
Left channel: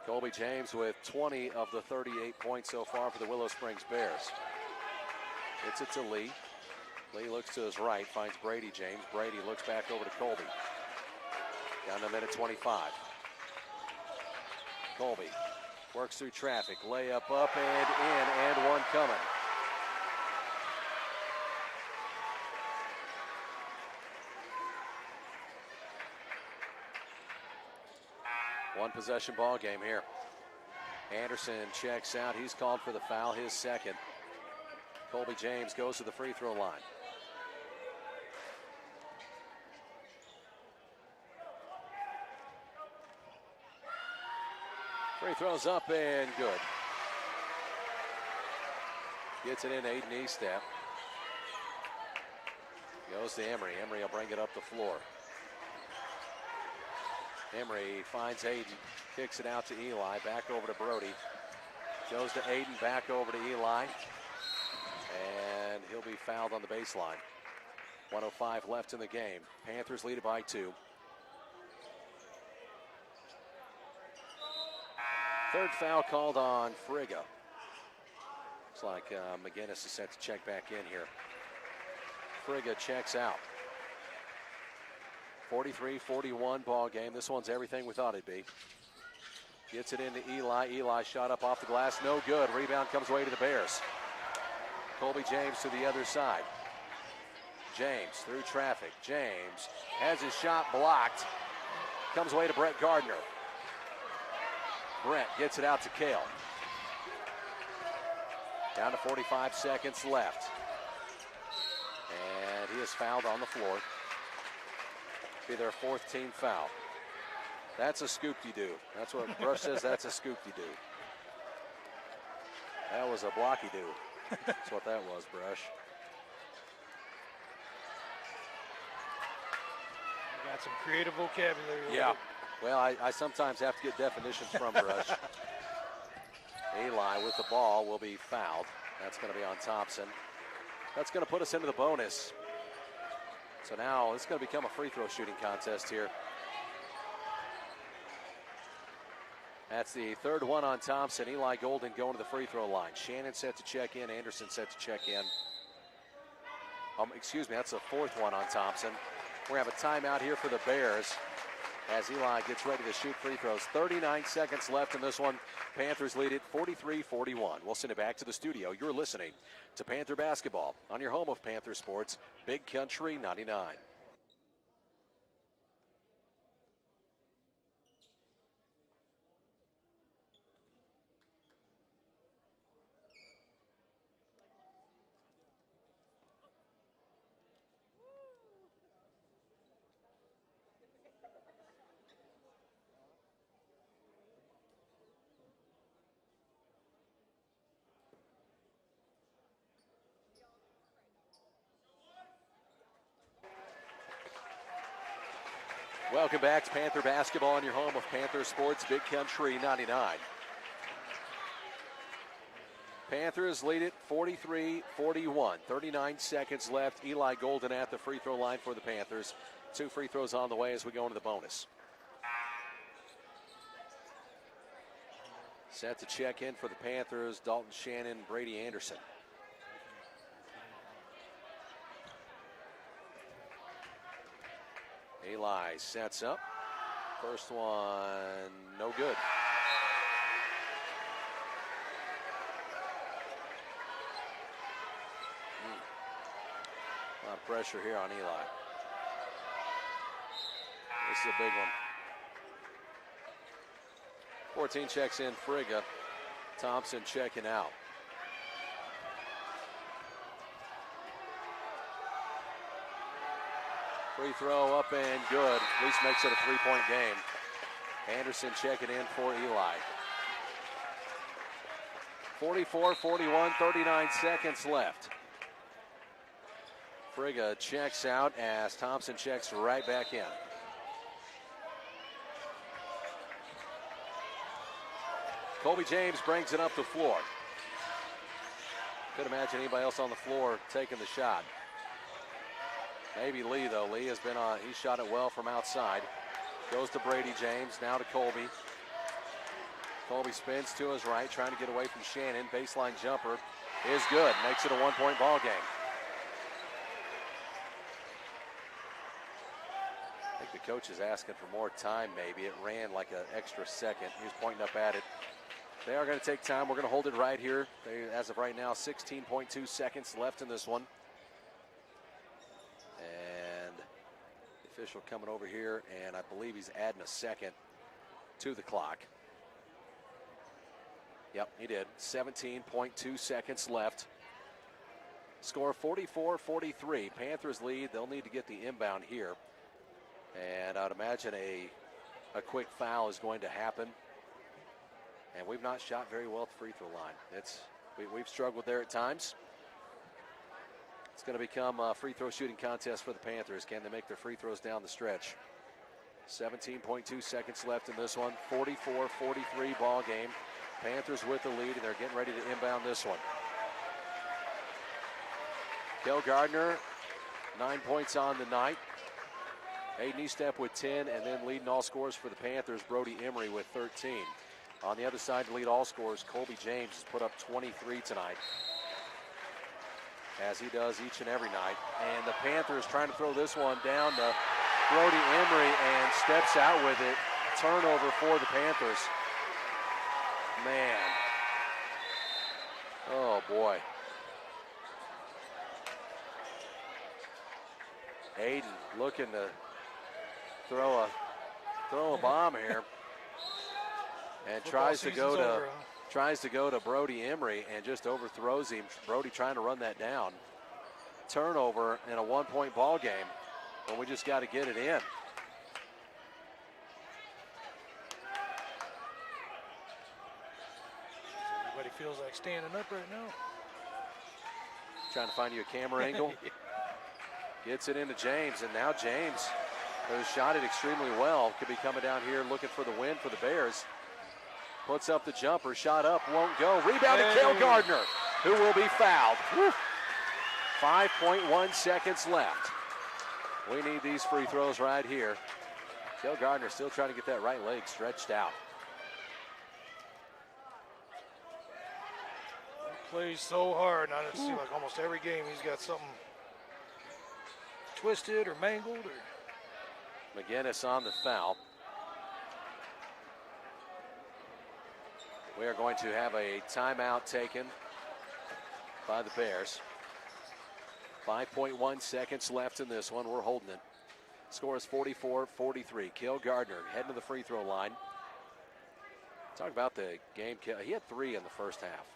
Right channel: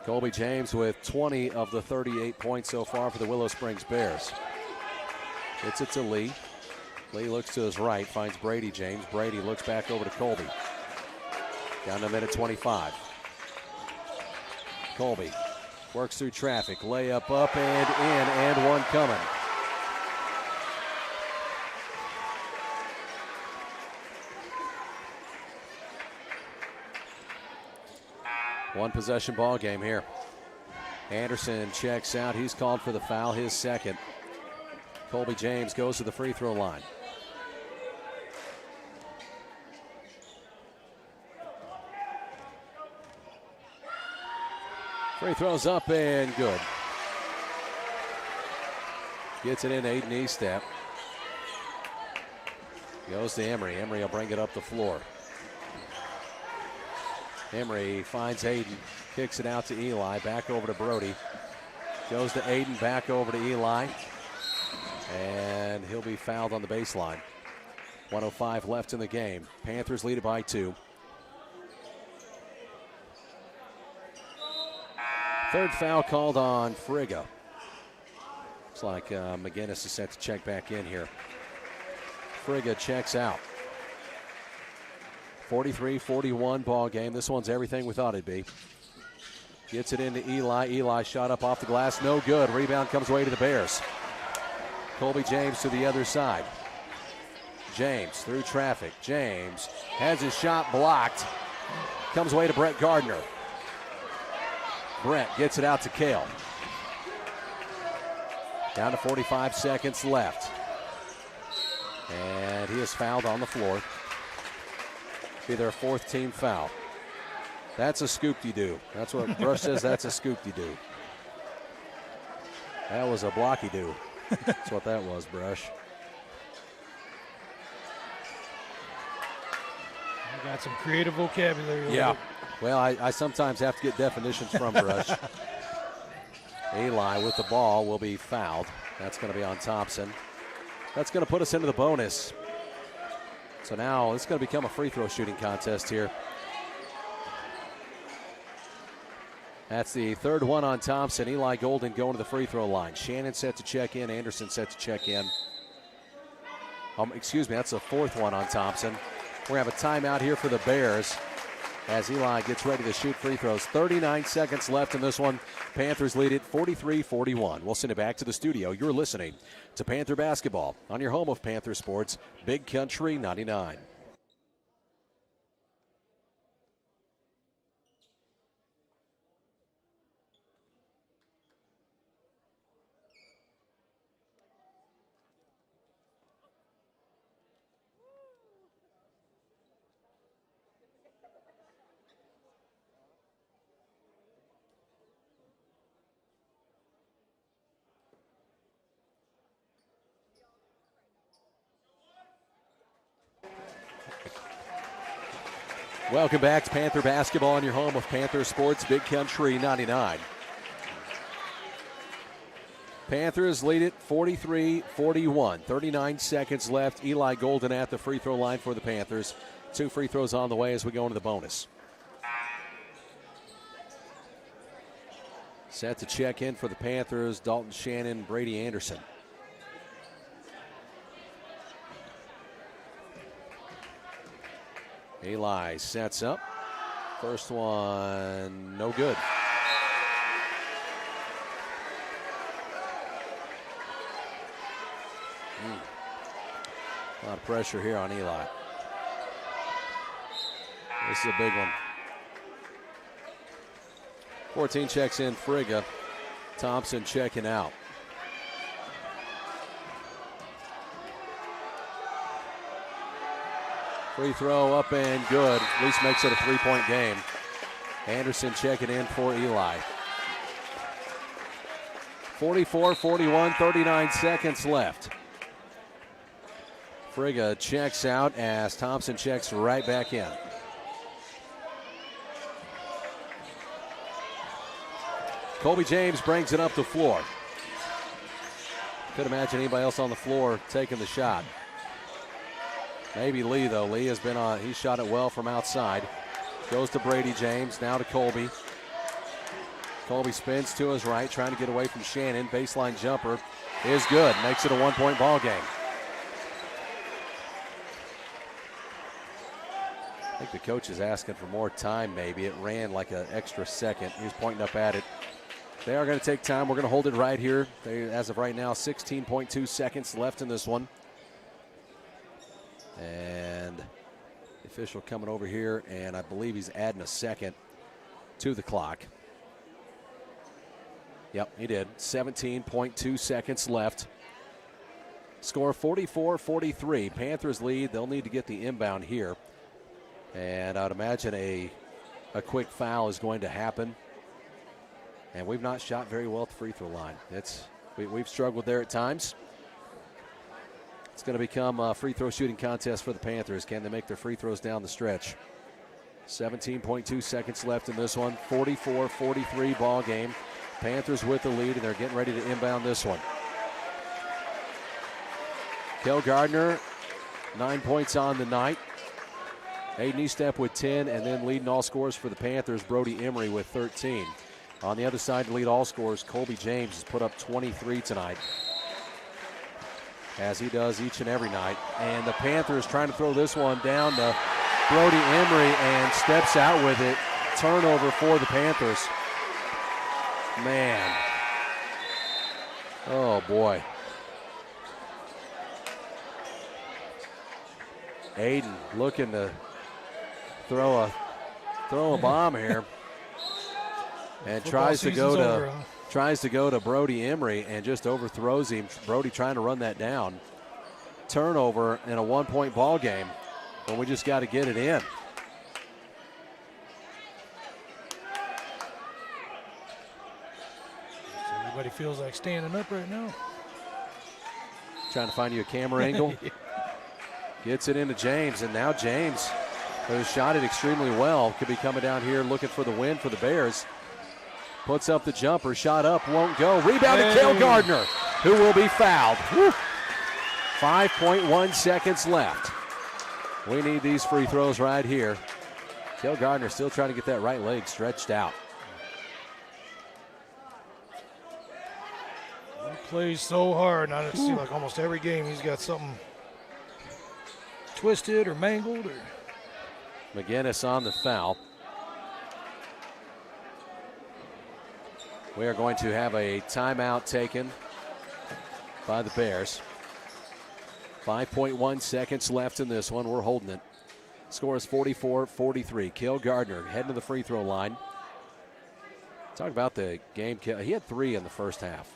Colby James with 20 of the 38 points so far for the Willow Springs Bears. Gets it to Lee. Lee looks to his right, finds Brady James. Brady looks back over to Colby. Down to minute 25. Colby works through traffic. Layup up and in, and one coming. One possession ball game here. Anderson checks out. He's called for the foul, his second. Colby James goes to the free throw line. Free throws up and good. Gets it in, Aiden Estep. Goes to Emery. Emery will bring it up the floor. Emery finds Aiden. Kicks it out to Eli. Back over to Brody. Goes to Aiden. Back over to Eli. And he'll be fouled on the baseline. 1:05 left in the game. Panthers lead it by 2. Third foul called on Frigga. Looks like McGinnis is set to check back in here. Frigga checks out. 43-41 ball game. This one's everything we thought it'd be. Gets it into Eli. Eli shot up off the glass. No good. Rebound comes away to the Bears. Colby James to the other side. James through traffic. James has his shot blocked. Comes away to Brett Gardner. Brett gets it out to Kale. Down to 45 seconds left. And he is fouled on the floor. Be their 4th team foul. That's a scoop-de-doo. That's what Brush says. That's a scoop-de-doo. That was a blocky-doo. That's what that was, Brush. You got some creative vocabulary. Yeah. Well, I sometimes have to get definitions from Brush. Eli with the ball will be fouled. That's going to be on Thompson. That's going to put us into the bonus. So now it's going to become a free throw shooting contest here. That's the 3rd one on Thompson. Eli Golden going to the free throw line. Shannon set to check in. Anderson set to check in. Excuse me, that's the 4th one on Thompson. We're going to have a timeout here for the Bears as Eli gets ready to shoot free throws. 39 seconds left in this one. Panthers lead it 43-41. We'll send it back to the studio. You're listening to Panther Basketball on your home of Panther Sports, Big Country 99. Welcome back to Panther Basketball on your home of Panther Sports, Big Country 99. Panthers lead it 43-41. 39 seconds left. Eli Golden at the free throw line for the Panthers. 2 free throws on the way as we go into the bonus. Set to check in for the Panthers, Dalton Shannon, Brady Anderson. Eli sets up. First one, no good. A lot of pressure here on Eli. This is a big one. 14 checks in, Frigga. Thompson checking out. Free throw up and good. At least makes it a 3-point game. Anderson checking in for Eli. 44-41, 39 seconds left. Frigga checks out as Thompson checks right back in. Colby James brings it up the floor. Could imagine anybody else on the floor taking the shot. Maybe Lee, though. Lee has been on. He shot it well from outside. Goes to Brady James. Now to Colby. Colby spins to his right, trying to get away from Shannon. Baseline jumper is good. Makes it a 1-point ball game. I think the coach is asking for more time, maybe. It ran like an extra second. He was pointing up at it. They are going to take time. We're going to hold it right here. As of right now, 16.2 seconds left in this one. And the official coming over here, and I believe he's adding a second to the clock. Yep, he did. 17.2 seconds left. Score 44-43. Panthers lead. They'll need to get the inbound here. And I would imagine a quick foul is going to happen. And we've not shot very well at the free throw line. We've struggled there at times. It's going to become a free throw shooting contest for the Panthers. Can they make their free throws down the stretch? 17.2 seconds left in this one. 44-43 ball game. Panthers with the lead, and they're getting ready to inbound this one. Kel Gardner, 9 points on the night. Aiden Eastep with 10, and then leading all scorers for the Panthers, Brody Emery with 13. On the other side to lead all scorers, Colby James has put up 23 tonight, as he does each and every night. And the Panthers trying to throw this one down to Brody Emery, and steps out with it. Turnover for the Panthers. Man. Oh, boy. Aiden looking to throw a bomb here. And tries to go to Brody Emery and just overthrows him. Brody trying to run that down. Turnover in a 1-point ball game. But we just got to get it in. Everybody feels like standing up right now. Trying to find you a camera angle. Gets it into James, and now James, who shot it extremely well, could be coming down here looking for the win for the Bears. Puts up the jumper, shot up, won't go. Rebounded Kel Gardner, who will be fouled. Woo. 5.1 seconds left. We need these free throws right here. Kel Gardner still trying to get that right leg stretched out. He plays so hard. Now it seems like almost every game he's got something twisted or mangled. McGinnis on the foul. We are going to have a timeout taken by the Bears. 5.1 seconds left in this one. We're holding it. Score is 44-43. Kel Gardner heading to the free throw line. Talk about the game. He had 3 in the first half.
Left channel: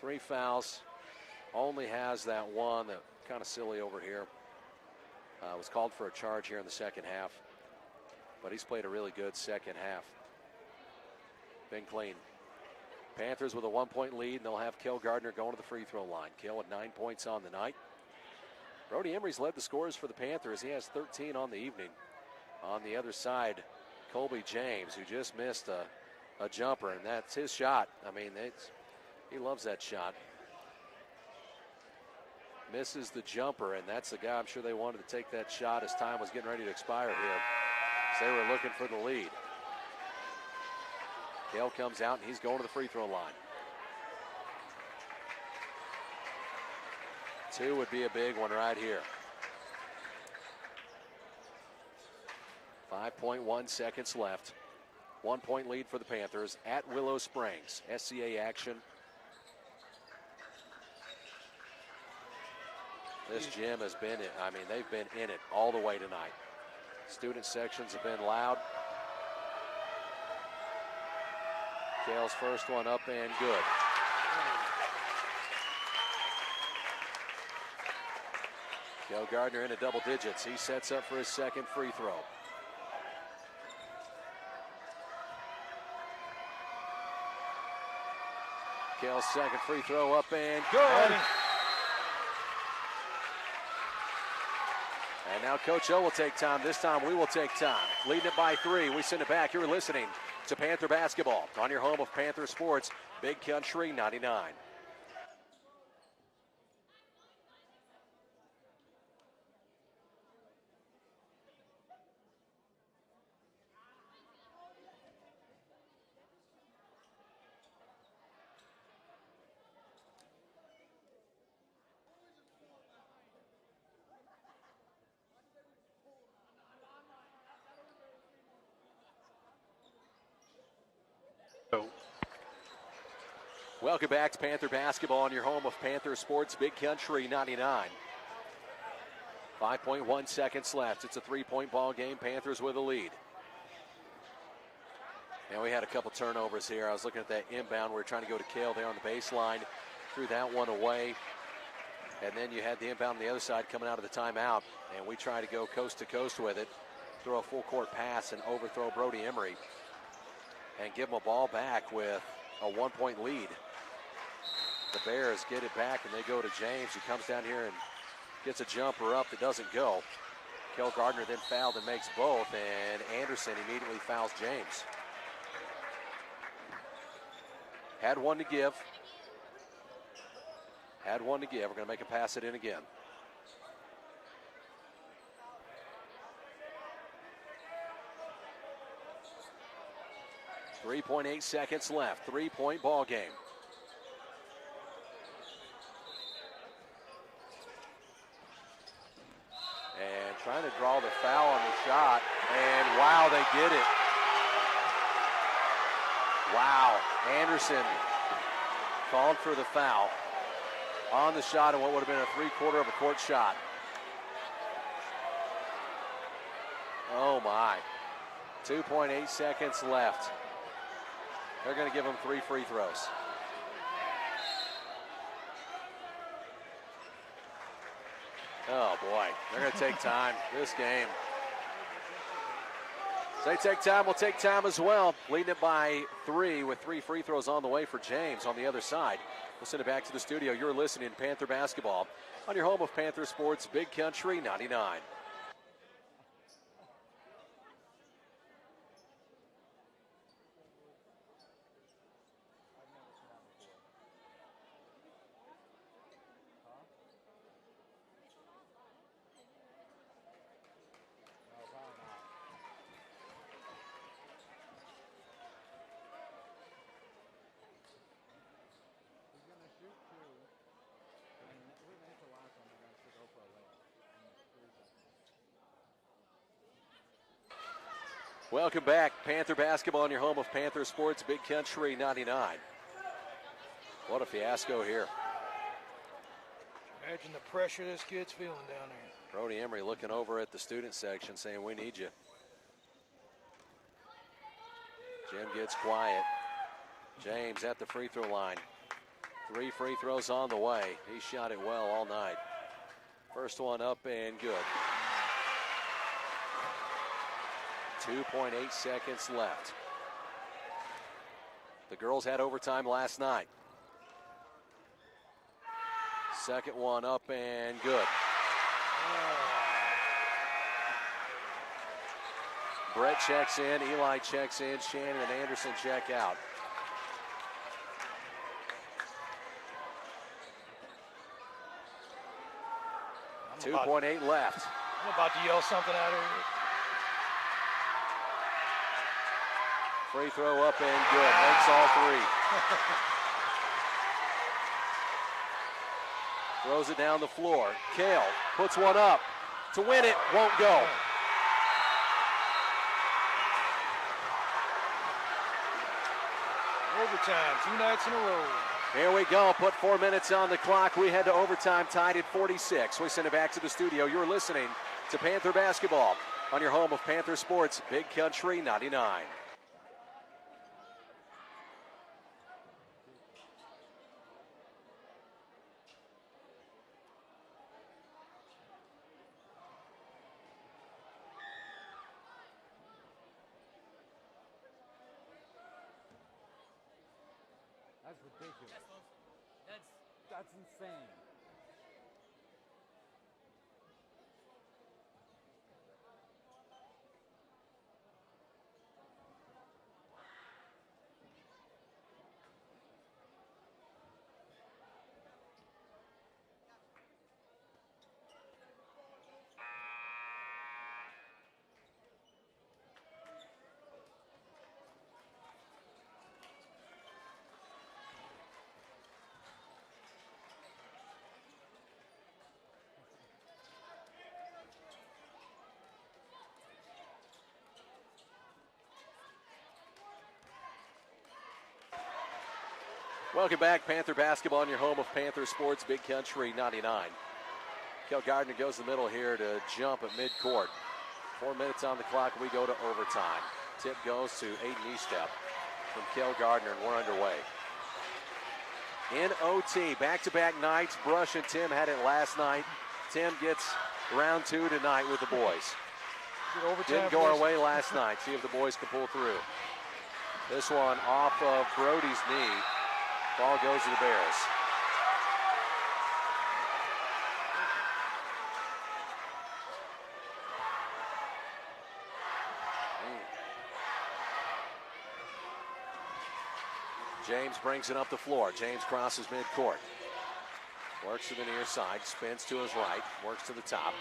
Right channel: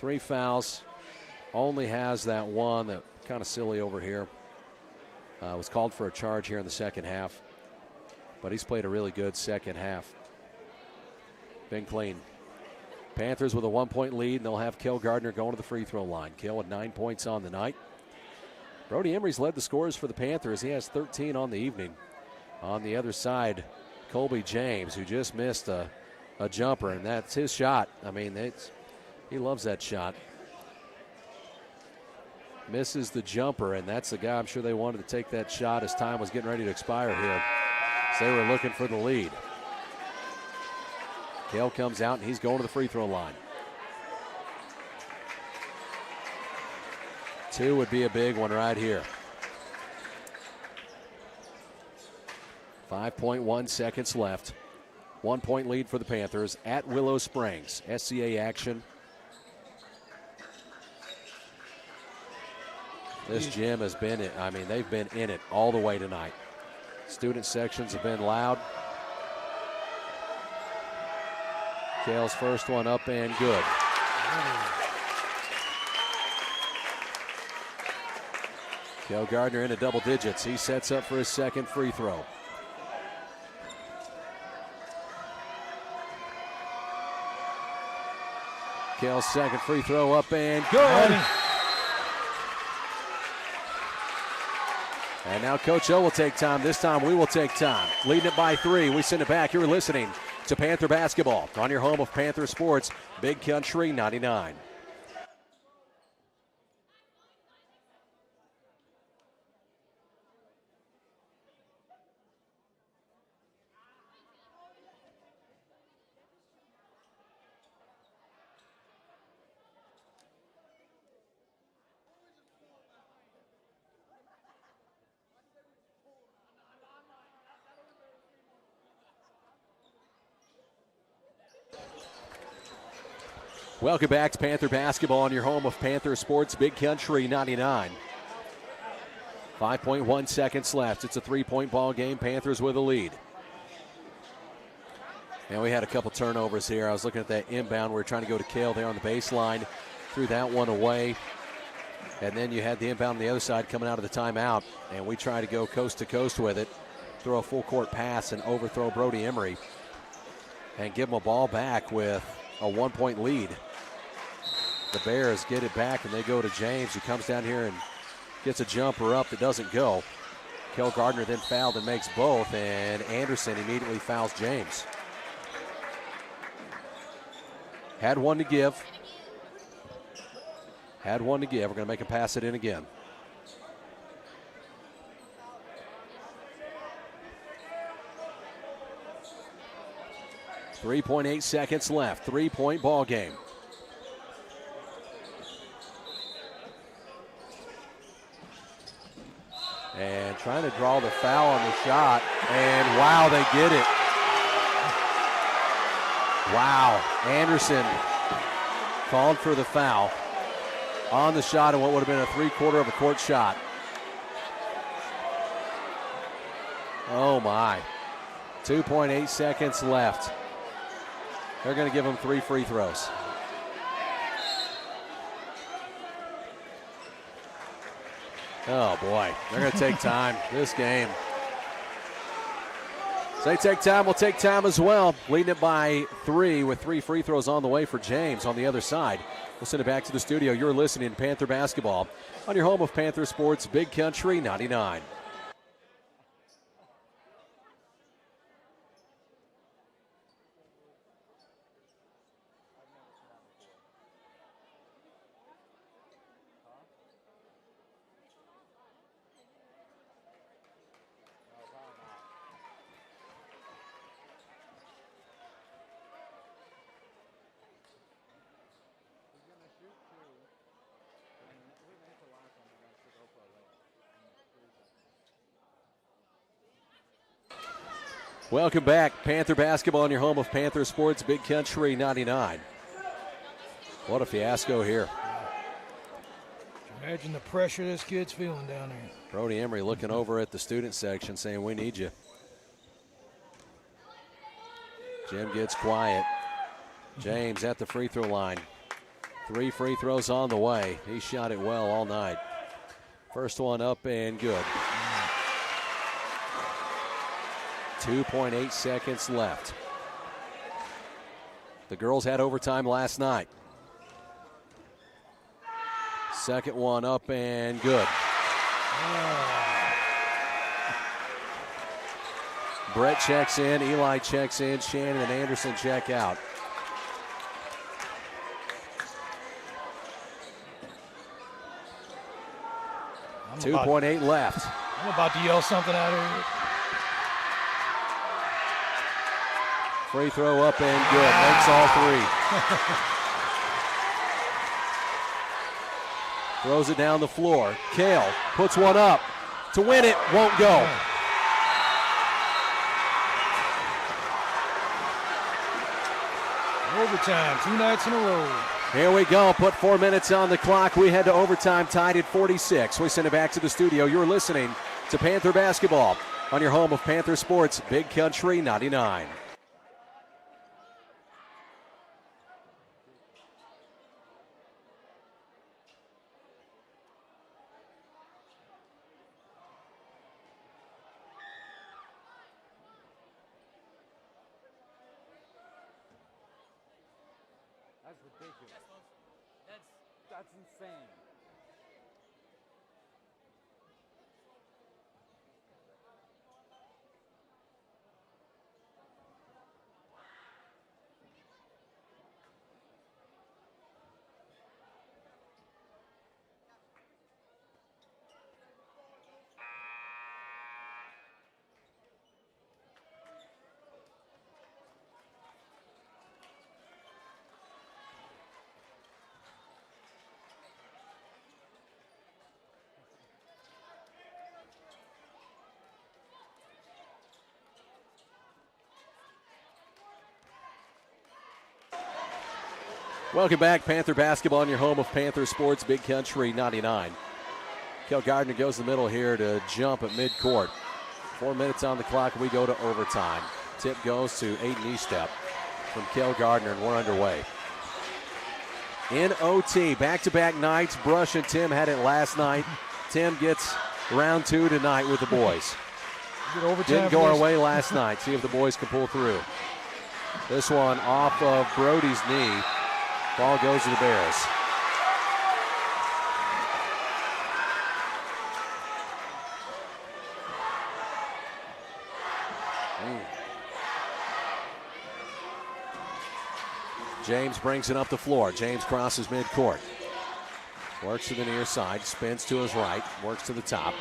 3 fouls. Only has that one that kind of silly over here. Was called for a charge here in the second half. But he's played a really good second half. Been clean. Panthers with a 1-point lead, and they'll have Kel Gardner going to the free throw line. Kel with 9 points on the night. Brody Emery's led the scorers for the Panthers. He has 13 on the evening. On the other side, Colby James, who just missed a jumper, and that's his shot. I mean, he loves that shot. Misses the jumper, and that's the guy I'm sure they wanted to take that shot as time was getting ready to expire here. So they were looking for the lead. Kel comes out, and he's going to the free throw line. 2 would be a big one right here. 5.1 seconds left. 1-point lead for the Panthers at Willow Springs. SCA action. This gym has been it. I mean, they've been in it all the way tonight. Student sections have been loud. Kel's first one up and good. Kel Gardner into double digits. He sets up for his second free throw. Kel's second free throw up and good. And now Coach O will take time. This time we will take time. Leading it by 3. We send it back. You're listening to Panther Basketball on your home of Panther Sports, Big Country 99. Welcome back to Panther Basketball on your home of Panther Sports, Big Country 99. 5.1 seconds left. It's a 3-point ball game. Panthers with a lead. And we had a couple turnovers here. I was looking at that inbound. We were trying to go to Kel there on the baseline. Threw that one away. And then you had the inbound on the other side coming out of the timeout. And we tried to go coast to coast with it. Throw a full court pass and overthrow Brody Emery. And give him a ball back with a 1-point lead. The Bears get it back, and they go to James, who comes down here and gets a jumper up that doesn't go. Kel Gardner then fouled and makes both, and Anderson immediately fouls James. Had one to give. We're going to make him pass it in again. .8 seconds left. 3-point ball game. And trying to draw the foul on the shot. And wow, they get it. Wow. Anderson called for the foul on the shot of what would have been a 3/4 of a court shot. Oh my. 2.8 seconds left. They're going to give him 3 free throws. Oh boy, they're going to take time this game. So they take time, we'll take time as well. Leading it by 3 with 3 free throws on the way for James on the other side. We'll send it back to the studio. You're listening to Panther Basketball on your home of Panther Sports, Big Country 99. Welcome back. Panther Basketball on your home of Panther Sports, Big Country 99. What a fiasco here. Imagine the pressure this kid's feeling down there. Brody Emery looking over at the student section saying, we need you. Jim gets quiet. James at the free throw line. 3 free throws on the way. He shot it well all night. First one up and good. 2.8 seconds left. The girls had overtime last night. Second one up and good. Brett checks in, Eli checks in, Shannon and Anderson check out. I'm 2.8 left. I'm about to yell something out here. Free throw up and good. Makes all 3. Throws it down the floor. Kale puts one up to win it. Won't go. Overtime, 2 nights in a row. Here we go. Put 4 minutes on the clock. We head to overtime, tied at 46. We send it back to the studio. You're listening to Panther Basketball on your home of Panther Sports, Big Country 99. That's ridiculous. That's insane. Welcome back, Panther Basketball on your home of Panther Sports, Big Country 99. Kel Gardner goes in the middle here to jump at midcourt. 4 minutes on the clock, we go to overtime. Tip goes to Aiden Estep from Kel Gardner, and we're underway. In OT, back-to-back nights. Brush and Tim had it last night. Tim gets round 2 tonight with the boys. Didn't go our way last night. See if the boys can pull through. This one off of Brody's knee. Ball goes to the Bears. James brings it up the floor. James crosses midcourt. Works to the near side, spins to his right, works to the top.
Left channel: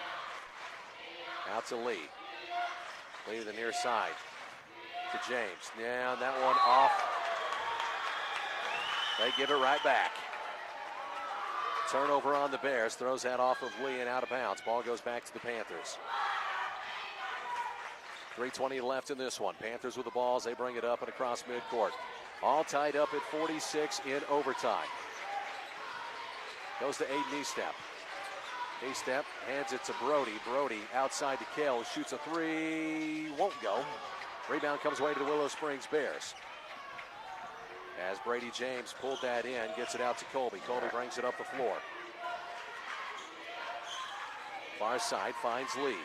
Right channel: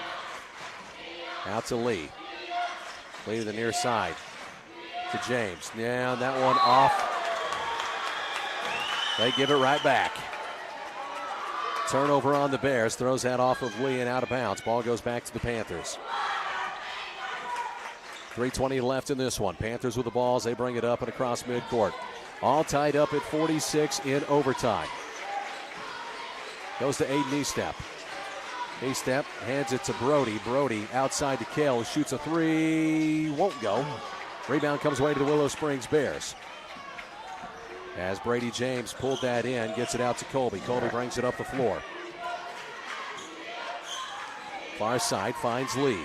Out to Lee. Lee to the near side. To James. Yeah, that one off. They give it right back. Turnover on the Bears. Throws that off of Lee and out of bounds. Ball goes back to the Panthers. 3:20 left in this one. Panthers with the balls. They bring it up and across midcourt. All tied up at 46 in overtime. Goes to Aiden Eastep. Eastep hands it to Brody. Brody outside to Kale. Shoots a three. Won't go. Rebound comes away to the Willow Springs Bears. As Brady James pulled that in, gets it out to Colby. Colby brings it up the floor. Far side finds Lee.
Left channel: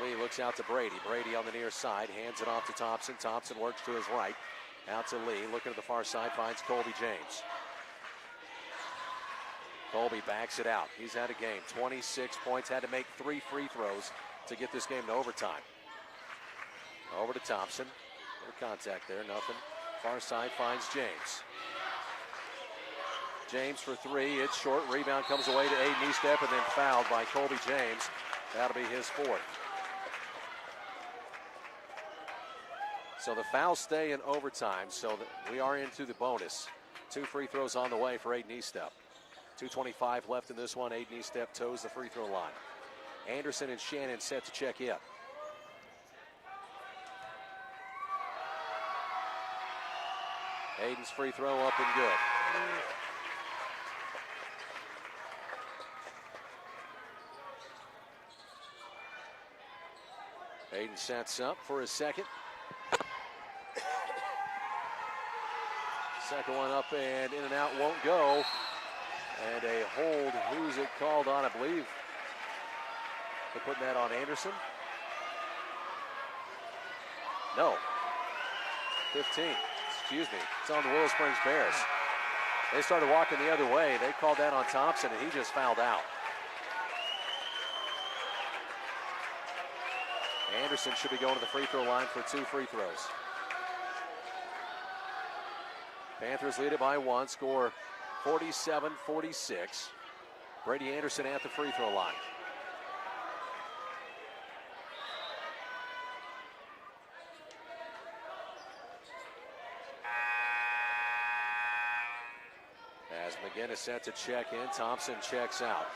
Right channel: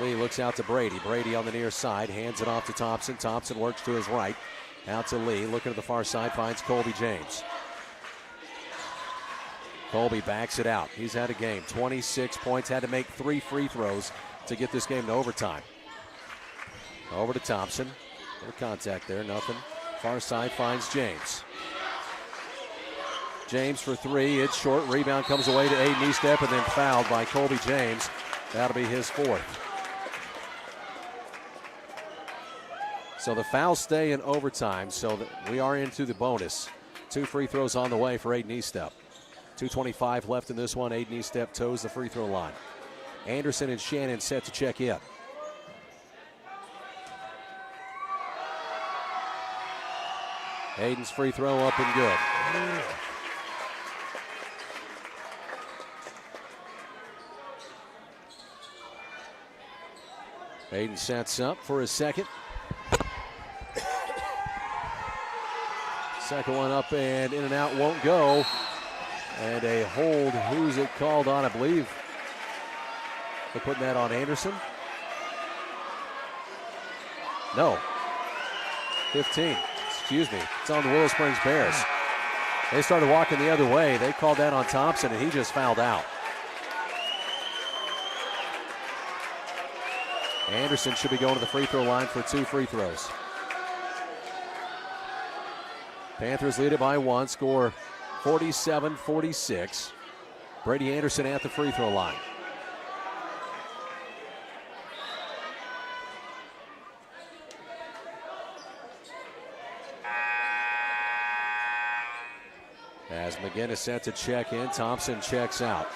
Lee looks out to Brady. Brady on the near side, hands it off to Thompson. Thompson works to his right. Out to Lee, looking at the far side, finds Colby James. Colby backs it out. He's had a game. 26 points, had to make 3 free throws to get this game to overtime. Over to Thompson. No contact there, nothing. Far side finds James. James for 3, it's short. Rebound comes away to Aiden Eastep and then fouled by Colby James. That'll be his 4th. So the fouls stay in overtime, so that we are into the bonus. 2 free throws on the way for Aiden Eastep. 2:25 left in this one. Aiden Eastep toes the free throw line. Anderson and Shannon set to check in. Aiden's free throw up and good. Aiden sets up for his second. Second one up and in and out, won't go. And a hold. Who's it called on? I believe they're putting that on Anderson. No. 15. Excuse me. It's on the Willow Springs Bears. They started walking the other way. They called that on Thompson, and he just fouled out. Anderson should be going to the free throw line for 2 free throws. Panthers lead it by 1, score 47-46. Brady Anderson at the free throw line. As McGinnis set to check in, Thompson checks out.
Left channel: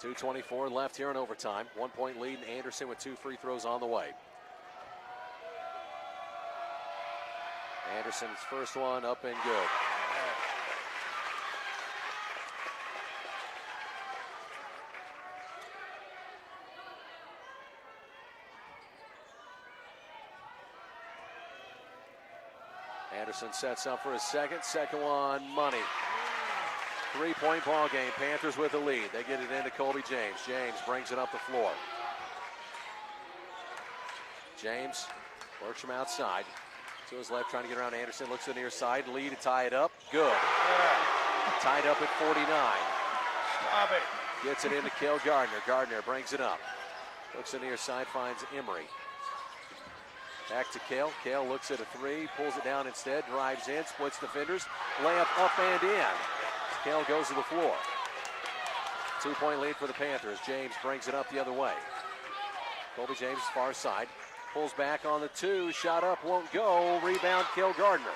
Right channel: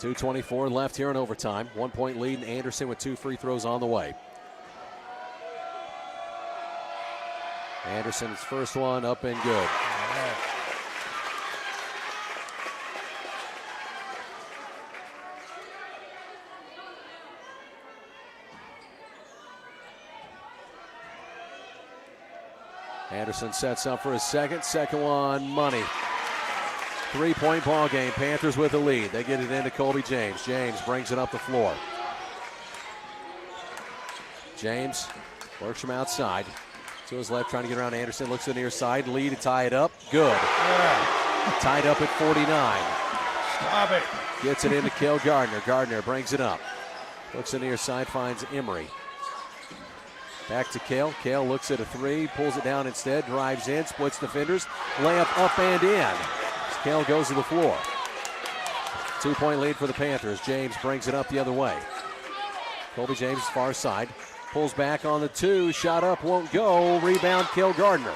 .224 left here in overtime. 1 point lead, and Anderson with 2 free throws on the way. Anderson's first one up and good. Anderson sets up for his second. Second one, money. 3-point ball game. Panthers with the lead. They get it into Colby James. James brings it up the floor. James works from outside. To his left, trying to get around Anderson. Looks to the near side. Lee to tie it up. Good. Tied up at 49. Stop it. Gets it into Cale Gardner. Gardner brings it up. Looks to the near side, finds Emery. Back to Cale. Cale looks at a 3, pulls it down instead, drives in, splits defenders. Layup up and in. Cale goes to the floor. 2-point lead for the Panthers. James brings it up the other way. Colby James far side. Pulls back on the 2. Shot up, won't go. Rebound, Cale Gardner.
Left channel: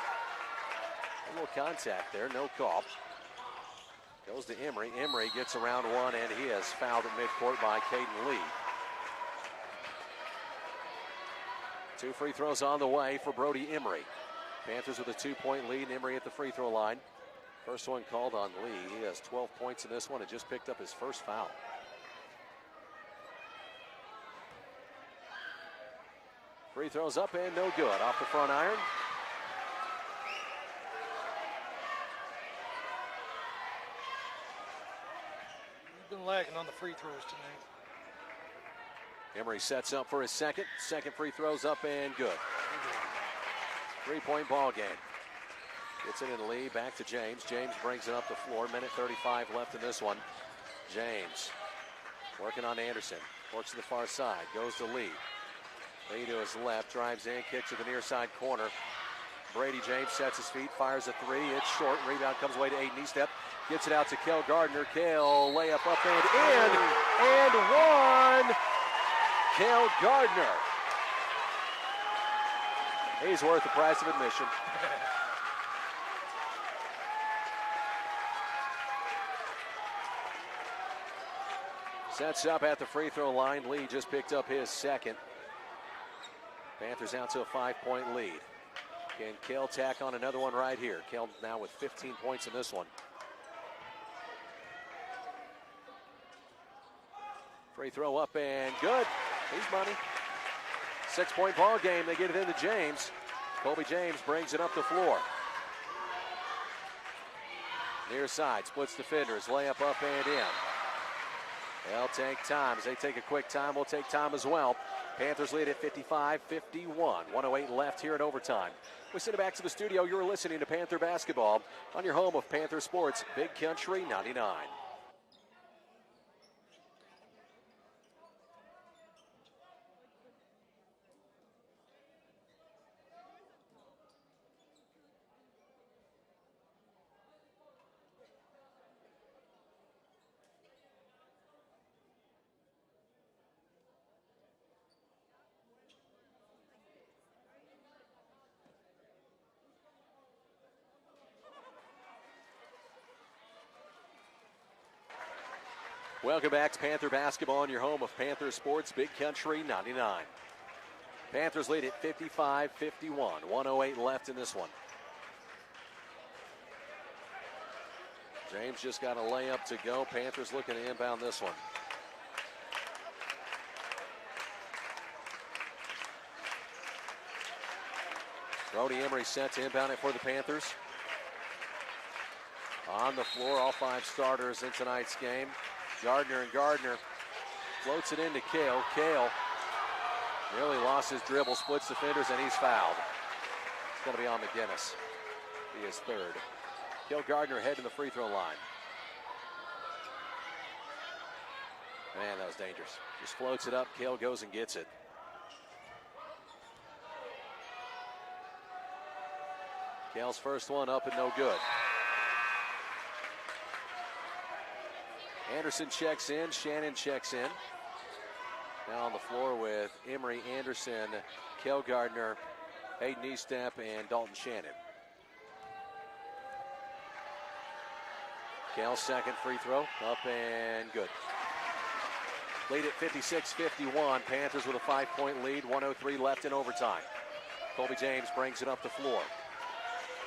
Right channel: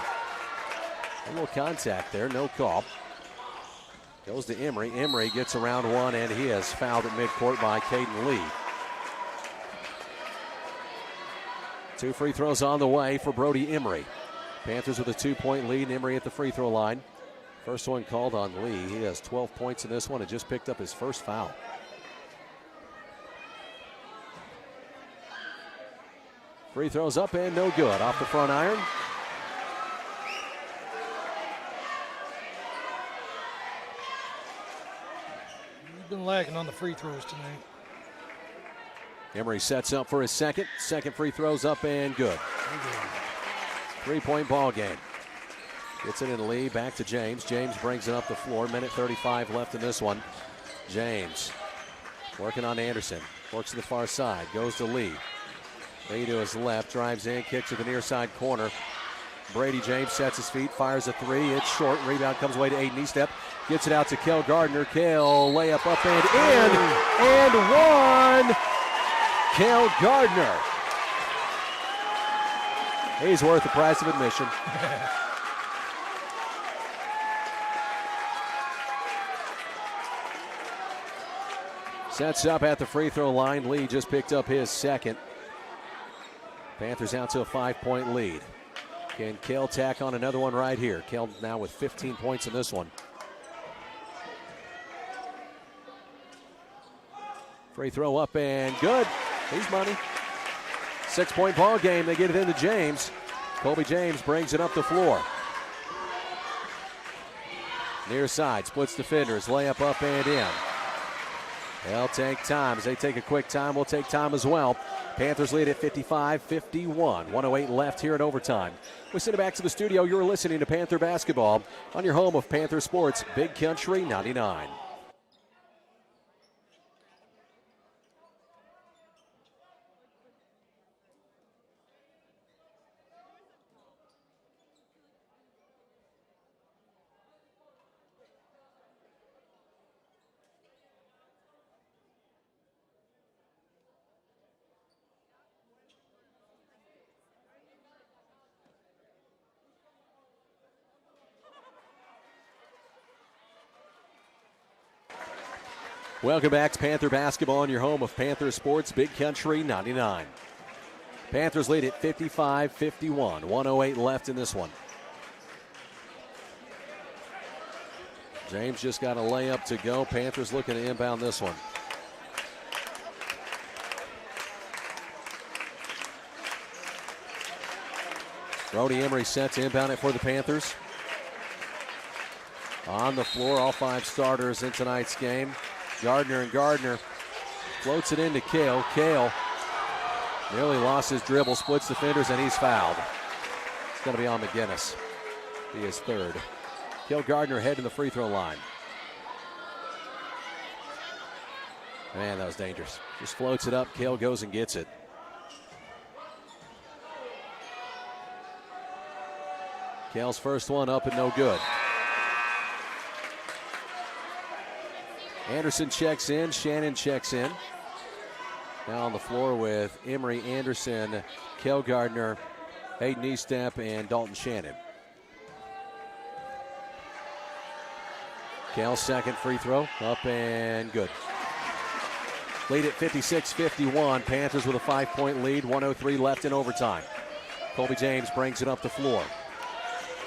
A little contact there, no call. Goes to Emery. Emery gets around 1, and he is fouled at midcourt by Caden Lee. 2 free throws on the way for Brody Emery. Panthers with a 2-point lead. Emery at the free throw line. First one called on Lee. He has 12 points in this one and just picked up his first foul. Free throws up and no good. Off the front iron. You've been lacking on the free throws tonight. Emery sets up for his second. Second free throws up and good. 3-point ball game. Gets it in Lee, back to James. James brings it up the floor. Minute 35 left in this one. James Working on Anderson. Works to the far side. Goes to Lee. Lee to his left. Drives in. Kicks to the near side corner. Brady James sets his feet. Fires a three. It's short. Rebound comes away to Aiden Eastep. Gets it out to Kel Gardner. Kel layup up and in. And one. Kel Gardner. He's worth the price of admission. Sets up at the free throw line. Lee just picked up his second. Panthers out to a 5-point lead. Can Kel tack on another one right here? Kel now with 15 points in this one. Free throw up and good. He's money. 6-point ball game. They get it into James. Colby James brings it up the floor. Near side, splits defenders. Layup up and in. They'll take time. As they take a quick time, we'll take time as well. Panthers lead at 55-51. 1:08 left here in overtime. We send it back to the studio. You're listening to Panther Basketball on your home of Panther Sports, Big Country 99. Welcome back to Panther Basketball on your home of Panther Sports, Big Country 99. Panthers lead at 55-51. 1:08 left in this one. James just got a layup to go. Panthers looking to inbound this one. Brody Emery set to inbound it for the Panthers. On the floor, all 5 starters in tonight's game. Gardner floats it into Kale. Kale nearly lost his dribble, splits defenders, and he's fouled. It's going to be on McGinnis. He is third. Kale Gardner heading the free throw line. Man, that was dangerous. Just floats it up. Kale goes and gets it. Kale's first one up and no good. Anderson checks in. Shannon checks in. Now on the floor with Emery, Anderson, Kel Gardner, Hayden Eastep, and Dalton Shannon. Kel's second free throw. Up and good. Lead at 56-51. Panthers with a 5-point lead. 1:03 left in overtime. Colby James brings it up the floor.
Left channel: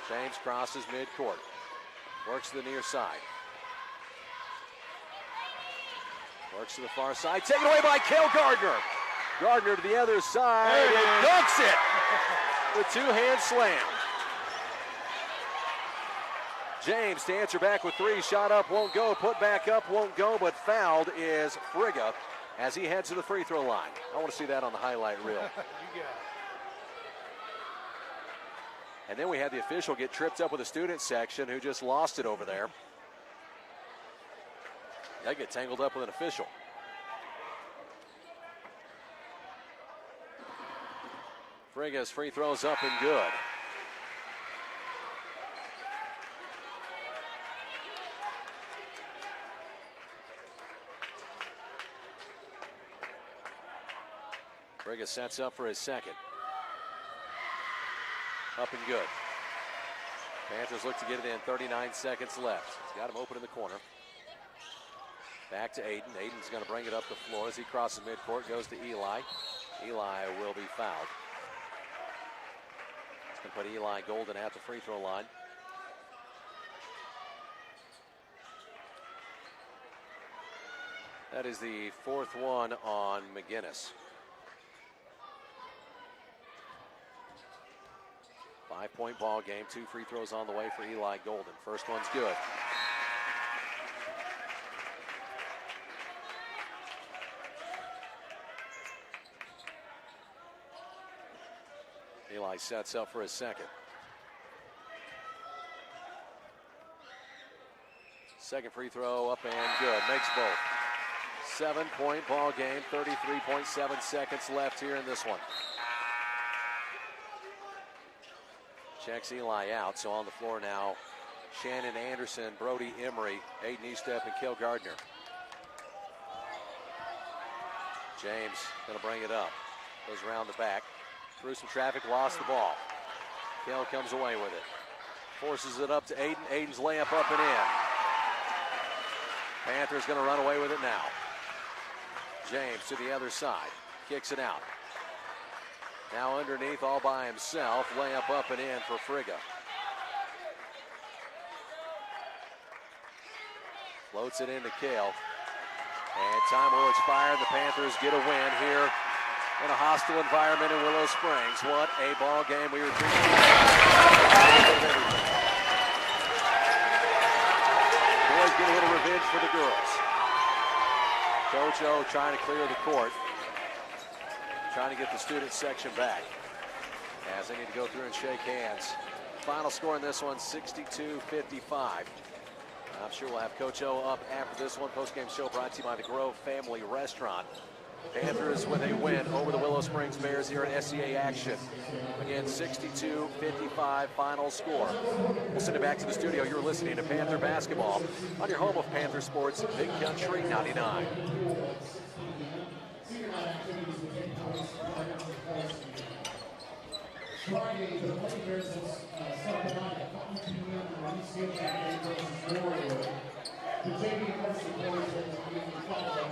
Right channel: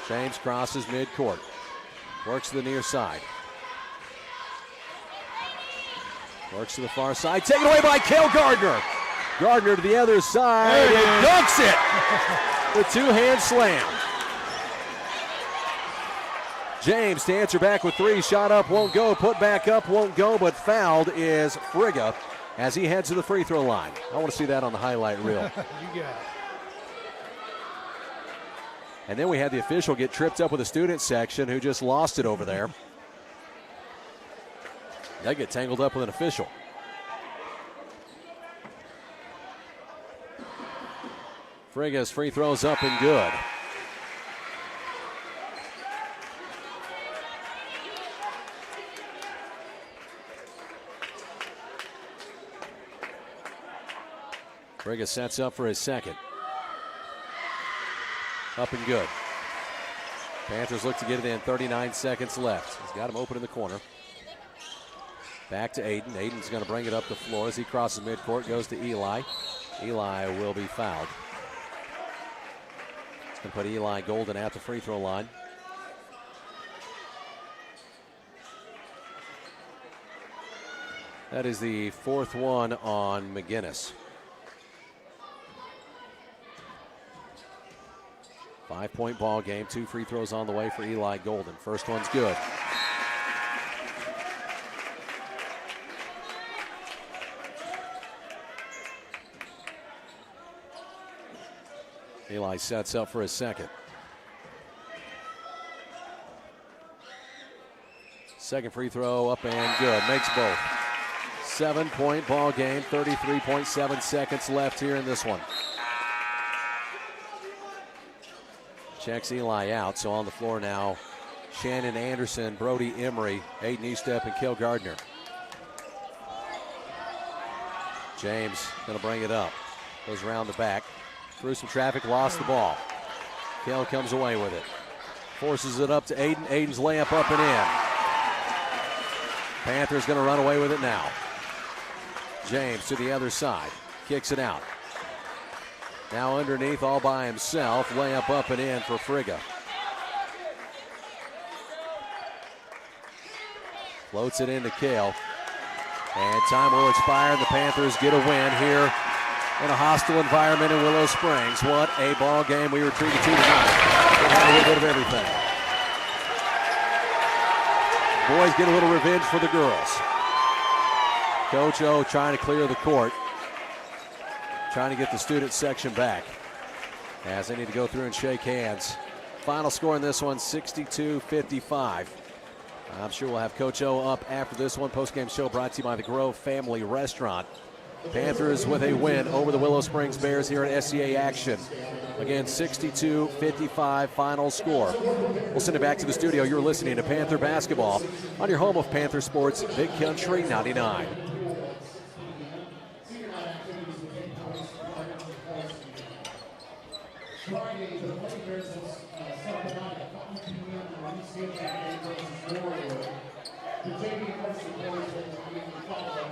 James crosses midcourt. Works to the near side. Works to the far side. Taken away by Kel Gardner. Gardner to the other side. And dunks it. The two-hand slam. James to answer back with 3. Shot up, won't go. Put back up, won't go. But fouled is Frigga as he heads to the free throw line. I want to see that on the highlight reel. You got it. And then we had the official get tripped up with the student section who just lost it over there. They get tangled up with an official. Frigga's free throws up and good. Frigga sets up for his second. Up and good. Panthers look to get it in. 39 seconds left. He's got him open in the corner. Back to Aiden. Aiden's going to bring it up the floor as he crosses midcourt. Goes to Eli. Eli will be fouled. It's going to put Eli Golden at the free throw line. That is the 4th one on McGinnis. 5-point ball game. 2 free throws on the way for Eli Golden. First one's good. Eli sets up for his second. Second free throw up and good. Makes both. 7-point ball game, 33.7 seconds left here in this one. Checks Eli out, so on the floor now, Shannon Anderson, Brody Emery, Aiden Eastep, and Kel Gardner. James gonna bring it up. Goes around the back. Through some traffic, lost the ball. Kel comes away with it. Forces it up to Aiden. Aiden's layup up and in. Panthers gonna run away with it now. James to the other side. Kicks it out. Now underneath all by himself. Layup up and in for Frigga. Floats it into Kale. And time will expire. The Panthers get a win here in a hostile environment in Willow Springs. What a ball game. We were treated to a little bit of everything. Boys get a little revenge for the girls. Coach O trying to clear the court. Trying to get the student section back as they need to go through and shake hands. Final score in this one, 62-55. I'm sure we'll have Coach O up after this one. Postgame show brought to you by the Grove Family Restaurant. Panthers with a win over the Willow Springs Bears here at SCA action. Again, 62-55 final score. We'll send it back to the studio. You're listening to Panther Basketball on your home of Panther Sports, Big Country 99. Friday, the Panthers started on at 5 p.m. on the East End versus Warrior. The JV Varsity boys will be followed at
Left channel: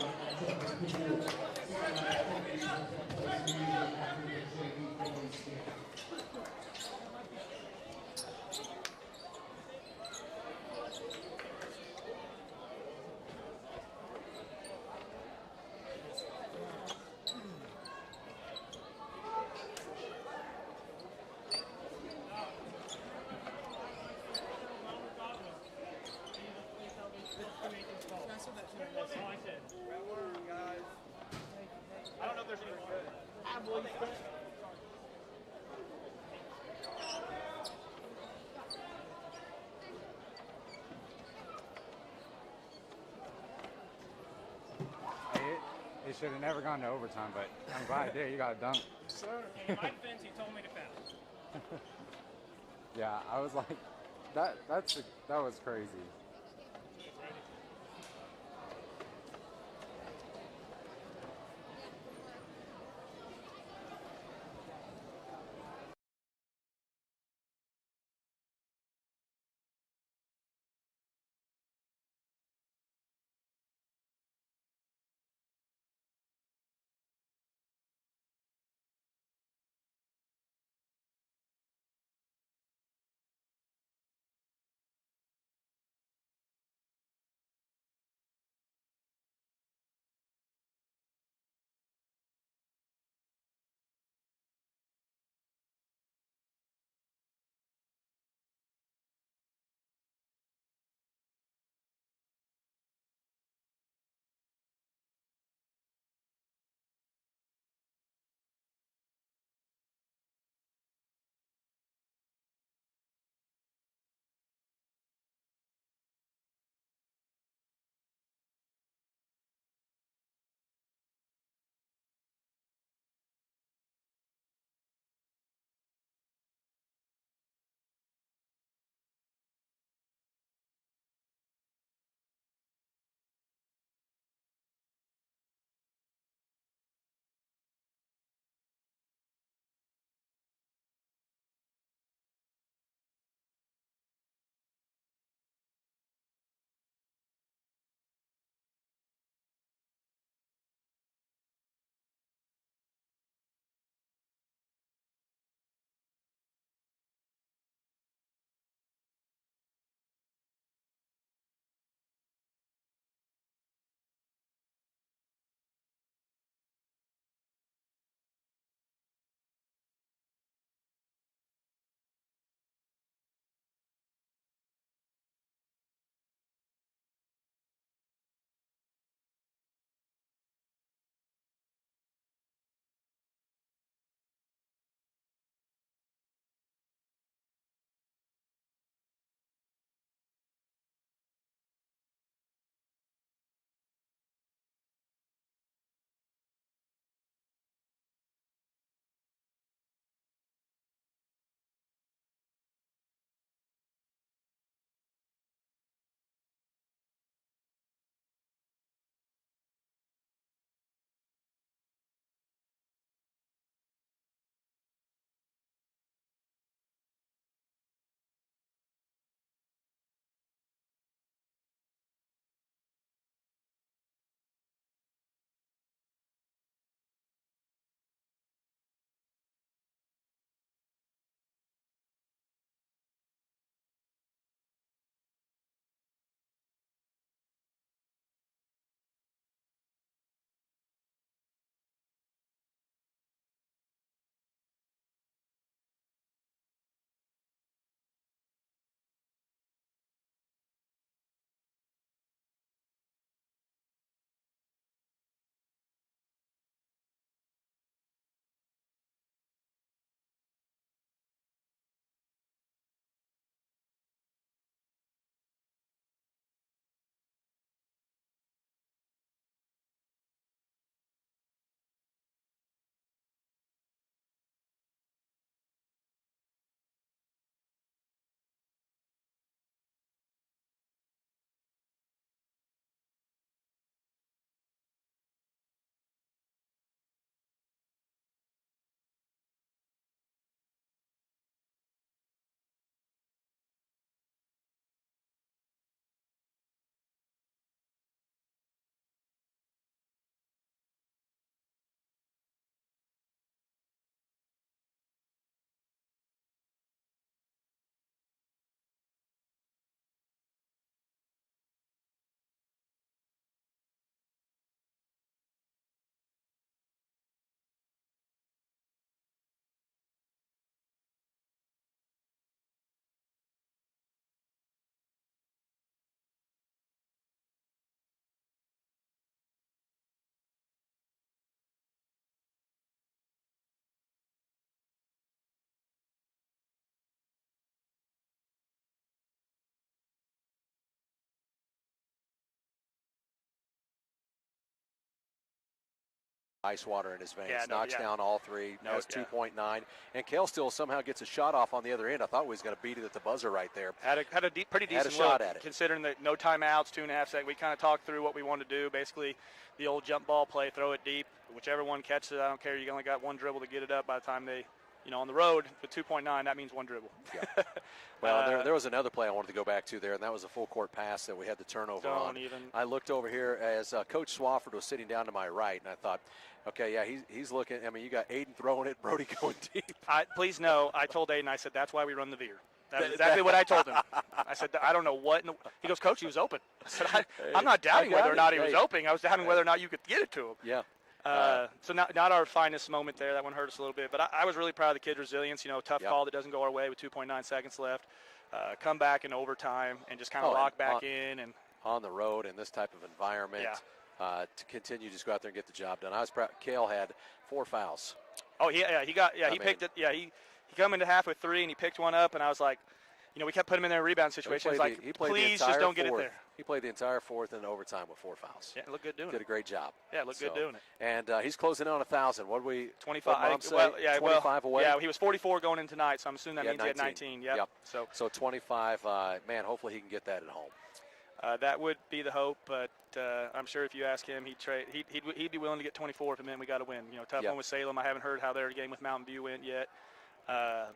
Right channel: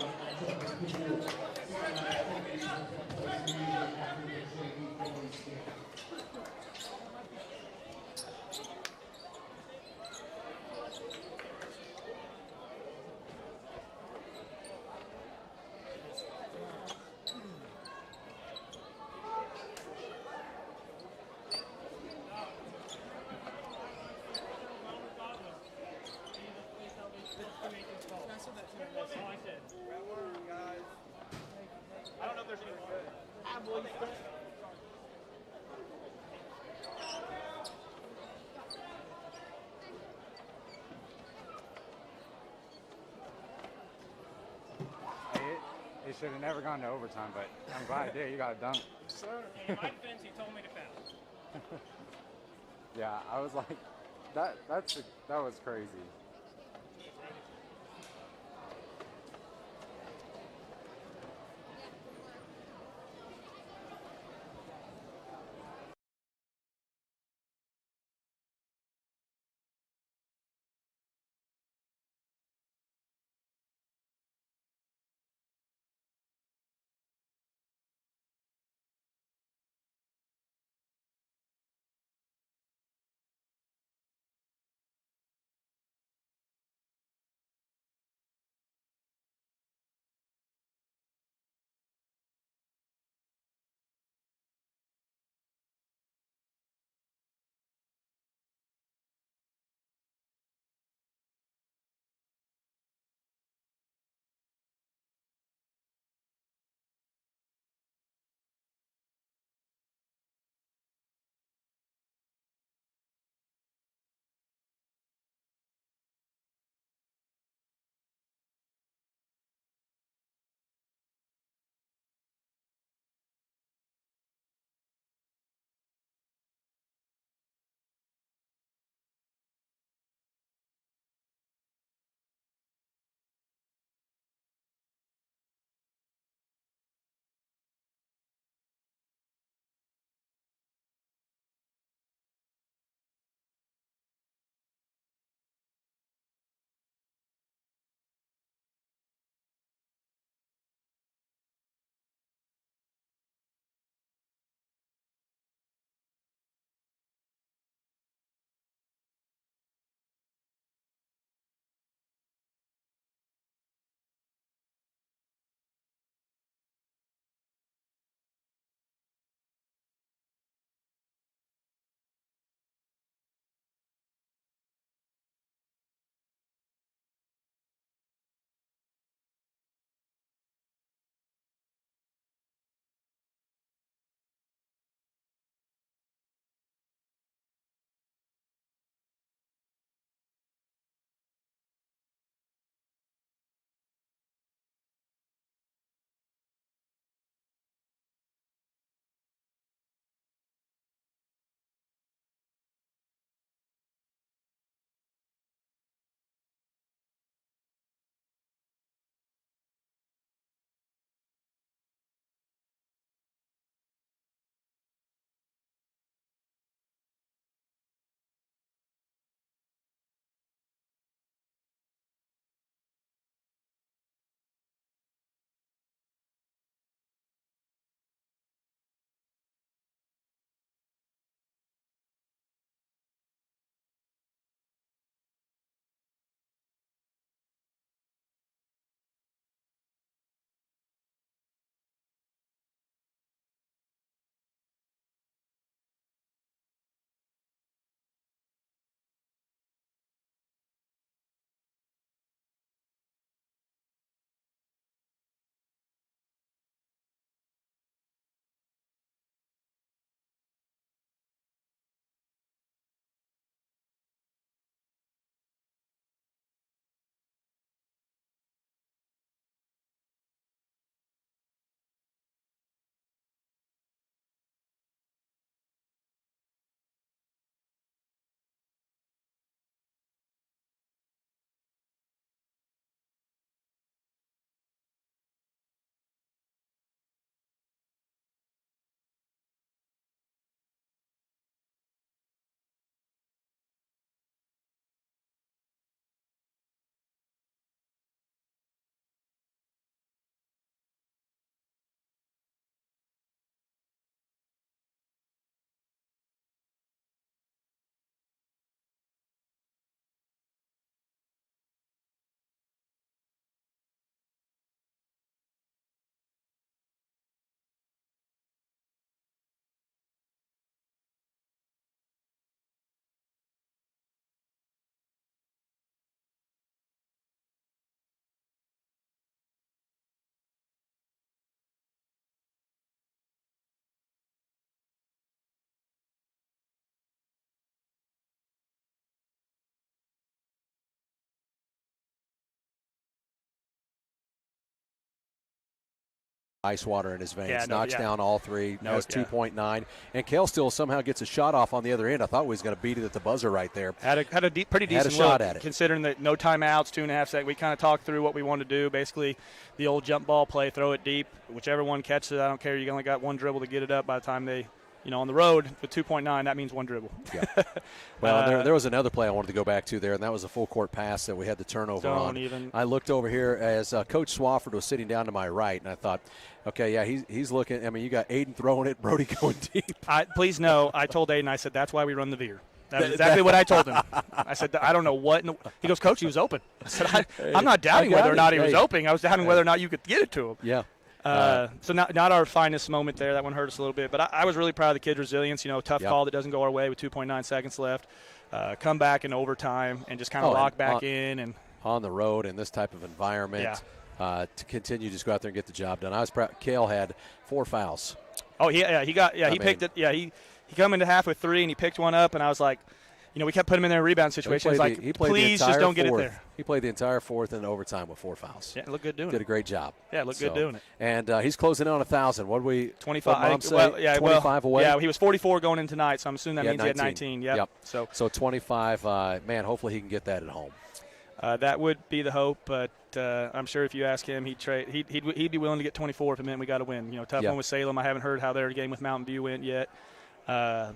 It should have never gone to overtime, but I'm glad it did. You got a dunk. Sir, in my defense, he told me to foul. Yeah, I was like, that was crazy. ice water in his veins. Yeah, Knocks down all three, has yeah. 2.9. And Kale still somehow gets a shot off on the other end. I thought he was going to beat it at the buzzer right there. Had a pretty decent shot look, at it. considering that no timeouts, 2.5 seconds. We kind of talked through what we wanted to do. Basically, the old jump ball play, throw it deep. Whichever one catches it, I don't care. You only got one dribble to get it up by the time they – on the road with 2.9, that means one dribble. Yeah. Well, there was another play I wanted to go back to there, and that was a full court pass that we had the turnover on. I looked over here as Coach Swafford was sitting down to my right, and I thought, okay, yeah, he's looking. I mean, you got Aiden throwing it, Brody going deep. Please know, I told Aiden, I said, that's why we run the veer. That's exactly what I told him. I said, I don't know what. He goes, Coach, he was open. I said, I'm not doubting whether or not he was open. I was doubting whether or not you could get it to him. Yeah. So not our finest moment there. That one hurt us a little bit. But I was really proud of the kid's resilience. Tough call that doesn't go our way with 2.9 seconds left. Come back in overtime and just kind of lock back in. And on the road in this type of environment, to continue to just go out there and get the job done. I was proud. Kale had 4 fouls. Oh, he picked it. Yeah, he come into half with 3, and he picked one up, and I was like, we kept putting him in a rebound situation. Please just don't get it there. He played the entire fourth in overtime with 4 fouls. Yeah, looked good doing it. Did a great job. Yeah, looked good doing it. And he's closing in on 1,000. What did we? 25. 25 away. Yeah, he was 44 going in tonight, so I'm assuming that means he had 19. Yep. So 25. Man, hopefully he can get that at home. That would be the hope, but I'm sure if you ask him, he'd be willing to get 24 if it meant we got to win. Tough one with Salem. I haven't heard how their game with Mountain View went yet. But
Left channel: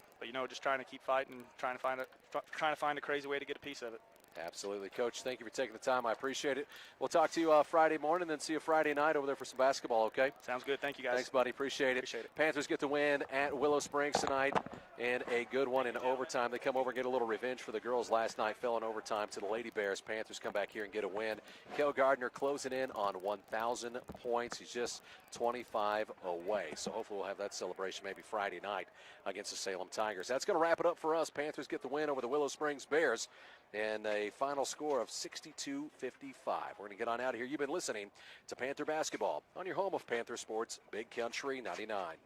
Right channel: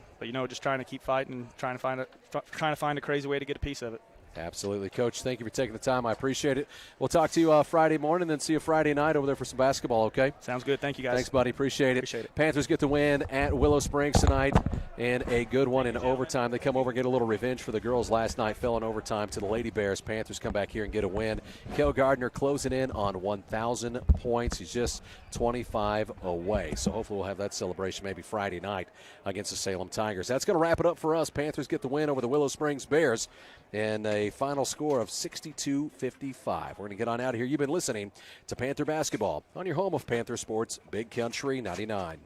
just trying to keep fighting, trying to find a crazy way to get a piece of it. Absolutely. Coach, thank you for taking the time. I appreciate it. We'll talk to you Friday morning, then see you Friday night over there for some basketball, okay? Sounds good. Thank you, guys. Thanks, buddy. Appreciate it. Panthers get the win at Willow Springs tonight, and a good one in overtime. They come over and get a little revenge for the girls last night, fell in overtime to the Lady Bears. Panthers come back here and get a win. Kel Gardner closing in on 1,000 points. He's just 25 away. So hopefully we'll have that celebration maybe Friday night against the Salem Tigers. That's going to wrap it up for us. Panthers get the win over the Willow Springs Bears and a final score of 62-55. We're going to get on out of here. You've been listening to Panther Basketball on your home of Panther Sports, Big Country 99.